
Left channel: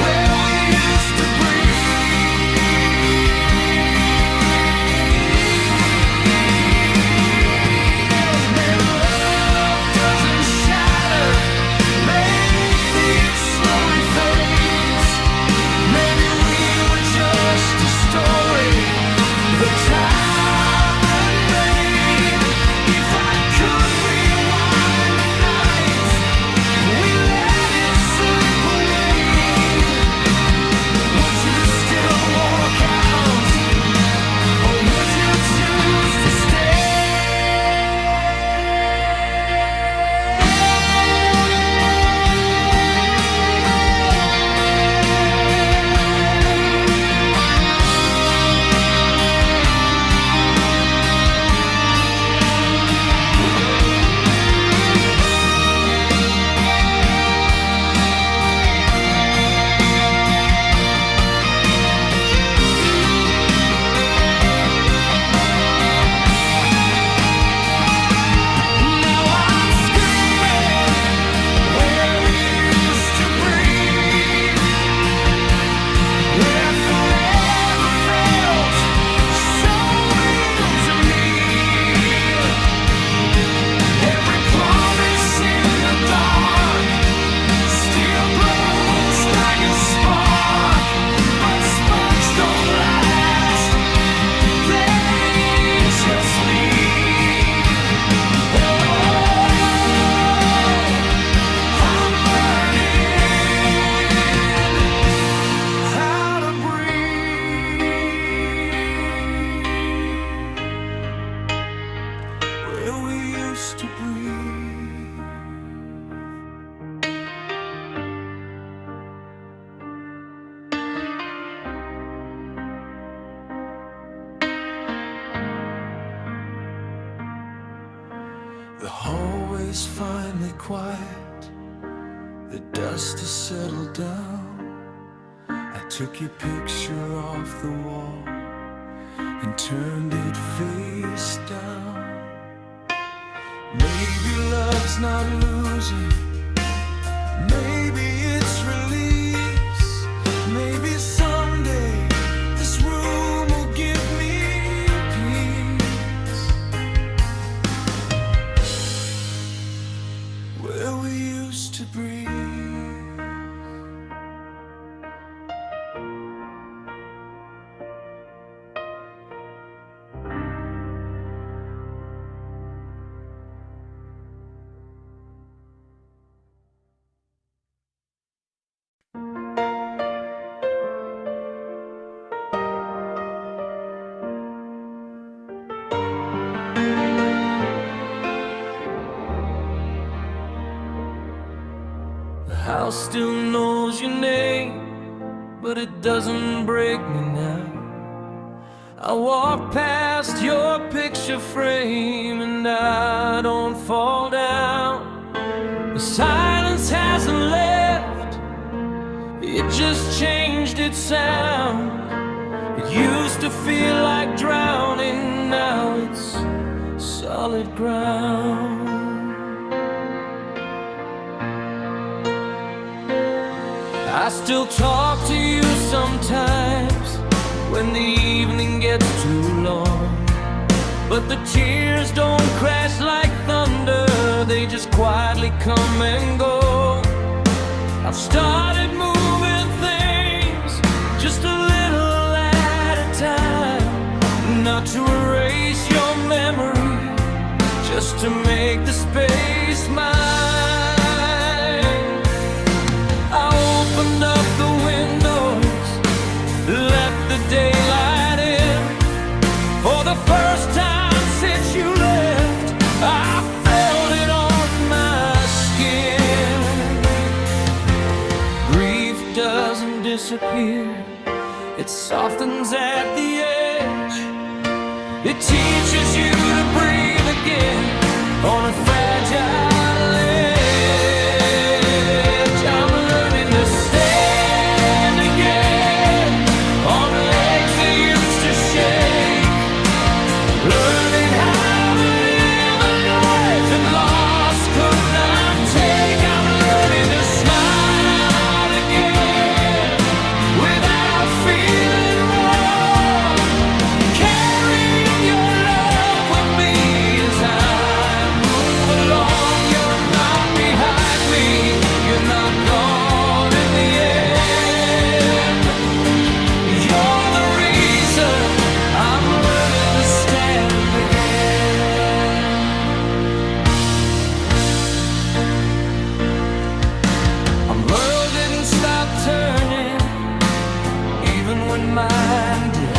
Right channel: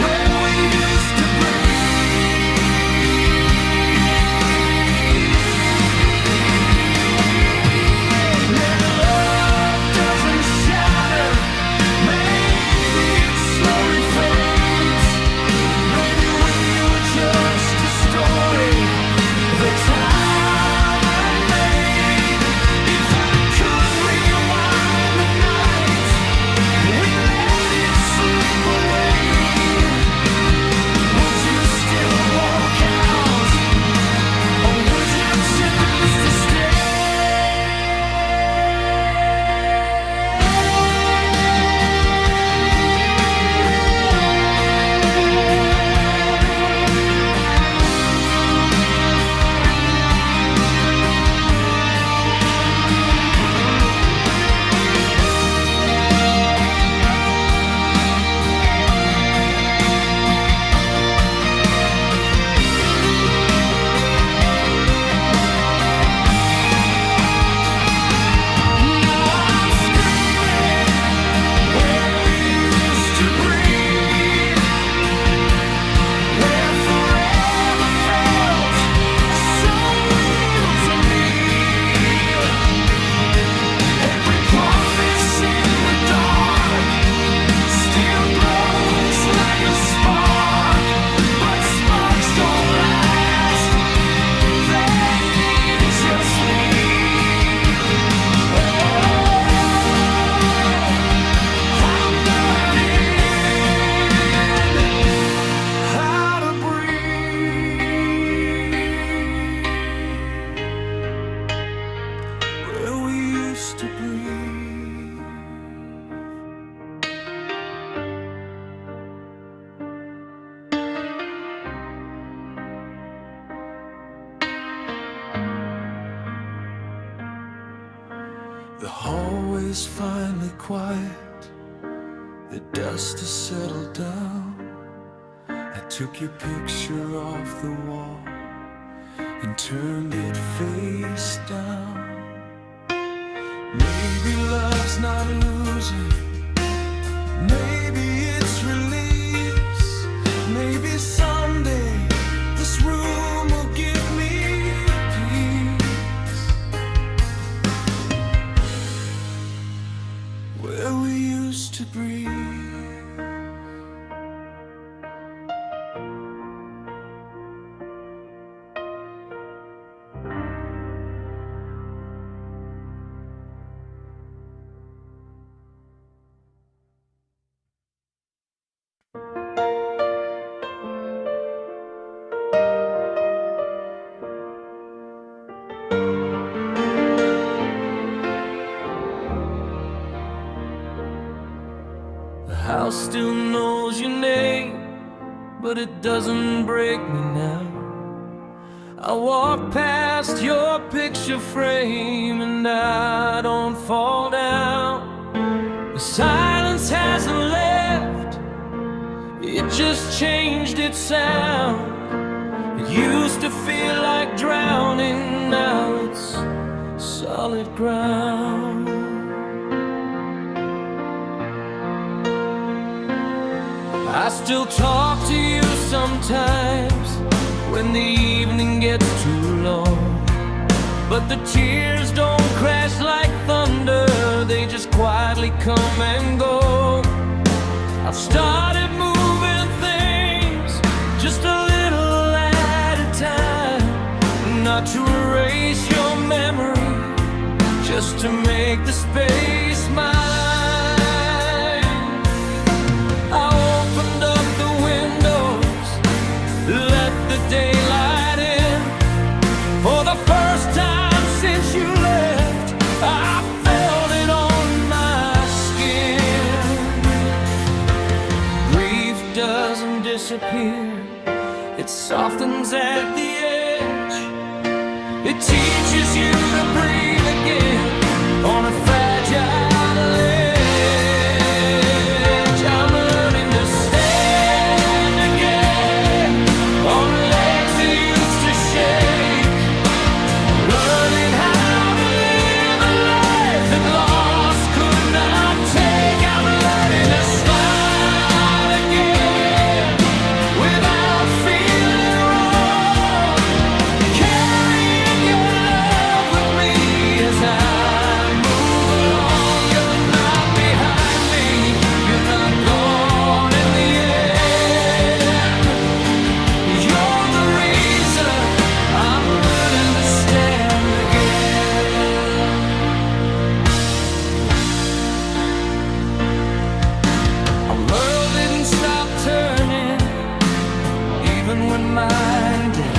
where we used to breathe. Maybe love doesn't shatter, maybe it slowly fades. Maybe we were just a story, the time unmade. If I could rewind the night we let it slip away, would you still walk out, or would you choose to stay? Now I'm screaming where we used to breathe, where forever felt so real to me. Every promise in the dark still glows like a spark, but sparks don't last, they just leave. Oh, I'm learning how to breathe where we used to breathe. The hallway is finally quiet, the dust has settled down. I took your picture off the wall and turned it face down. Maybe love's not losing, maybe it's release. Maybe someday this room will give me peace, where we used to breathe. The house still knows your name, but it doesn't break me now. I walk past your picture frame and I don't fall down. The silence hasn't left, it just changed its sound. It used to feel like drowning, now it's solid ground. I still talk to you sometimes when the evening gets too long, but the tears don't crash like thunder, they just quietly come and go. I've started moving things just a little at a time, not to erase your memory, just to make the space mine. I opened up the windows, let the daylight in. For the first time since you left, I felt it on my skin. Grief doesn't disappear, it softens at the edge. It teaches you to breathe again on a fragile edge. I'm learning to stand again on legs that used to shake, learning how to live a life that loss could not take. I'm learning to smile again without feeling wrong, carrying your love with me as I move along. You're not behind me, you're not gone in the end. You're the reason I'm learning to stand again. Our world didn't stop turning, even when mine did.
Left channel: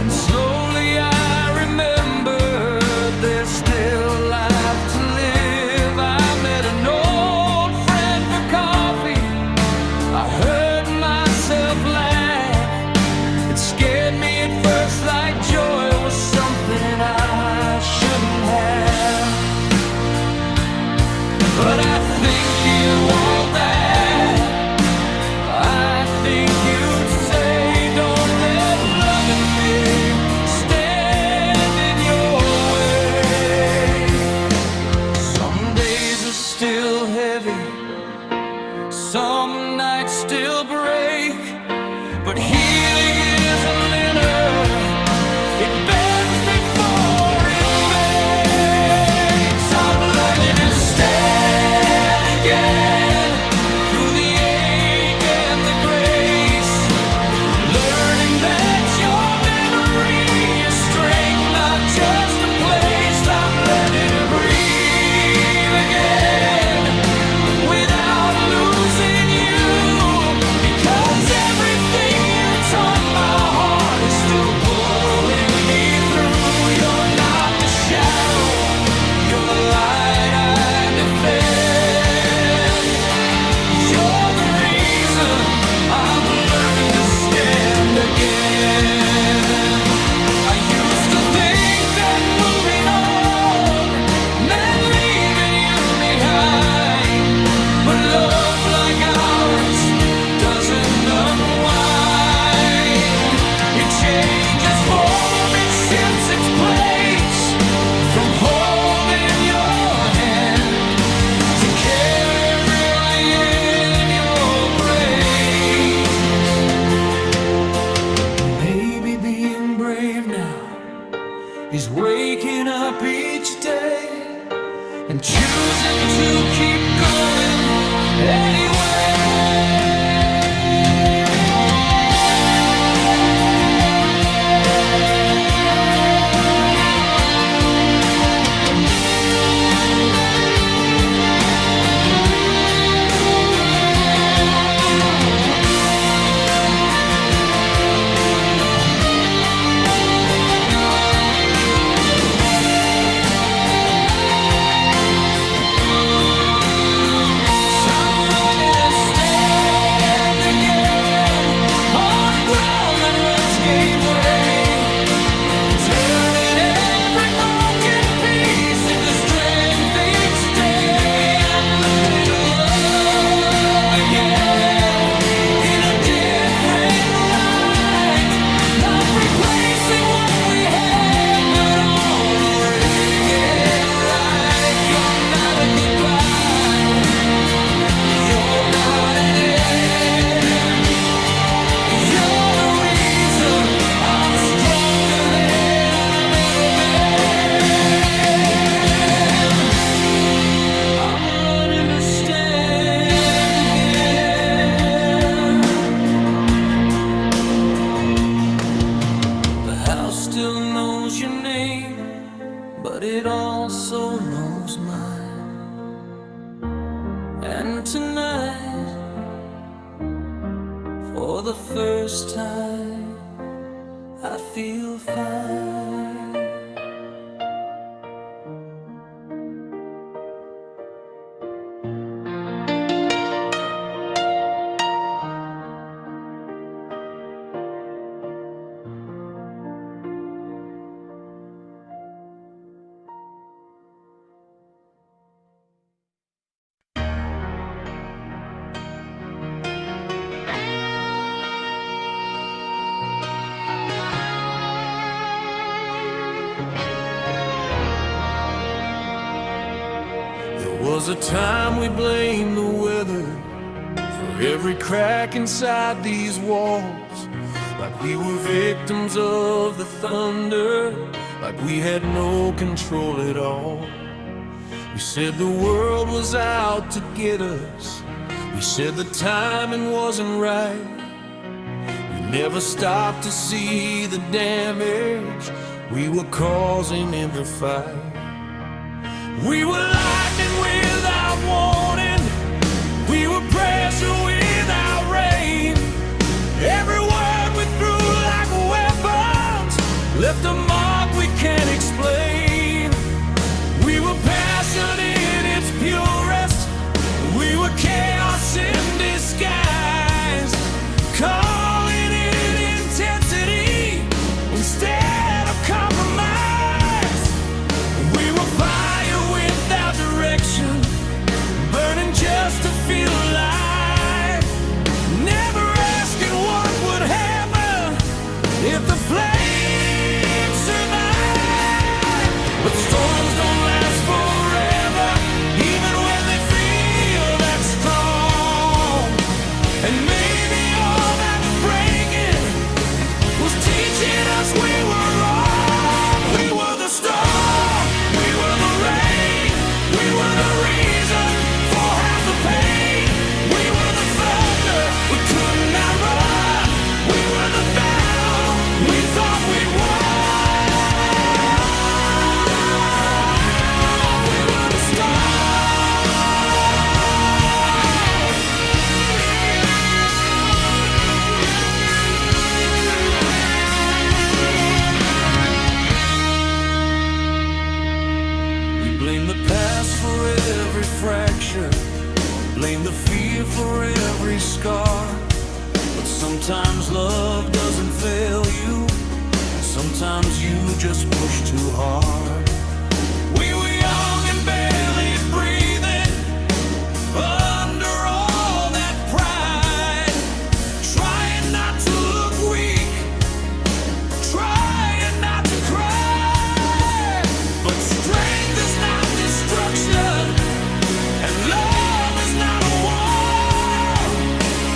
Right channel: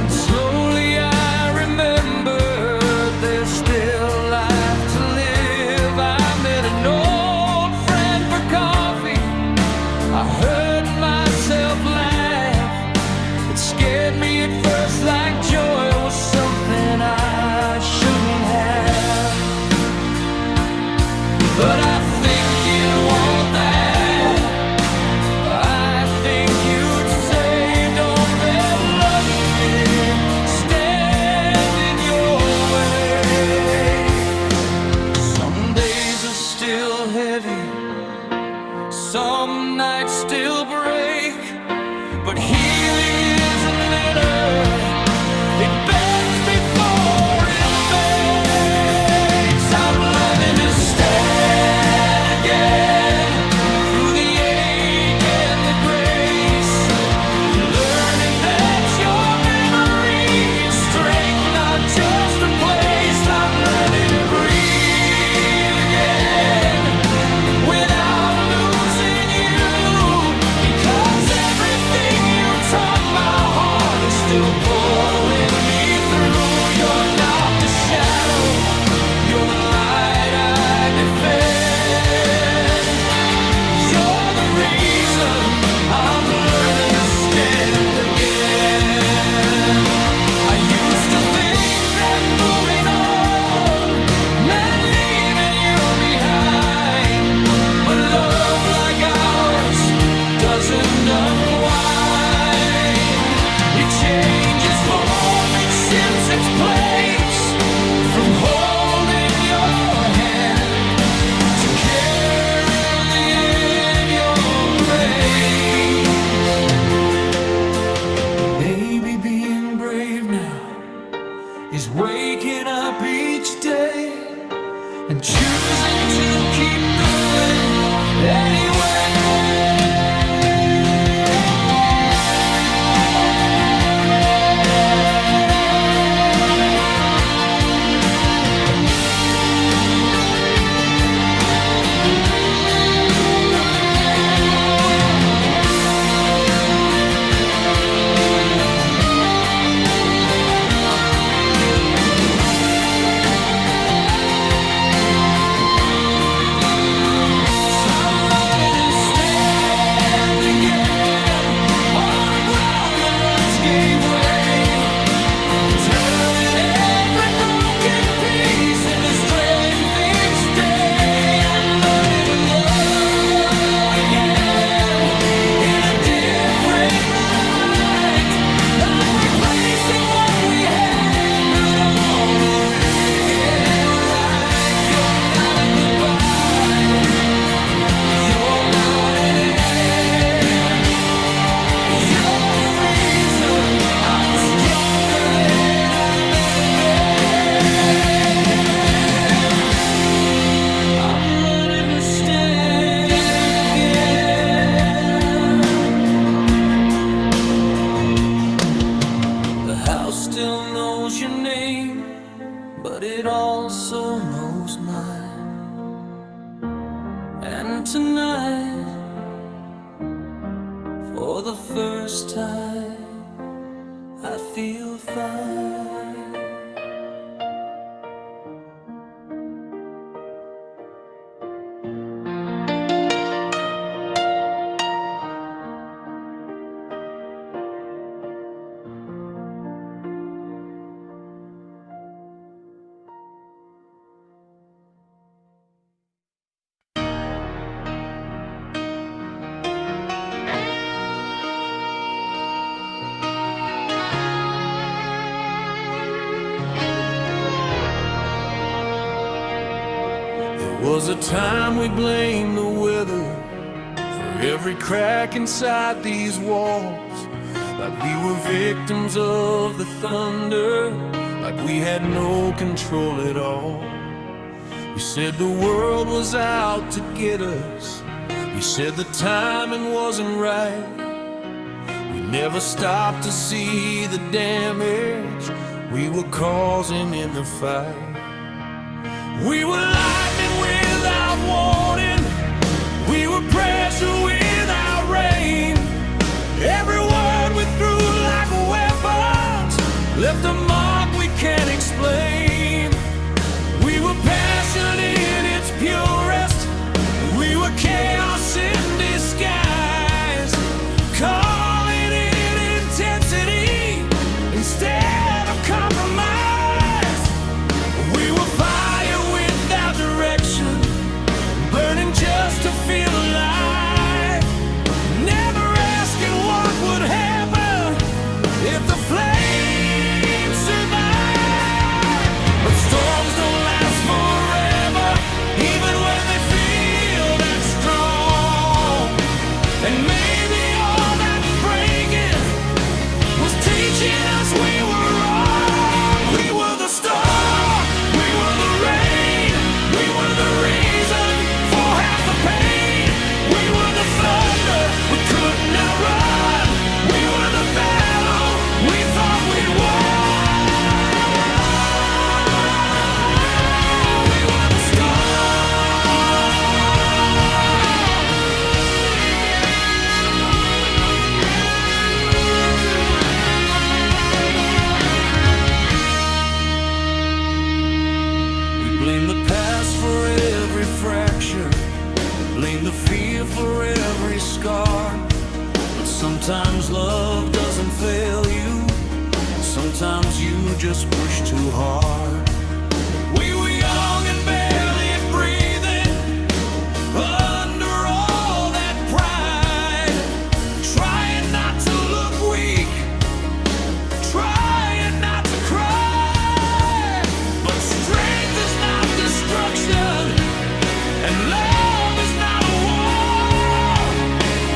And slowly I remembered there's still life to live. I met an old friend for coffee, I heard myself laugh. It scared me at first like joy was something I shouldn't have, but I think you'd want that. I think you'd say, don't let loving me stand in your way. Some days are still heavy, some nights still break, but healing isn't linear, it bends before it makes. I'm learning to stand again through the ache and the grace, learning that your memory is strength, not just a place. I'm learning to breathe again without losing you, because everything you taught my heart is still pulling me day and choosing to keep going anyway. Gave way, turning every broken piece into strength each day. I'm learning to love again in a different light, not replacing what we had, but honoring it right. You're not a goodbye, you're not an end, you're I'm stronger than I've ever been. I'm learning to stand again. The house still knows your name, but it also knows mine. And tonight, for the first time, I feel fine. There was a time we blamed the weather for every crack inside these walls, like we were victims of the thunder, like we had no control at all. We said the world was out to get us, we said the timing wasn't right. We never stopped to see the damage we were causing in the fight. We were lightning without warning, we were pressure without rain. Every word we threw like weapons left a mark we can't explain. We were passion in its purest, we were chaos in disguise, calling it intensity instead of compromise. We were fire without direction, burning just to feel alive, never asking what would happen if the flames survive. But storms don't last forever, even when they feel that strong. And maybe all that breaking was teaching us we were wrong. We were the storm, we were the rain, we were the reason for half the pain. We were the thunder we could not run, we were the battle we thought we'd won. We were the We blame the past for every fracture, blame the fear for every scar. But sometimes love doesn't fail you, sometimes you just push too hard. We were young and barely breathing under all that pride, trying not to look weak, trying not to cry. But strength is not destruction, and love is not a war.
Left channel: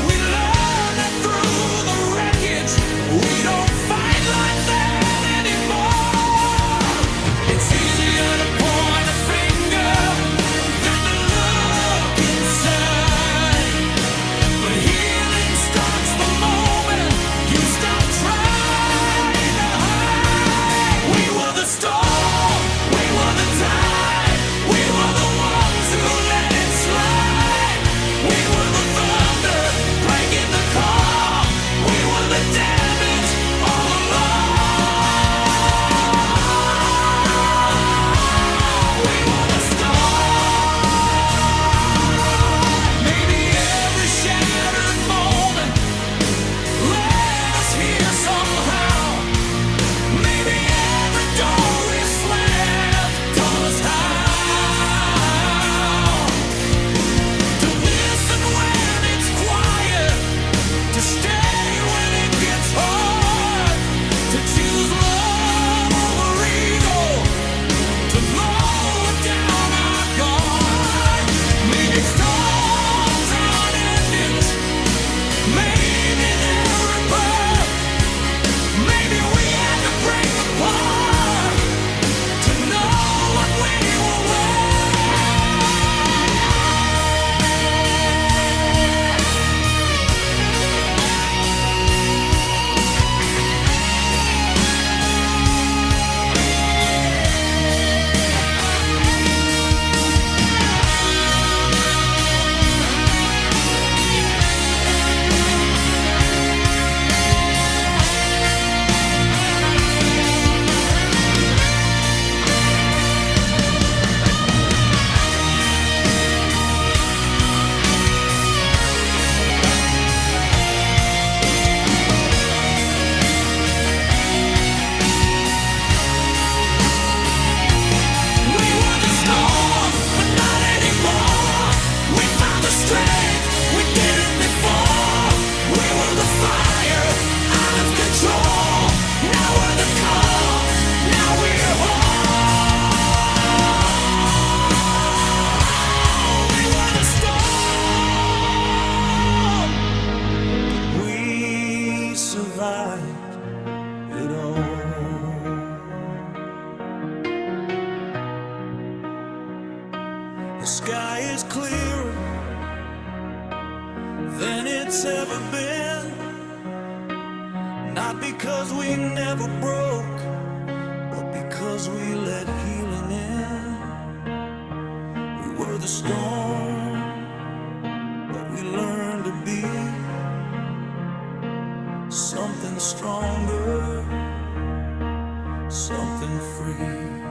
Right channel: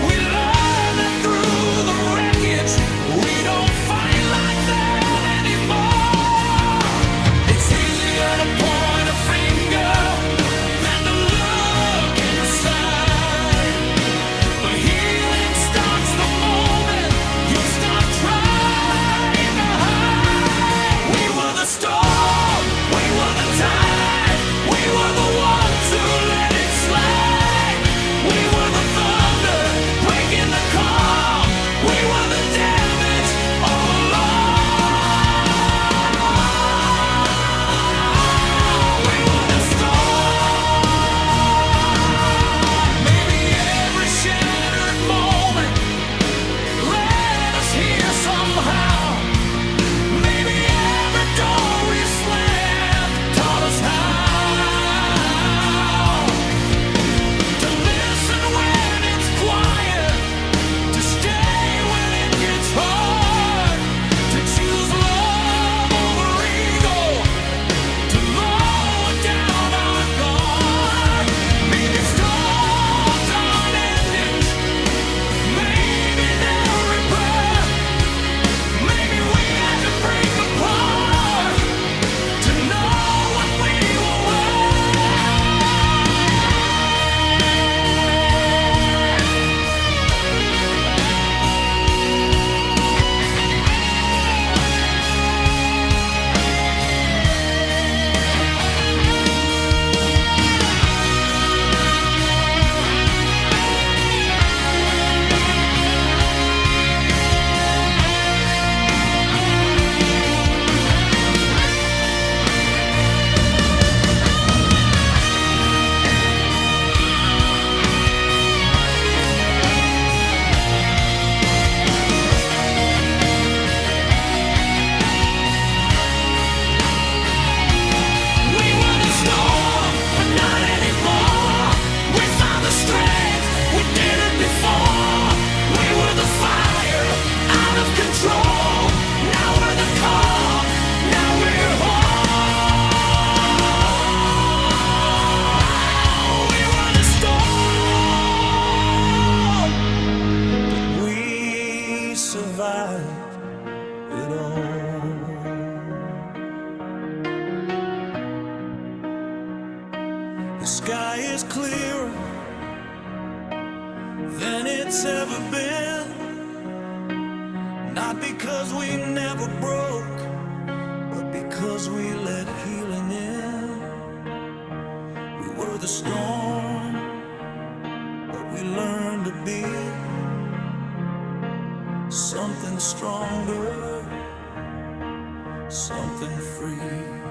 We learned that through the wreckage, we don't fight like that anymore. It's easier to point despite it all. The sky is clearer than it's ever been, not because we never broke, but because we let healing in. We were the storm, but we learned to be something stronger, something free.